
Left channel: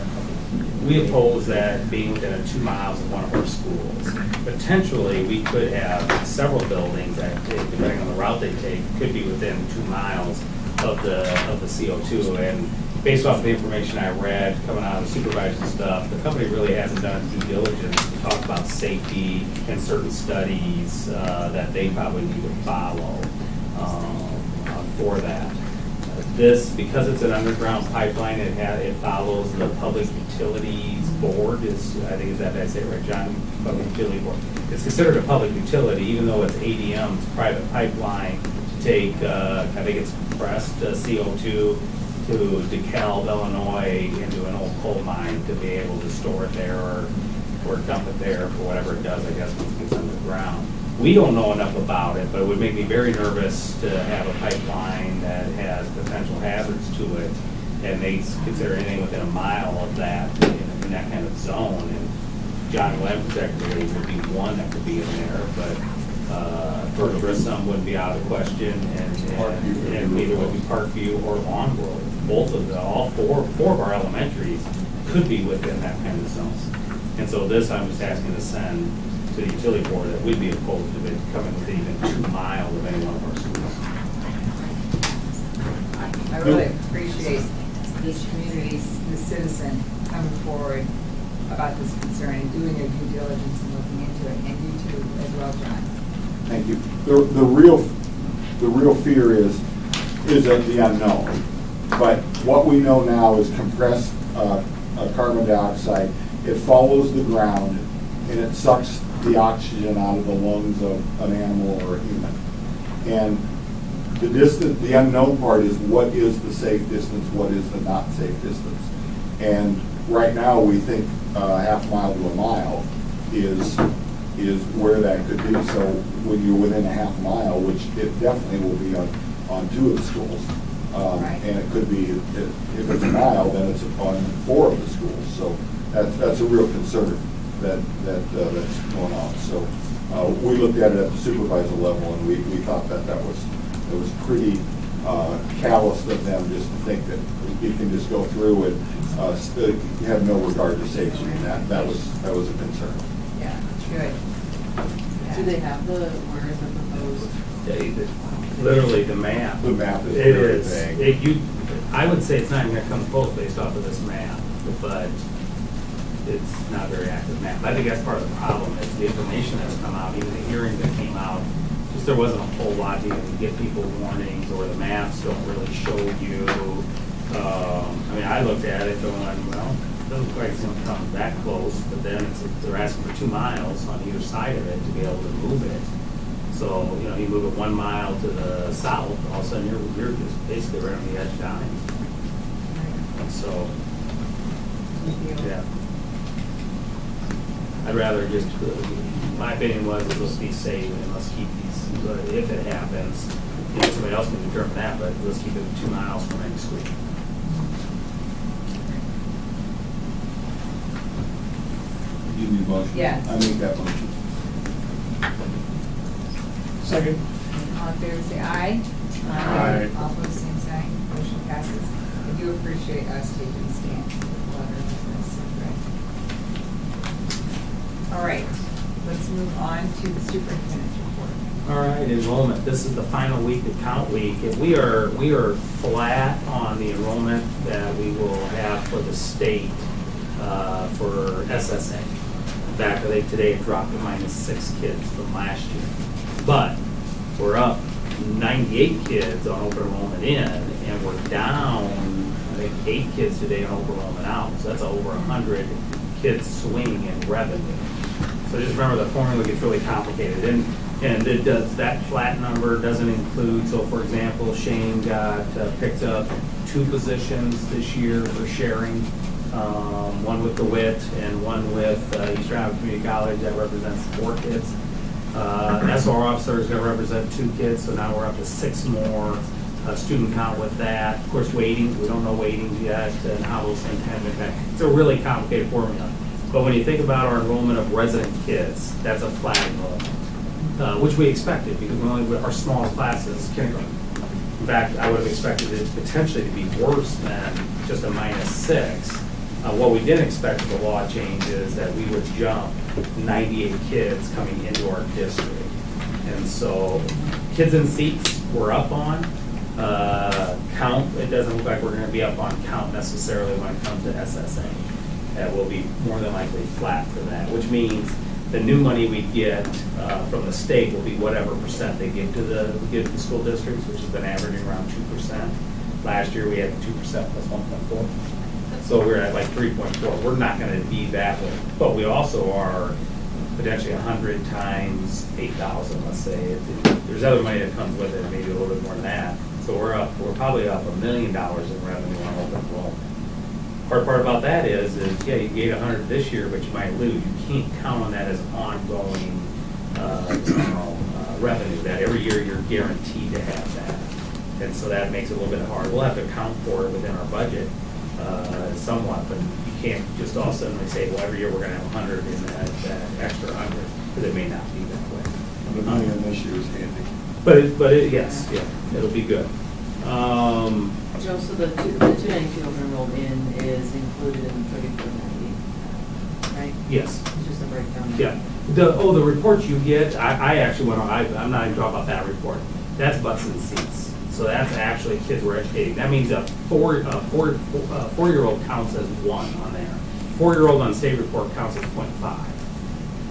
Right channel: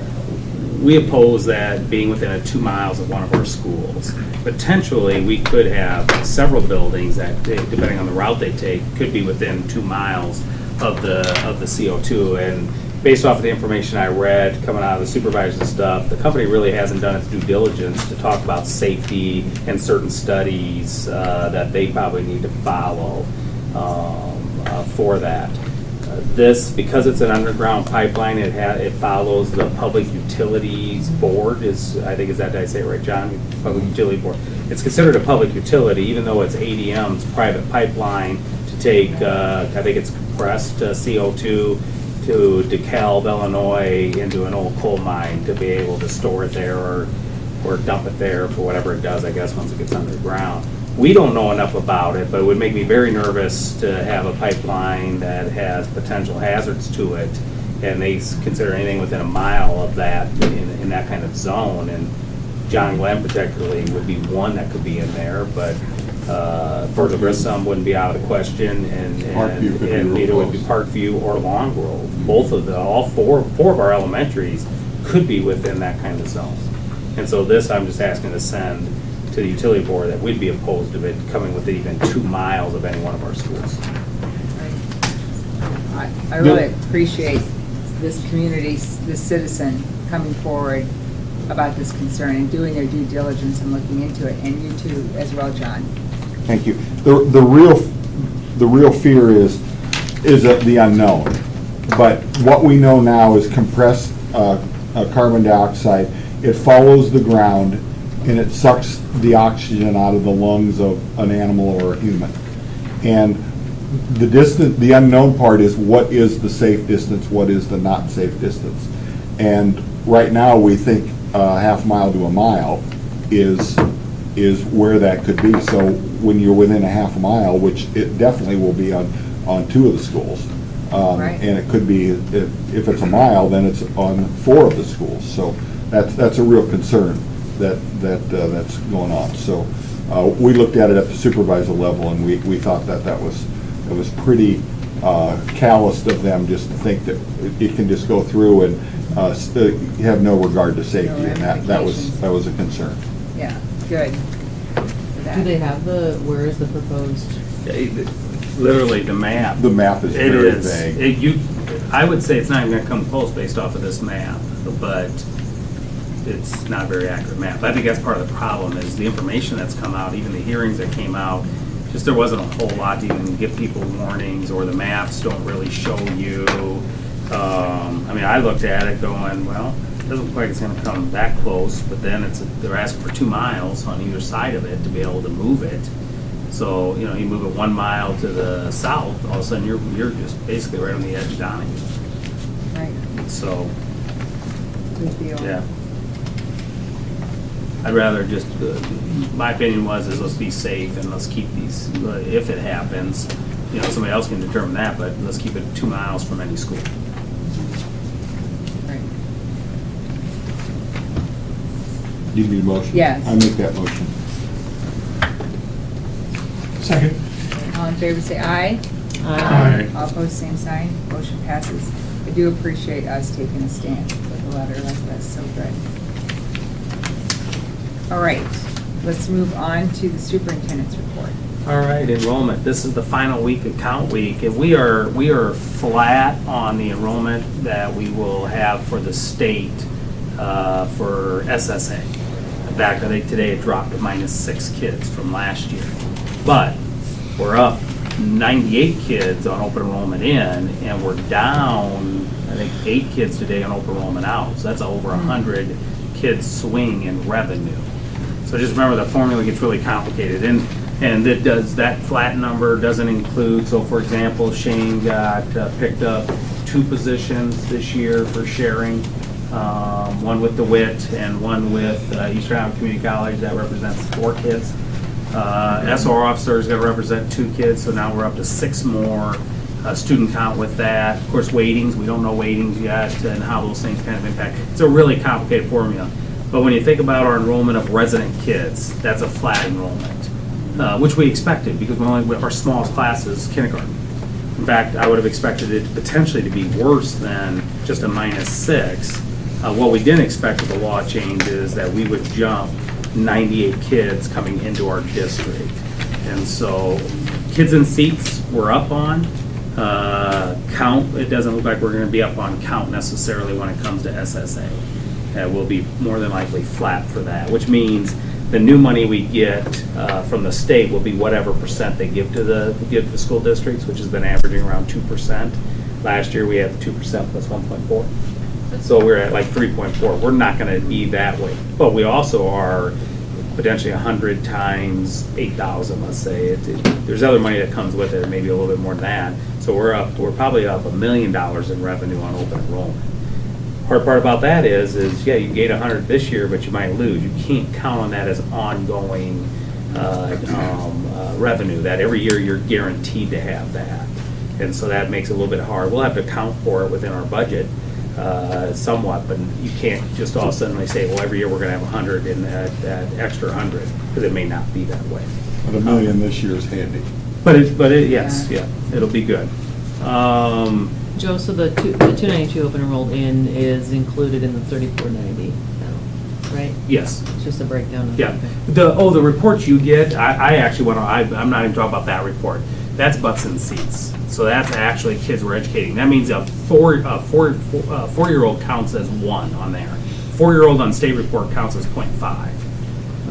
we oppose that being within 2 miles of one of our schools. Potentially, we could have several buildings that, depending on the route they take, could be within 2 miles of the CO2. And based off of the information I read coming out of the supervisors and stuff, the company really hasn't done its due diligence to talk about safety and certain studies that they probably need to follow for that. This, because it's an underground pipeline, it follows the Public Utilities Board I think is that, did I say it right, John? Public Utility Board. It's considered a public utility, even though it's ADM's private pipeline to take, I think it's compressed CO2 to DeKalb, Illinois, into an old coal mine to be able to store it there or dump it there for whatever it does, I guess, once it gets underground. We don't know enough about it, but it would make me very nervous to have a pipeline that has potential hazards to it, and they consider anything within a mile of that in that kind of zone. And John Glenn particularly would be one that could be in there, but Fort Grissom wouldn't be out of the question, and neither would be Parkview or Long Grove. Both of all four of our elementaries could be within that kind of zone. And so this, I'm just asking to send to the utility board that we'd be opposed to it coming within even 2 miles of any one of our schools. I really appreciate this community, this citizen coming forward about this concern and doing their due diligence and looking into it, and you too as well, John. Thank you. The real fear is the unknown. But what we know now is compressed carbon dioxide. It follows the ground and it sucks the oxygen out of the lungs of an animal or a human. And the distance, the unknown part is what is the safe distance, what is the not safe distance. And right now we think a half mile to a mile is where that could be. So when you're within a half mile, which it definitely will be on 2 of the schools, Right. and it could be, if it's a mile, then it's on 4 of the schools. So that's a real concern that's going on. So we looked at it at the supervisor level, and we thought that it was pretty callous of them just to think that it can just go through and have no regard to safety, and that was a concern. Yeah, good. Do they have where is the proposed? Literally, the map. The map is very vague. I would say it's not even gonna come close based off of this map, but it's not a very accurate map. I think that's part of the problem is the information that's come out, even the hearings that came out, just there wasn't a whole lot to even give people warnings, or the maps don't really show you. I mean, I looked at it going, well, it doesn't look like it's gonna come that close, but then they're asking for 2 miles on either side of it to be able to move it. So, you move it 1 mile to the south, all of a sudden you're just basically right on the edge down it. Right. So, Good deal. yeah. I'd rather just, my opinion is let's be safe and let's keep these, if it happens, somebody else can determine that, but let's keep it 2 miles from any school. Do you need a motion? Yes. I make that motion. Second. All in favor, say aye. Aye. All opposed, same sign. Motion passes. I do appreciate us taking a stand with a letter like this, so good. All right, let's move on to the superintendent's report. All right, enrollment. This is the final week of count week, and we are flat on the enrollment that we will have for the state for SSA. In fact, I think today it dropped to -6 kids from last year. But we're up 98 kids on open enrollment in, and we're down, I think, 8 kids today on open enrollment out. So that's over 100 kids swing in revenue. So just remember the formula gets really complicated. And it does, that flat number doesn't include, so for example, Shane got picked up 2 positions this year for sharing, one with DeWitt and one with Eastern Iowa Community College. That represents 4 kids. SR officer is going to represent 2 kids, so now we're up to 6 more student count with that. Of course, weightings, we don't know weightings yet and how those things kind of impact. It's a really complicated formula. But when you think about our enrollment of resident kids, that's a flat enrollment, which we expected because our smallest class is kindergarten. In fact, I would have expected it potentially to be worse than just a -6. What we didn't expect with the law change is that we would jump 98 kids coming into our district. And so kids in seats we're up on. Count, it doesn't look like we're going to be up on count necessarily when it comes to SSA. We'll be more than likely flat for that, which means the new money we get from the state will be whatever percent they give to the school districts, which has been averaging around 2%. Last year, we had 2% plus 1.4. So we're at like 3.4. We're not gonna be that way. But we also are potentially 100 times 8,000, let's say. There's other money that comes with it, maybe a little bit more than that. So we're probably up $1 million in revenue on open enrollment. Hard part about that is yeah, you gain 100 this year, but you might lose. You can't count on that as ongoing revenue, that every year you're guaranteed to have that. And so that makes it a little bit hard. We'll have to account for it within our budget somewhat, but you can't just all of a sudden say, well, every year we're gonna have 100 and that extra 100, because it may not be that way. But $1 million this year is handy. But yes, yeah, it'll be good. Joe, so the 292 open enrolled in is included in the 3490, right? Yes. It's just a breakdown. Yeah. The reports you get, I actually went on, I'm not even talking about that report. That's butts in seats. So that's actually kids we're educating. That means a four-year-old counts as 1 on there. 4-year-old on state report counts as 0.5.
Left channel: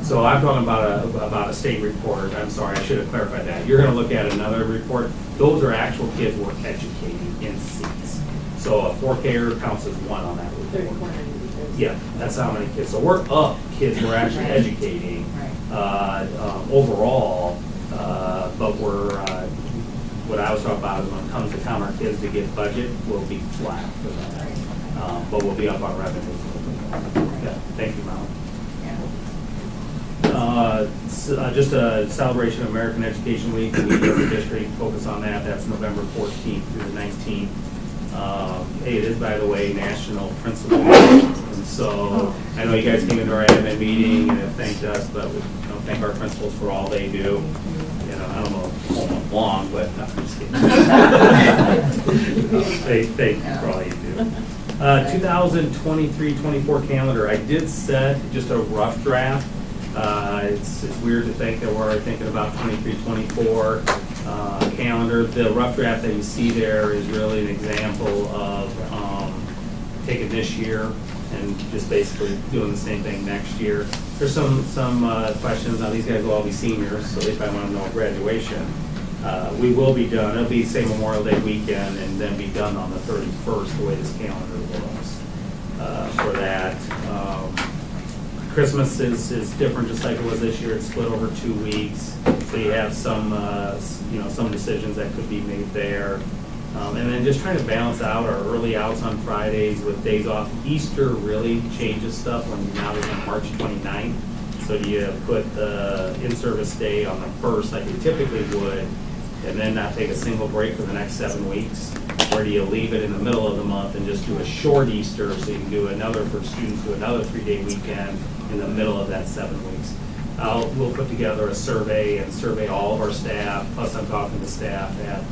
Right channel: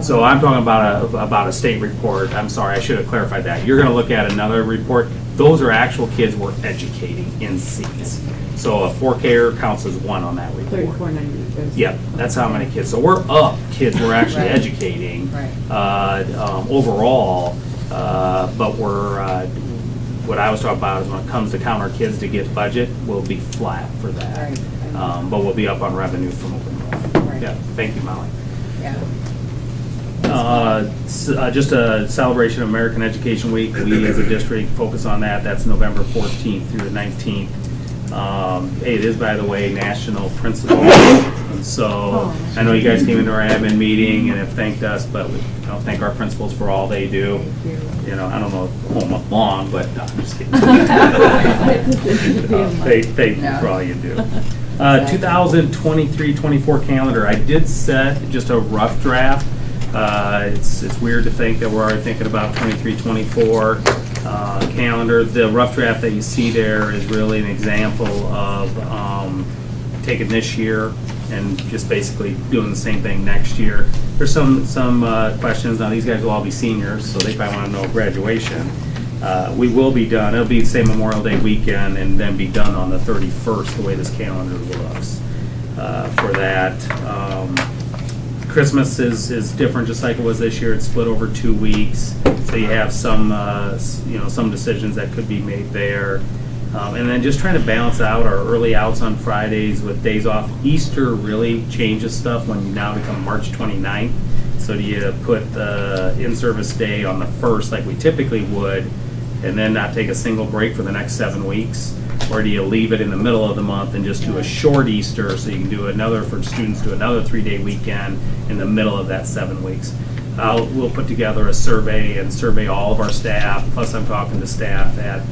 So I'm talking about a state report. I'm sorry, I should have clarified that. You're gonna look at another report. Those are actual kids we're educating in seats. So a 4K-er counts as 1 on that report. 3490. Yeah, that's how many kids. So we're up kids we're actually educating overall, but what I was talking about is when it comes to count our kids to get budget, we'll be flat for that. But we'll be up on revenue from open enrollment. Yeah, thank you, Molly. Just a celebration of American Education Week. We as a district focus on that. That's November 14th through the 19th. It is, by the way, National Principal. And so I know you guys came into our admin meeting and have thanked us, but we don't thank our principals for all they do. You know, I don't know how much long, but no, I'm just kidding. Thank you for all you do. 2023-24 calendar. I did set just a rough draft. It's weird to think that we're already thinking about 23-24 calendar. The rough draft that you see there is really an example of taking this year and just basically doing the same thing next year. There's some questions. Now these guys will all be seniors, so they probably want to know graduation. We will be done. It'll be the same Memorial Day weekend and then be done on the 31st, the way this calendar looks for that. Christmas is different, just like it was this year. It's split over 2 weeks, so you have some some decisions that could be made there. And then just trying to balance out our early outs on Fridays with days off. Easter really changes stuff when you now become March 29th. So do you put the in-service day on the 1st like we typically would, and then not take a single break for the next 7 weeks? Or do you leave it in the middle of the month and just do a short Easter so you can do another, for students, do another 3-day weekend in the middle of that 7 weeks? We'll put together a survey and survey all of our staff, plus I'm talking to staff at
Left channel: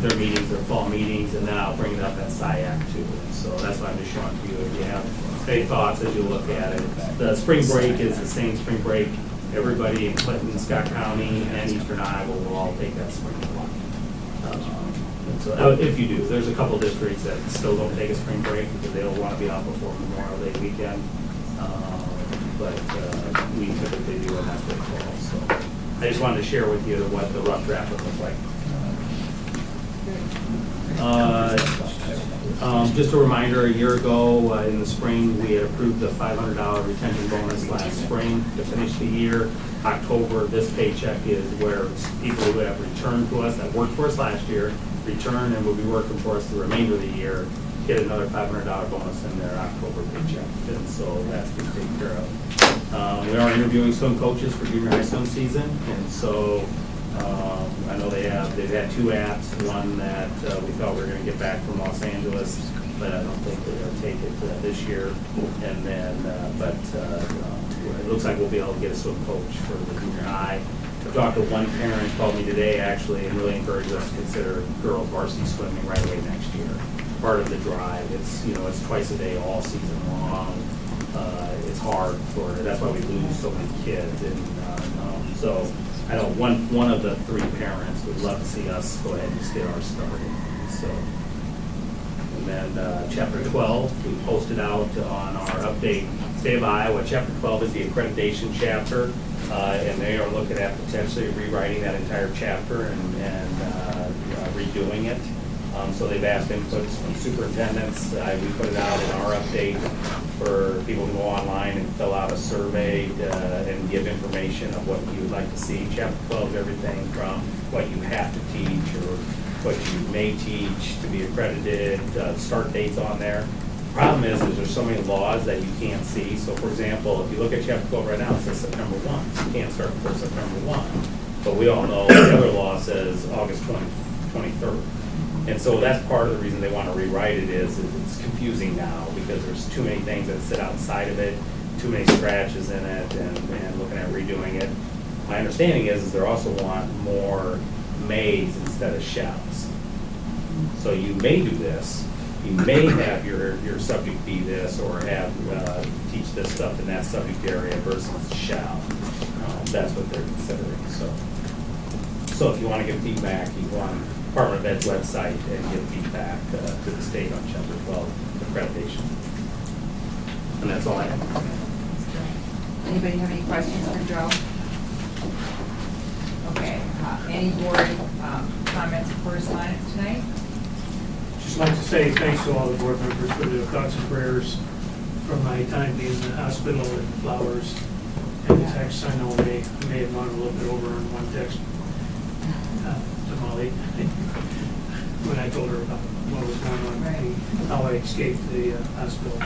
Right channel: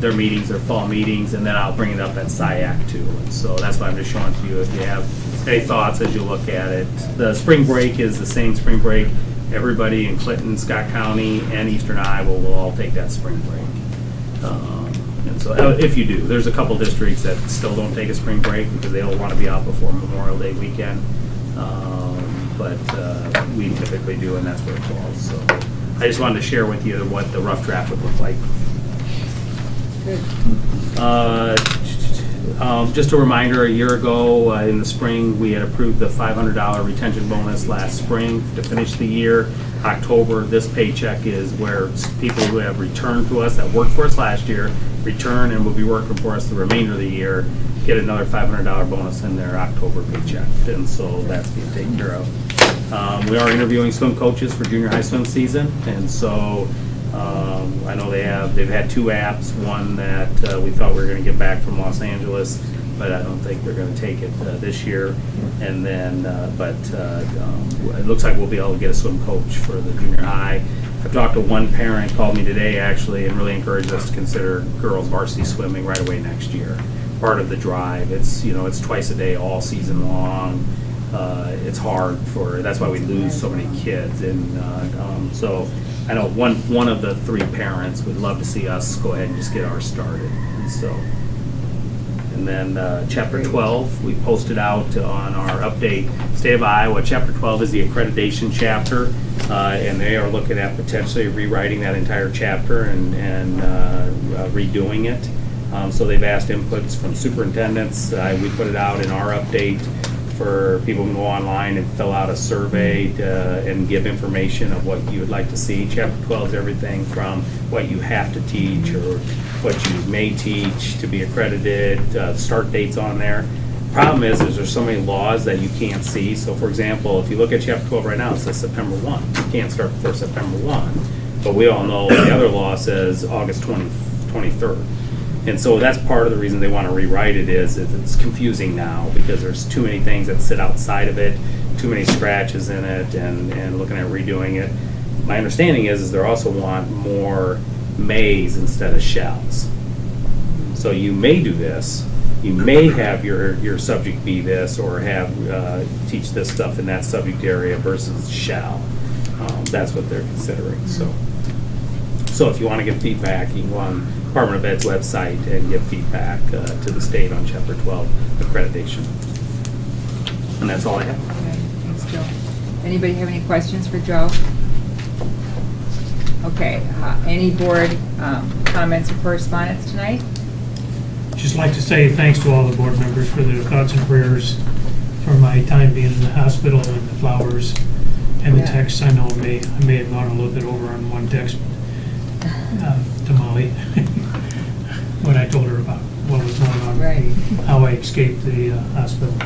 their meetings, their fall meetings, and then I'll bring it up at SIAC too. And so that's what I'm just showing to you if you have any thoughts as you look at it. The spring break is the same spring break. Everybody in Clinton, Scott County, and Eastern Iowa will all take that spring break. And so if you do, there's a couple districts that still don't take a spring break because they don't want to be out before Memorial Day weekend. But we typically do, and that's what it falls. So I just wanted to share with you what the rough draft would look like. Just a reminder, a year ago in the spring, we had approved the $500 retention bonus last spring to finish the year. October, this paycheck is where people who have returned to us, that worked for us last year, return and will be working for us the remainder of the year, get another $500 bonus in their October paycheck. And so that's been taken care of. We are interviewing swim coaches for junior high swim season, and so I know they've had 2 apps, one that we thought we were going to get back from Los Angeles, but I don't think they're going to take it this year. And then, it looks like we'll be able to get a swim coach for the junior high. I've talked to one parent, called me today actually, and really encouraged us to consider girls varsity swimming right away next year. Part of the drive. It's twice a day all season long. It's hard that's why we lose so many kids. And so I know one of the 3 parents would love to see us go ahead and just get ours started. And so, and And then Chapter 12, we posted out on our update, State of Iowa, Chapter 12 is the accreditation chapter, and they are looking at potentially rewriting that entire chapter and redoing it. So they've asked inputs from superintendents. We put it out in our update for people to go online and fill out a survey and give information of what you would like to see. Chapter 12 is everything from what you have to teach or what you may teach to be accredited, start dates on there. Problem is there's so many laws that you can't see. So for example, if you look at Chapter 12 right now, it says September 1. You can't start before September 1. But we all know the other law says August 23rd. And so that's part of the reason they want to rewrite it is it's confusing now because there's too many things that sit outside of it, too many scratches in it, and looking at redoing it. My understanding is they also want more mays instead of shalls. So you may do this, you may have your subject be this or have teach this stuff in that subject area versus shall. That's what they're considering. So if you want to get feedback, you want Department of Ed's website and get feedback to the state on Chapter 12 accreditation. And that's all I have. Okay, thanks, Joe. Anybody have any questions for Joe? Okay, any board comments or correspondence tonight? Just like to say thanks to all the board members for their thoughts and prayers for my time being in the hospital and the flowers and the texts. I know I may have gone a little bit over on one text to Molly when I told her about what was going on, how I escaped the hospital.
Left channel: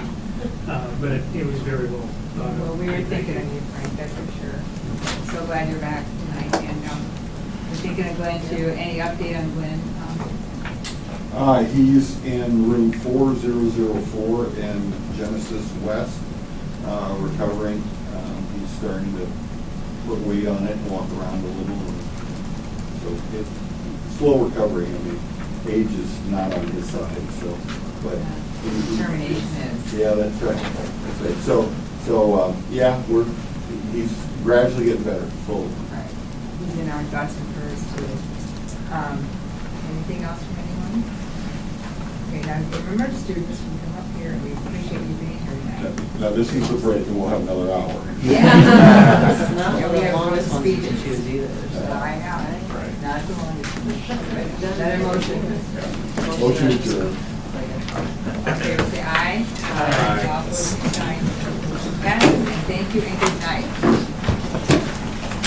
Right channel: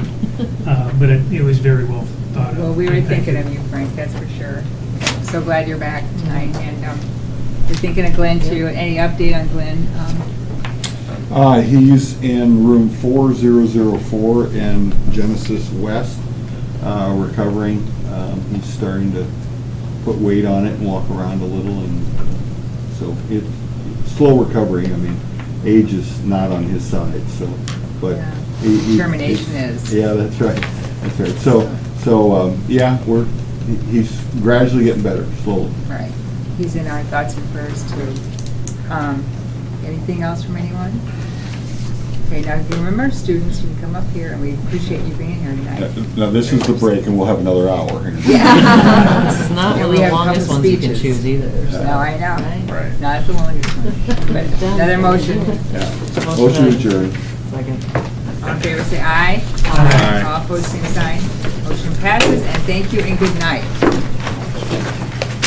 But it was very well thought of. Well, we were thinking of you, Frank, that's for sure. So glad you're back tonight, and we're thinking of Glenn too. Any update on Glenn? He's in room 4004 in Genesis West, recovering. He's starting to put weight on it and walk around a little, and so it's slow recovery. I mean, age is not on his side, so but Determination is. Yeah, that's right. That's right. So yeah, he's gradually getting better, slowly. Right. He's in our thoughts and prayers too. Anything else from anyone? Okay, now if you remember, students, you can come up here, and we appreciate you being here tonight. Now this is the break, and we'll have another hour. Yeah. This is not one of we the have longest couple ones you can speeches. choose either. So. No, I know. Not the one. But another motion. Motion adjourned. All in favor, say aye. Aye. All opposed, same sign. Motion passes, and thank you and good night,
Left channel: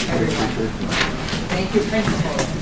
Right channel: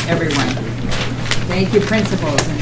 everyone. Thank you, principals and